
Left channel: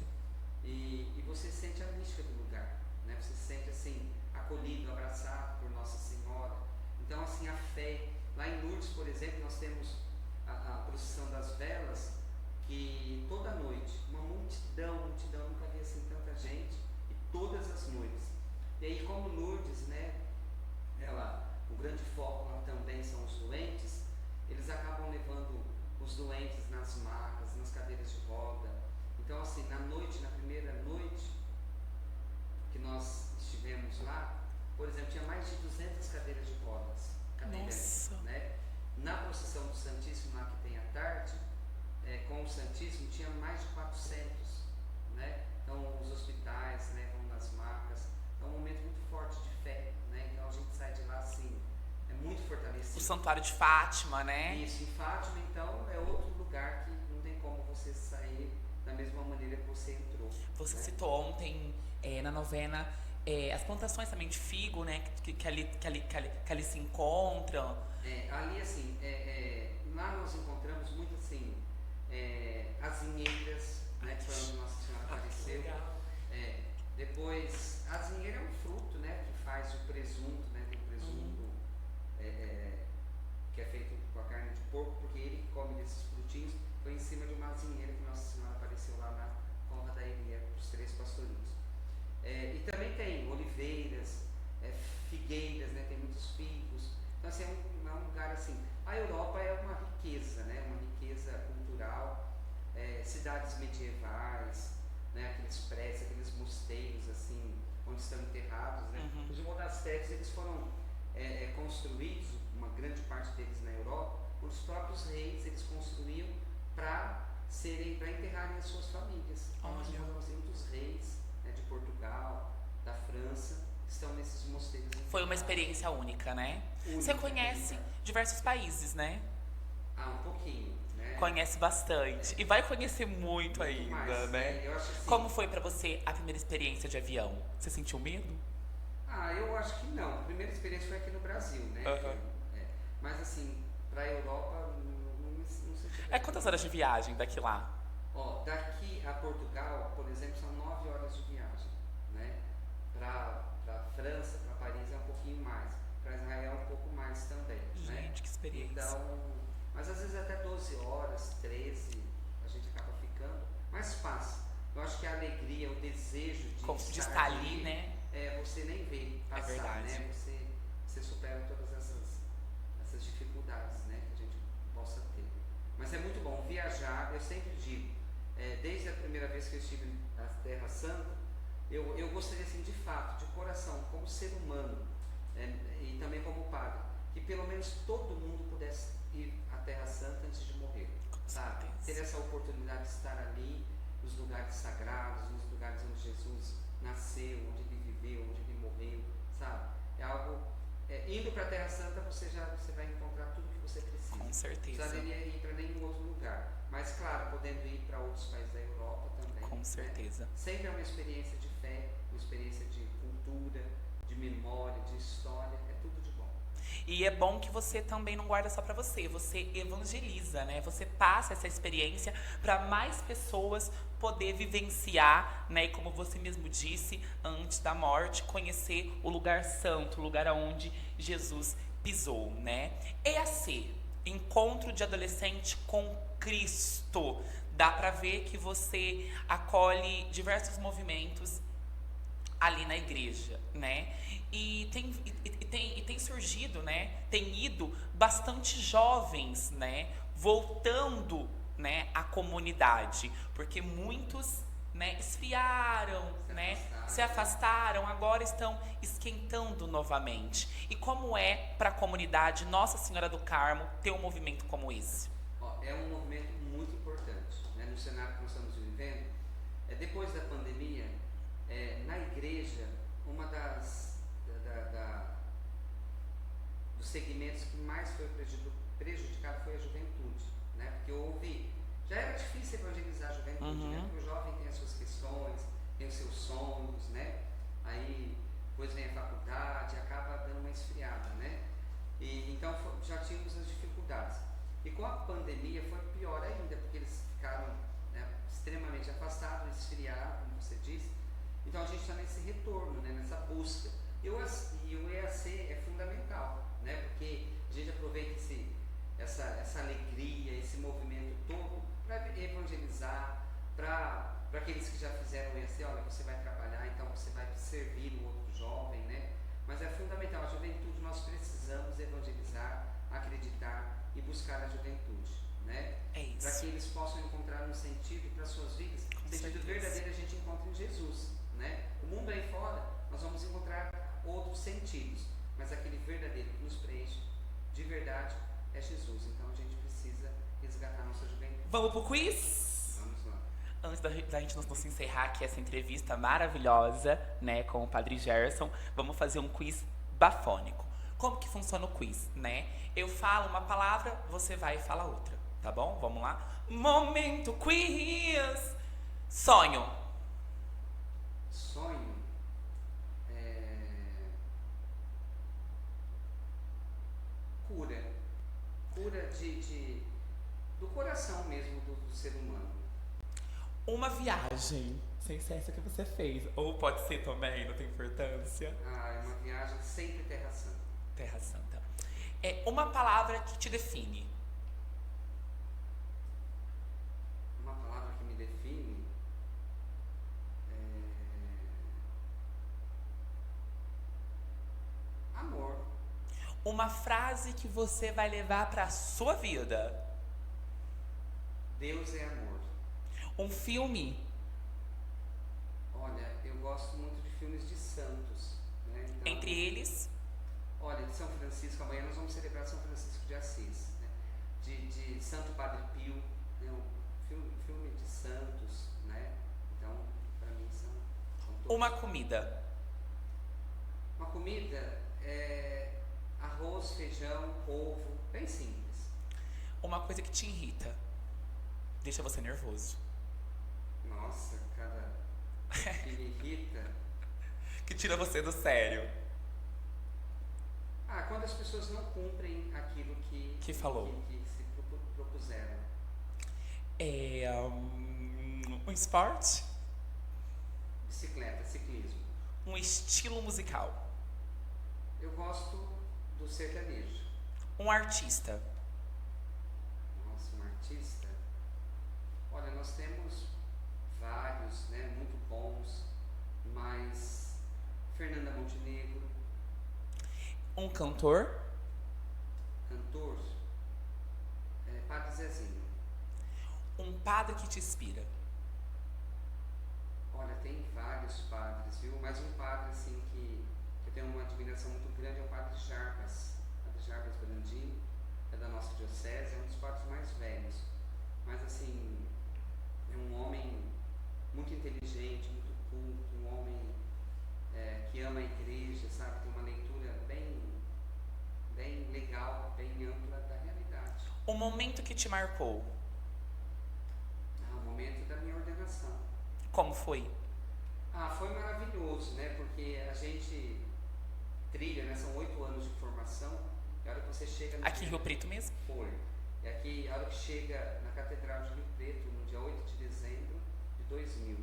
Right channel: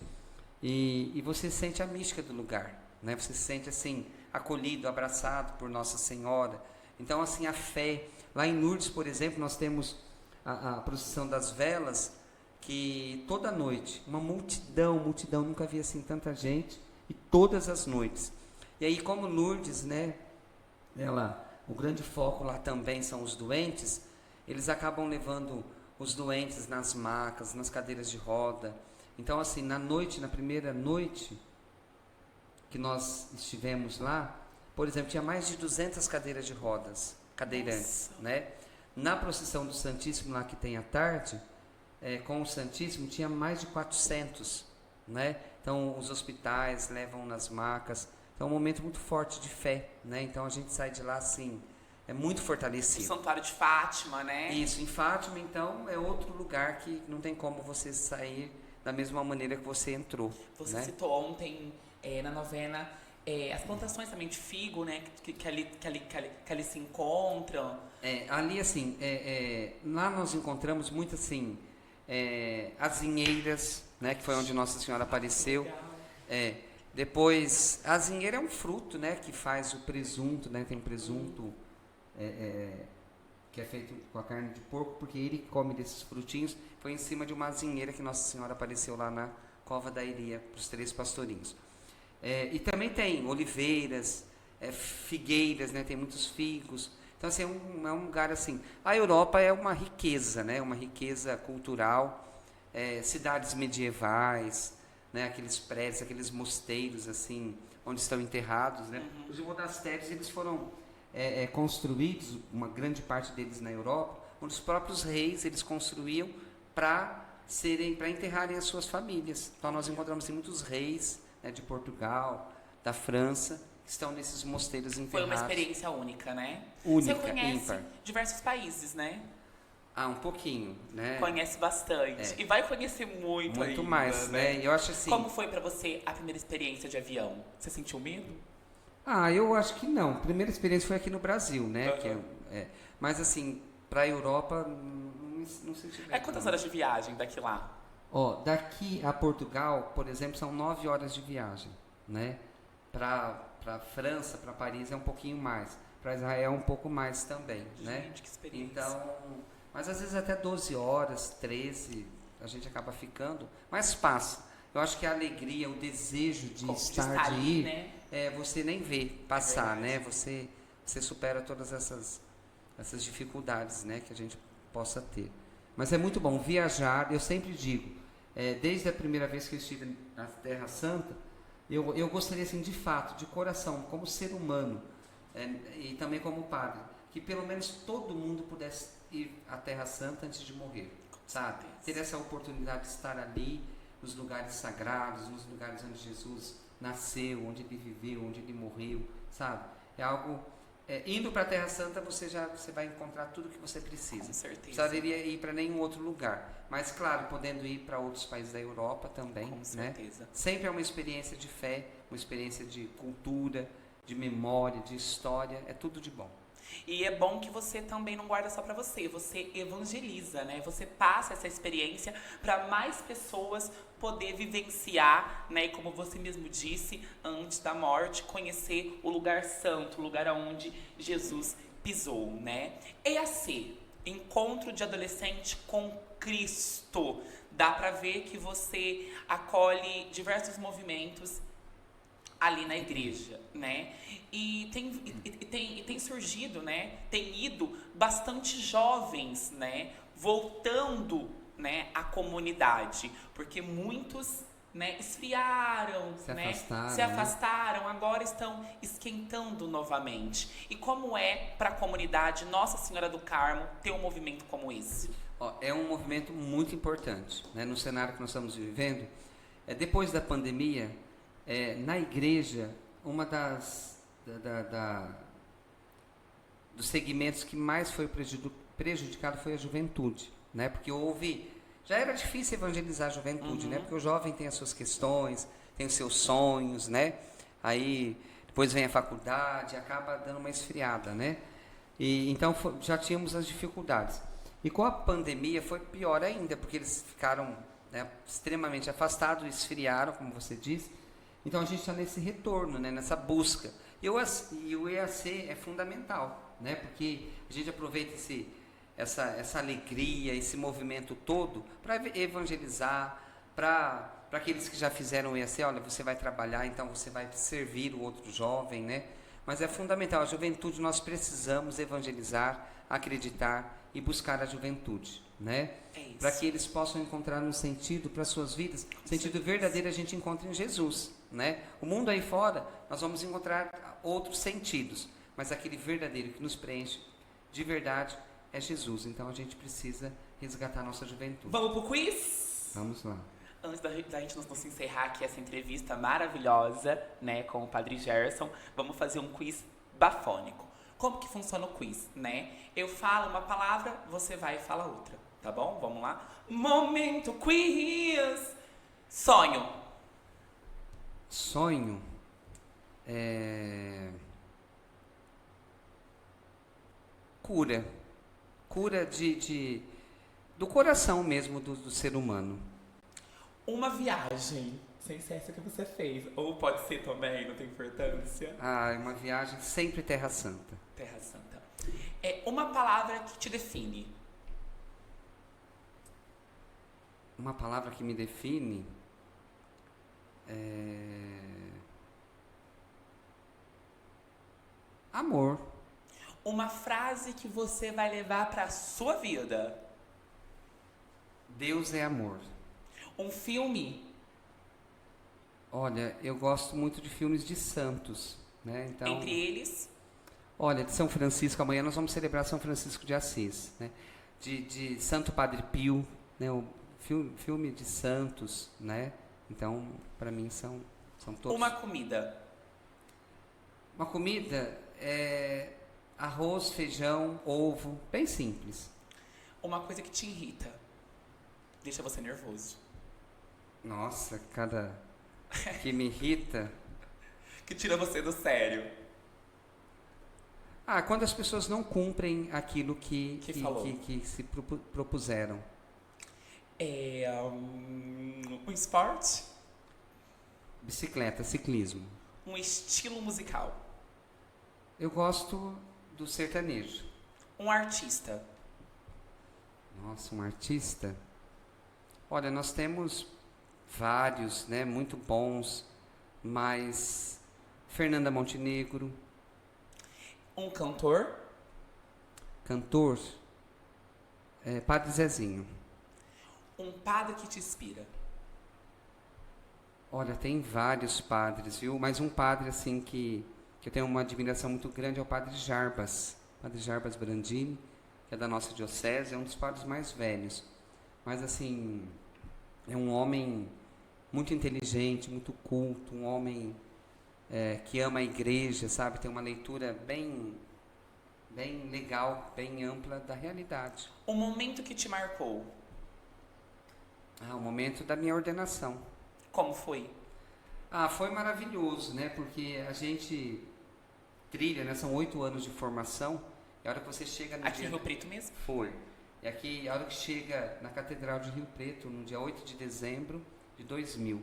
e você sente a mística do lugar, né? Você se sente assim acolhido, abraçado por Nossa Senhora. Então assim a fé. Lá em Lourdes, por exemplo, nós temos a procissão das velas, que toda noite uma multidão, nunca vi assim tanta gente, e todas as noites. E aí como Lourdes, né? O grande foco lá também são os doentes. Eles acabam levando os doentes nas macas, nas cadeiras de roda. Então assim, na primeira noite que nós estivemos lá, por exemplo, tinha mais de 200 cadeiras de rodas, cadeirantes, né? Na procissão do Santíssimo lá que tem à tarde, com o Santíssimo tinha mais de 400, né? Então os hospitais levam nas macas. Então é um momento muito forte de fé, né? Então a gente sai de lá assim, muito fortalecido. O Santuário de Fátima, né? Isso, em Fátima, então, é outro lugar que não tem como você sair da mesma maneira que você entrou. Você né? citou ontem, na novena, as plantações também de figo, né? Que ali se encontram. Ali, assim, lá nós encontramos muito, assim, as vinheiras, né? Que foi onde Nossa Senhora apareceu. Depois, a azinheira é um fruto, né, que faz o presunto, né, tem presunto que é feito com a carne de porco, porque ele come desses frutinhos. Foi em cima de uma azinheira que Nossa Senhora apareceu lá na cova da Iria, para os 3 pastorinhos. E também tem oliveiras, figueiras, né, tem muitos figos. Então, assim, é um lugar assim. A Europa é uma riqueza, né, uma riqueza cultural, cidades medievais, né, aqueles prédios, aqueles mosteiros, assim, onde estão enterrados, né. Os monastérios, eles foram construídos, uma grande parte deles na Europa, onde os próprios reis eles construíam para enterrarem as suas famílias. Então nós encontramos muitos reis, né, de Portugal, da França, que estão nesses mosteiros enterrados. Foi uma experiência única, né? Única, Você conhece ímpar. diversos países, né? Um pouquinho, né? Conhece bastante. E vai conhecer muito ainda, mais, né? Eu acho assim. Como foi pra você a primeira experiência de avião? Você sentiu medo? Eu acho que não. A primeira experiência foi aqui no Brasil, né? Mas assim, para a Europa, não senti. Quantas horas de viagem daqui lá? Daqui a Portugal, por exemplo, são 9 horas de viagem, né? Para França, para Paris é um pouquinho mais. Para Israel um pouco mais também, né? Gente, que experiência. Então, mas às vezes até 12 horas, 13, a gente acaba ficando, mas passa. Eu acho que a alegria, o desejo de estar ali, ali, né? Você nem vê passar, né? verdade. Você supera todas essas dificuldades, né, que a gente possa ter. Mas é muito bom viajar. Eu sempre digo, desde a primeira vez que eu estive na Terra Santa, eu gostaria, assim, de fato, de coração, como ser humano, e também como padre, que pelo menos todo mundo pudesse ir à Terra Santa antes de morrer, sabe? Ter essa oportunidade de estar ali, nos lugares sagrados, nos lugares onde Jesus nasceu, onde ele viveu, onde ele morreu, sabe? É algo. Indo para a Terra Santa, você vai encontrar tudo que você precisa. Com certeza. Não precisaria ir para nenhum outro lugar. Mas, claro, podendo ir para outros países da Europa também. Com certeza. Né? Sempre é uma experiência de fé, uma experiência de cultura, de memória, de história. É tudo de bom. E é bom que você também não guarda só pra você evangeliza, né? Você passa essa experiência para mais pessoas poder vivenciar, né? E como você mesmo disse, antes da morte, conhecer o lugar santo, o lugar onde Jesus pisou, né? EAC, Encontro de Adolescente com Cristo. Dá pra ver que você acolhe diversos movimentos ali na igreja, né? E tem surgido, né? Tem ido bastante jovens, né? Voltando, né? À comunidade, porque muitos, né? Esfriaram, se afastaram, agora estão esquentando novamente. E como é para a comunidade Nossa Senhora do Carmo ter um movimento como esse? É um movimento muito importante, né? No cenário que nós estamos vivendo, depois da pandemia, na igreja, uma dos segmentos que mais foi prejudicado foi a juventude, né? Porque já era difícil evangelizar a juventude, né? Porque o jovem tem as suas questões, tem os seus sonhos, né? Aí depois vem a faculdade, acaba dando uma esfriada, né? E então já tínhamos as dificuldades. E com a pandemia foi pior ainda, porque eles ficaram, né, extremamente afastados, esfriaram, como você disse. Então a gente está nesse retorno, né, nessa busca. E o EAC é fundamental, né, porque a gente aproveita essa alegria, esse movimento todo para evangelizar, para aqueles que já fizeram o EAC. Olha, você vai trabalhar, então você vai servir o outro jovem, né? Mas é fundamental, a juventude, nós precisamos evangelizar, acreditar e buscar a juventude, né? É isso. Para que eles possam encontrar um sentido para suas vidas. Sentido verdadeiro a gente encontra em Jesus, né? O mundo aí fora, nós vamos encontrar outros sentidos, mas aquele verdadeiro que nos preenche de verdade é Jesus. Então a gente precisa resgatar a nossa juventude. Vamos pro quiz? Vamos lá. Antes da gente nos encerrar aqui essa entrevista maravilhosa, né, com o Padre Gerson, vamos fazer um quiz bafônico. Como que funciona o quiz, né? Eu falo uma palavra, você vai e fala outra, tá bom? Vamos lá? Momento quiz! Sonho. Sonho cura do coração mesmo do ser humano. Uma viagem. sei se é essa que você fez. Ou pode ser também, não tem importância. Ah, é uma viagem sempre Terra Santa. Terra Santa. É uma palavra que te define. Uma palavra que me define é... amor. Uma frase que você vai levar pra sua vida. Deus é amor. Um filme. Olha, eu gosto muito de filmes de santos, né? Então, Entre eles, olha, de São Francisco, amanhã nós vamos celebrar São Francisco de Assis, né? De Santo Padre Pio, né? O filme de santos, né? Então, para mim são todos. uma comida. Uma comida é arroz, feijão, ovo, bem simples. Uma coisa que te irrita. Deixa você nervoso. Nossa, cada que me irrita. Que tira você do sério. Ah, quando as pessoas não cumprem aquilo que falou. que se propuseram. É um esporte. Bicicleta, ciclismo. Um estilo musical. Eu gosto do sertanejo. Um artista. Nossa, um artista. Olha, nós temos vários, né, muito bons, mas Fernanda Montenegro, Um cantor. cantor, Padre Zezinho. Um padre que te inspira. Olha, tem vários padres, viu? Mas um padre assim que eu tenho uma admiração muito grande é o Padre Jarbas. Padre Jarbas Brandini, que é da nossa diocese, é um dos padres mais velhos. Mas assim, é um homem muito inteligente, muito culto, um homem que ama a igreja, sabe? Tem uma leitura bem legal, bem ampla da realidade. Um momento que te marcou. O momento da minha ordenação. Como foi? Foi maravilhoso, né? Porque a gente trilha, né? São 8 anos de formação. E a hora que você chega no Aqui em dia... Rio Preto mesmo? Foi. E aqui, a hora que chega na Catedral de Rio Preto, no dia 8 de dezembro de 2000.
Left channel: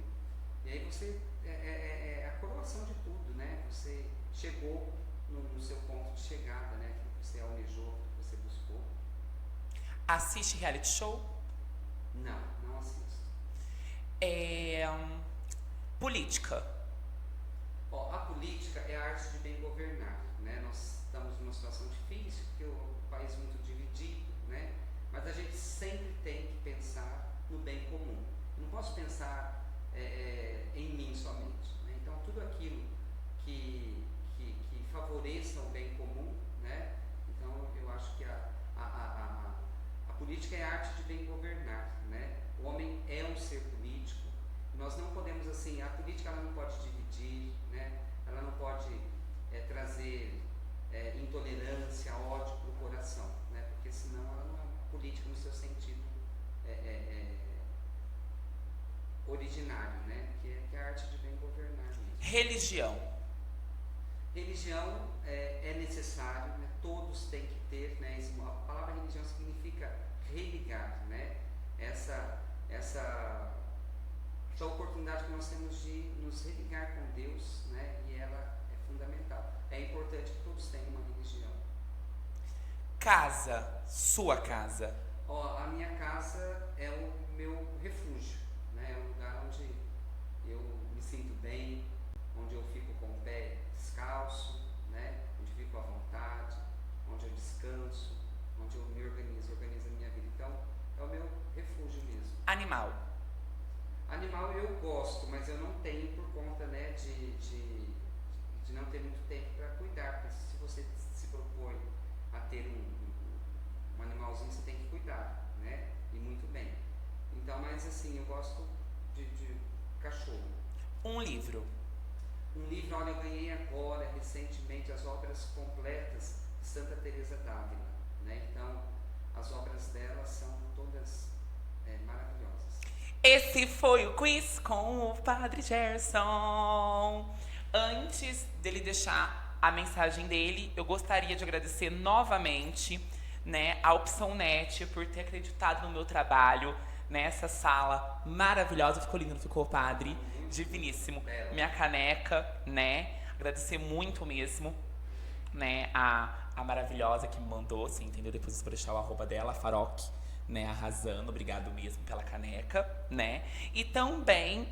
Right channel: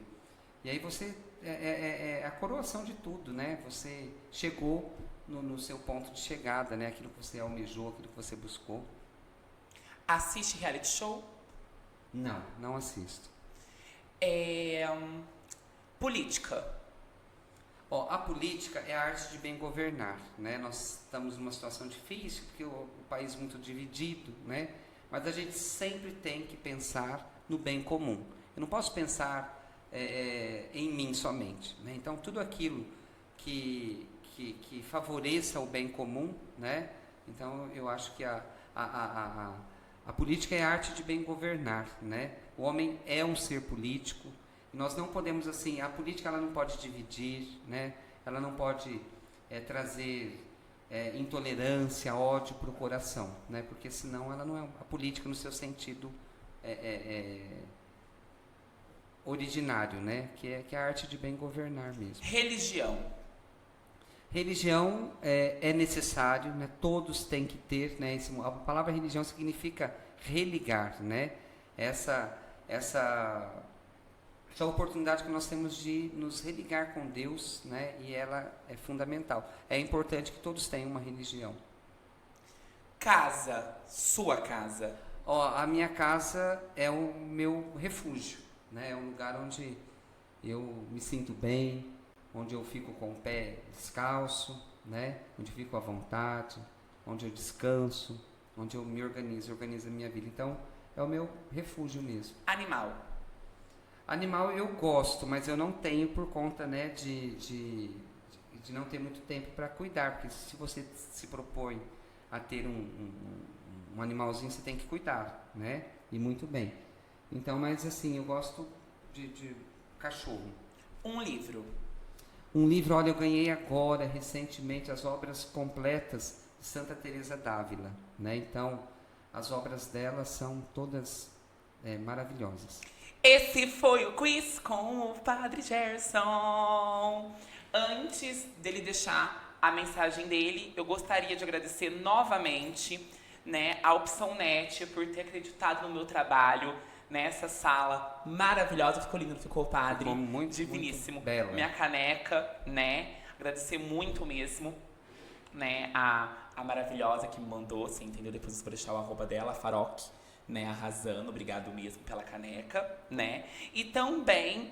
E aí você... É a coroação de tudo, né? Você chegou no seu ponto de chegada, né? Aquilo que você almejou, aquilo que você buscou. Assiste reality show? Não assisto. Política. A política é a arte de bem governar, né? Nós estamos numa situação difícil, porque o país é muito dividido, né? Mas a gente sempre tem que pensar no bem comum. Eu não posso pensar em mim somente, né? Então, tudo aquilo que favoreça o bem comum, né? Então, eu acho que a política é a arte de bem governar, né? O homem é um ser político. Nós não podemos, assim, a política ela não pode dividir, né? Ela não pode trazer intolerância, ódio para o coração, né? Porque senão ela não é a política no seu sentido originário, né? Que é a arte de bem governar mesmo. Religião. Religião é necessário, né? Todos têm que ter, né? A palavra religião significa religar, né? Essa oportunidade que nós temos de nos religar com Deus, né? E ela é fundamental. É importante que todos tenham uma religião. Casa. Sua casa. A minha casa é o meu refúgio, né? É um lugar onde eu me sinto bem, onde eu fico com o pé descalço, né? Onde eu fico à vontade, onde eu descanso, onde eu me organizo a minha vida. Então, é o meu refúgio mesmo. Animal. Animal eu gosto, mas eu não tenho por conta, né, de não ter muito tempo para cuidar, porque se você se propõe a ter um animalzinho, você tem que cuidar, né? E muito bem. Então, mas assim, eu gosto de cachorro. Um livro. Um livro, olha, eu ganhei agora, recentemente, as obras completas de Santa Teresa d'Ávila, né? Então, as obras dela são todas maravilhosas. Esse foi o quiz com o Padre Gerson. Antes dele deixar a mensagem dele, eu gostaria de agradecer novamente, né, a Opção Net por ter acreditado no meu trabalho. nessa sala maravilhosa. Ficou lindo, não ficou, padre? Ficou muito, diviníssimo. muito bela. Minha caneca, né? Agradecer muito mesmo, né? A maravilhosa que me mandou, assim, entendeu? Depois eu vou deixar o arroba dela, a Faroque, né? Arrasando. Obrigado mesmo pela caneca, né? E também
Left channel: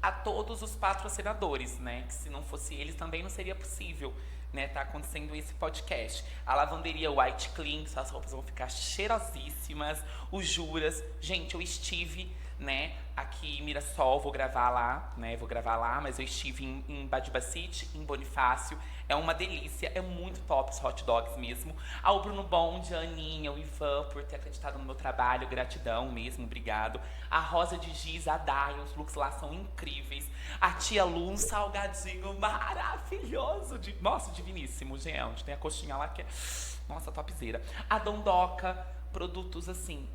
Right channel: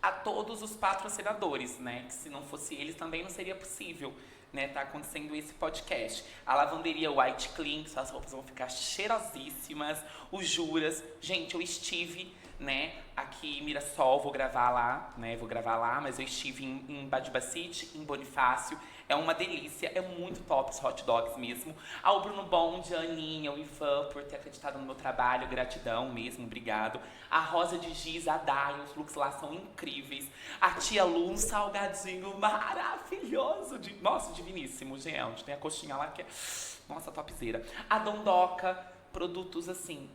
a todos os patrocinadores, né? Que se não fosse eles também não seria possível, né? Tá acontecendo esse podcast. A lavanderia White Clean, suas roupas vão ficar cheirosíssimas. O Juras, gente, eu estive, né? Aqui em Mirassol, vou gravar lá, né? Vou gravar lá, mas eu estive em Badibacite, em Bonifácio. É uma delícia, é muito top os hot dogs mesmo. Ao Bruno Bond, a Aninha, o Ivan, por ter acreditado no meu trabalho, gratidão mesmo, obrigado. A Rosa de Giz, a Dai, os looks lá são incríveis. A Tia Lu, um salgadinho maravilhoso, nossa, diviníssimo, gente. Tem a coxinha lá que é, nossa, topzera. A Dondoca, produtos assim,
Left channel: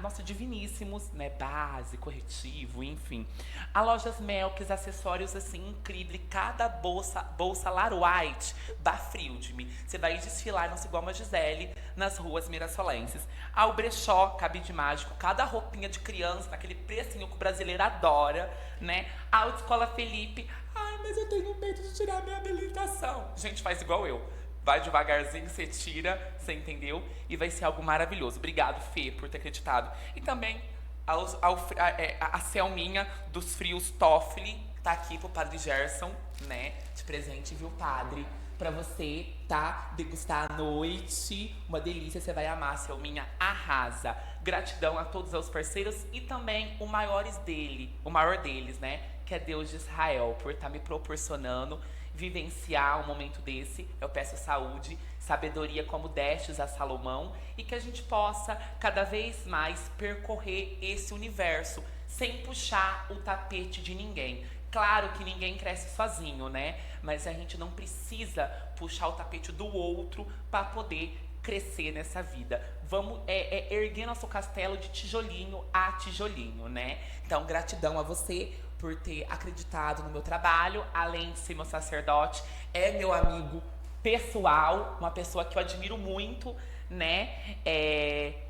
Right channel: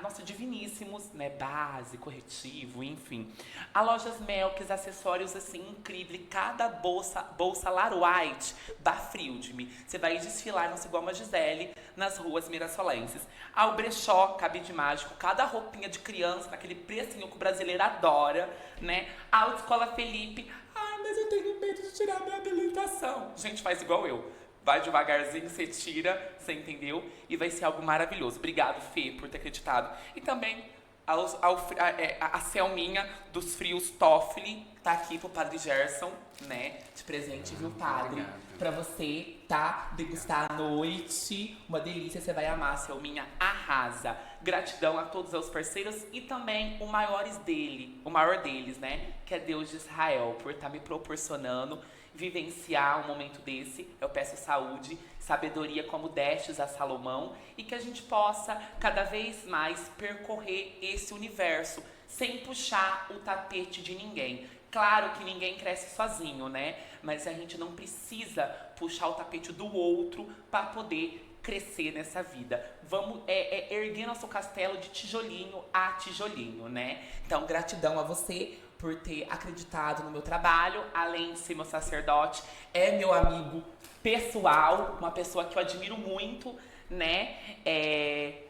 nossa, diviníssimos, né? Base, corretivo, enfim. A Lojas Melks, acessórios assim, incrível. Cada bolsa Lar White da Frild-me. Você vai desfilar, não sei, igual uma Gisele, nas ruas mirassolenses. Ao Brechó, Cabide Mágico, cada roupinha de criança, naquele precinho que o brasileiro adora, né? A Autoescola Felipe, ai, mas eu tenho medo de tirar minha habilitação. Gente, faz igual eu. Vai devagarzinho, você tira, você entendeu? E vai ser algo maravilhoso. Obrigado, Fê, por ter acreditado. E também a Selminha dos Frios Toffoli tá aqui pro Padre Gerson, né? De presente, viu, Padre? Pra você, tá? Degustar à noite. Uma delícia, você vai amar, Selminha. Arrasa. Gratidão a todos os parceiros e também o maior deles, né? Que é Deus de Israel, por estar me proporcionando vivenciar um momento desse. Eu peço saúde, sabedoria como destes a Salomão e que a gente possa cada vez mais percorrer esse universo sem puxar o tapete de ninguém. Claro que ninguém cresce sozinho, né? Mas a gente não precisa puxar o tapete do outro para poder crescer nessa vida. Vamos erguer nosso castelo de tijolinho a tijolinho, né? Então, gratidão a você por ter acreditado no meu trabalho, além de ser meu sacerdote, é meu amigo pessoal, uma pessoa que eu admiro muito, né?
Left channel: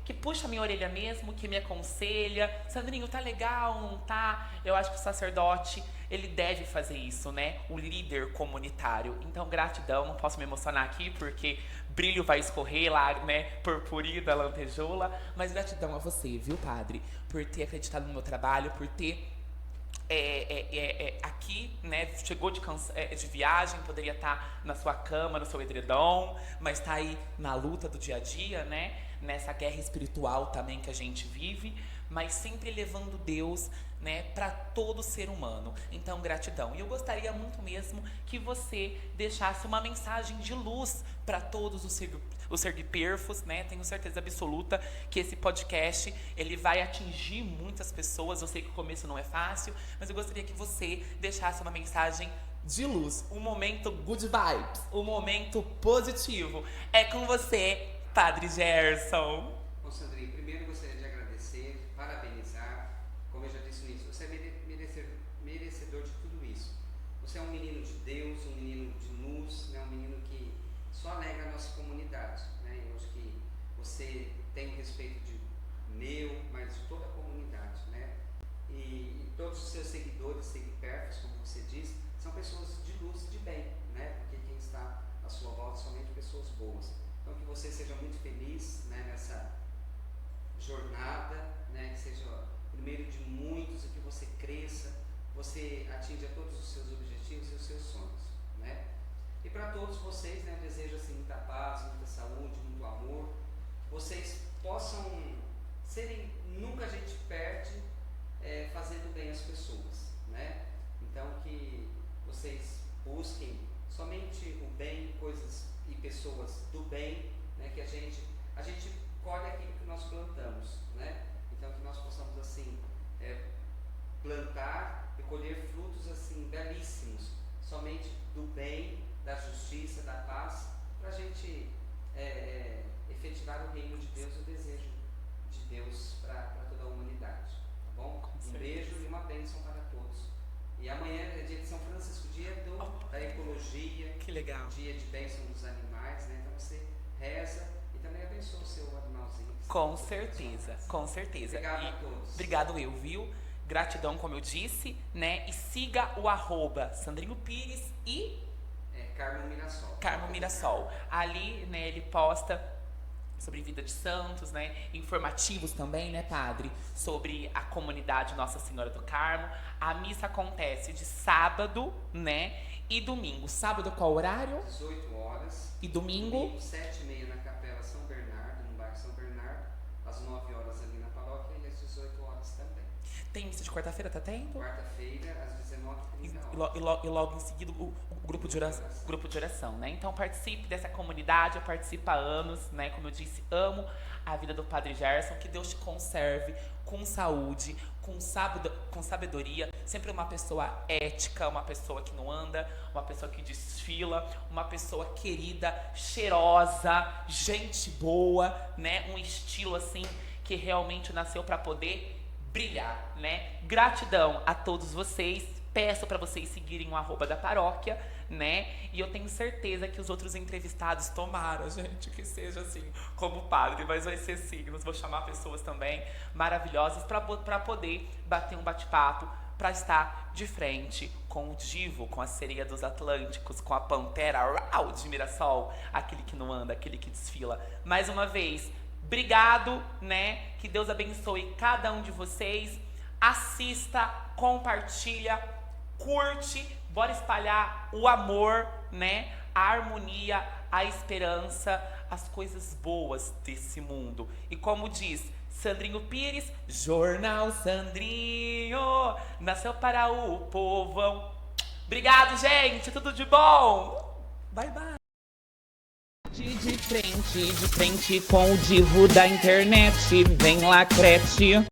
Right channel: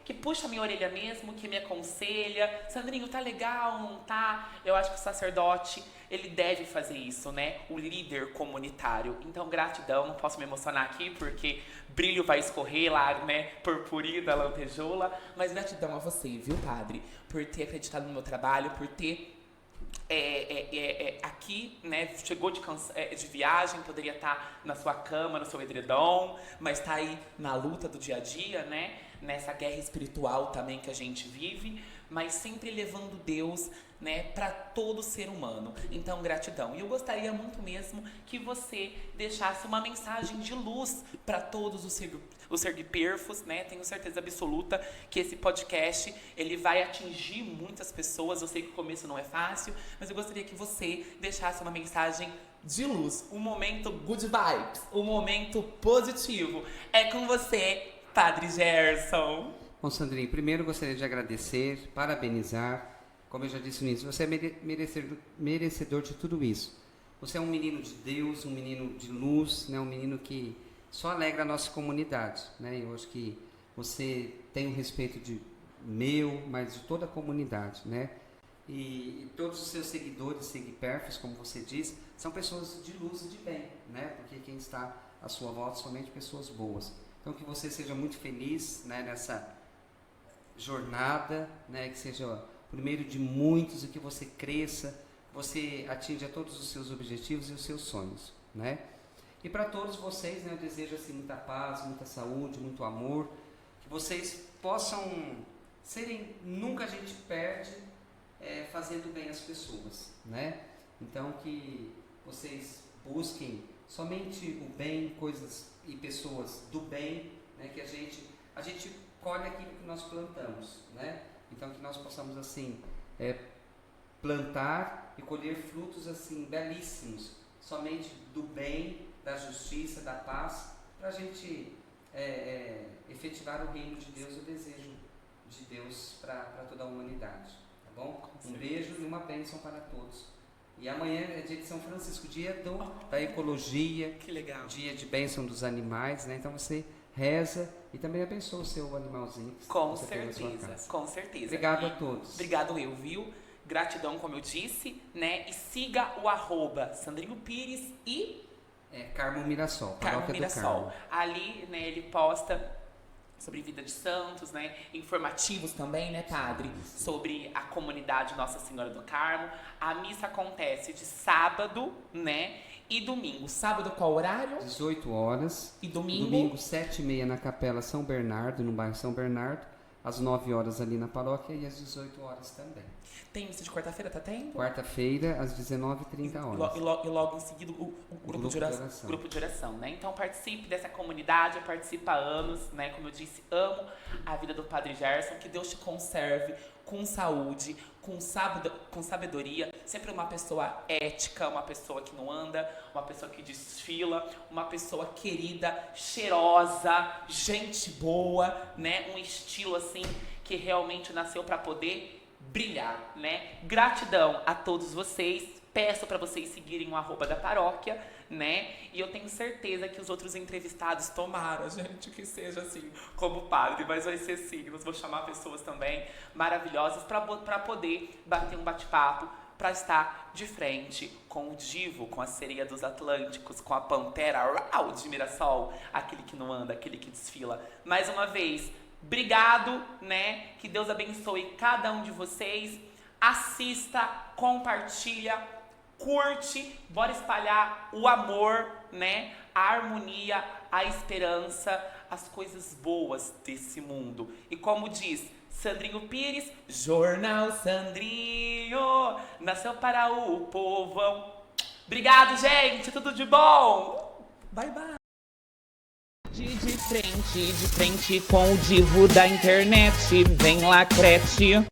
Que puxa a minha orelha mesmo, que me aconselha. Sandrinho, tá legal, não tá? Eu acho que o sacerdote, ele deve fazer isso, né? O líder comunitário. Então, gratidão, não posso me emocionar aqui, porque brilho vai escorrer lá, né? Purpurina, lantejoula. Mas gratidão a você, viu, padre? Por ter acreditado no meu trabalho, por ter aqui, né, chegou de viagem, poderia estar na sua cama, no seu edredom, mas está aí na luta do dia a dia, né, nessa guerra espiritual também que a gente vive, mas sempre levando Deus, né, para todo ser humano. Então, gratidão. E eu gostaria muito mesmo que você deixasse uma mensagem de luz para todos os sergiperfos, né? Tenho certeza absoluta que esse podcast, ele vai atingir muitas pessoas. Eu sei que o começo não é fácil, mas eu gostaria que você deixasse uma mensagem de luz, um momento good vibes, um momento positivo. É com você, Padre Gerson. Bom, Sandrinho, primeiro gostaria de agradecer, parabenizar. Como eu já disse no início, você é merecedor de tudo isso. Você é um menino de Deus, um menino de luz, né? Um menino que só alegra a nossa comunidade, né? Eu acho que você tem o respeito de meu, mas de toda a comunidade, né? E todos os seus seguidores, seguiperfos, como você diz, são pessoas de luz e de bem, né? Porque quem está à sua volta são somente pessoas boas. Então que você seja muito feliz, né, nessa jornada, né, que seja o primeiro de muitos e que você cresça, você atinja todos os seus objetivos e os seus sonhos, né? E para todos vocês, né, eu desejo assim muita paz, muita saúde, muito amor, que vocês possam serem, nunca a gente perde fazendo bem às pessoas, né? Então que vocês busquem somente o bem, coisas e pessoas do bem, né? Que a gente colhe aquilo que nós plantamos, né? Então que nós possamos assim plantar e colher frutos assim belíssimos, somente do bem, da justiça, da paz, para a gente efetivar o reino de Deus, o desejo de Deus para toda a humanidade, tá bom? Um beijo e uma bênção para todos. E amanhã é dia de São Francisco, dia da ecologia, que legal, dia de bênção dos animais, né? Então você reza e também abençoa o seu animalzinho. Com certeza, com certeza. Obrigado E a todos. Obrigado eu, viu? Gratidão, como eu disse, né? E siga o @Sandrinho Pires e Carmo Mirassol. Carmo Paróquia do Mirassol. Carmo. Ali, né, ele posta sobre vida de santos, né? Informativos também, né, padre? Sobre a comunidade Nossa Senhora do Carmo. A missa acontece de sábado, né? E domingo. Sábado qual horário? 18 horas. E domingo? Domingo, 7h30 na Capela São Bernardo, no bairro São Bernardo. Às 9 horas ali na paróquia e às 18 horas também. Tem missa de quarta-feira, tá tendo? Quarta-feira, às 19h30 E logo em seguida o grupo de oração. Grupo de oração, né? Então participe dessa comunidade, eu participo há anos, né? Como eu disse, amo a vida do Padre Gerson, que Deus te conserve com saúde, com sabedoria, sempre uma pessoa ética, uma pessoa que não anda, uma pessoa que desfila, uma pessoa querida, cheirosa, gente boa, né? Um estilo assim que realmente nasceu para poder brilhar, né? Gratidão a todos vocês. Peço para vocês seguirem o @ da paróquia, né? E eu tenho certeza que os outros entrevistados tomaram, gente, que seja assim, como padre, mas vai ser sim. Nós vamos chamar pessoas também maravilhosas para poder bater um bate-papo, para estar de frente com o divo, com a sereia dos Atlânticos, com a pantera rau, de Mirassol, aquele que não anda, aquele que desfila. Mais uma vez, obrigado, né? Que Deus abençoe cada um de vocês. Assista, compartilha, curte, bora espalhar o amor, né? A harmonia, a esperança, as coisas boas desse mundo. E como diz Sandrinho Pires, Jornal Sandrinho, nasceu para o povão. Obrigado, gente, tudo de bom. Bye, bye. De frente com o divo da internet, vem lá, crete.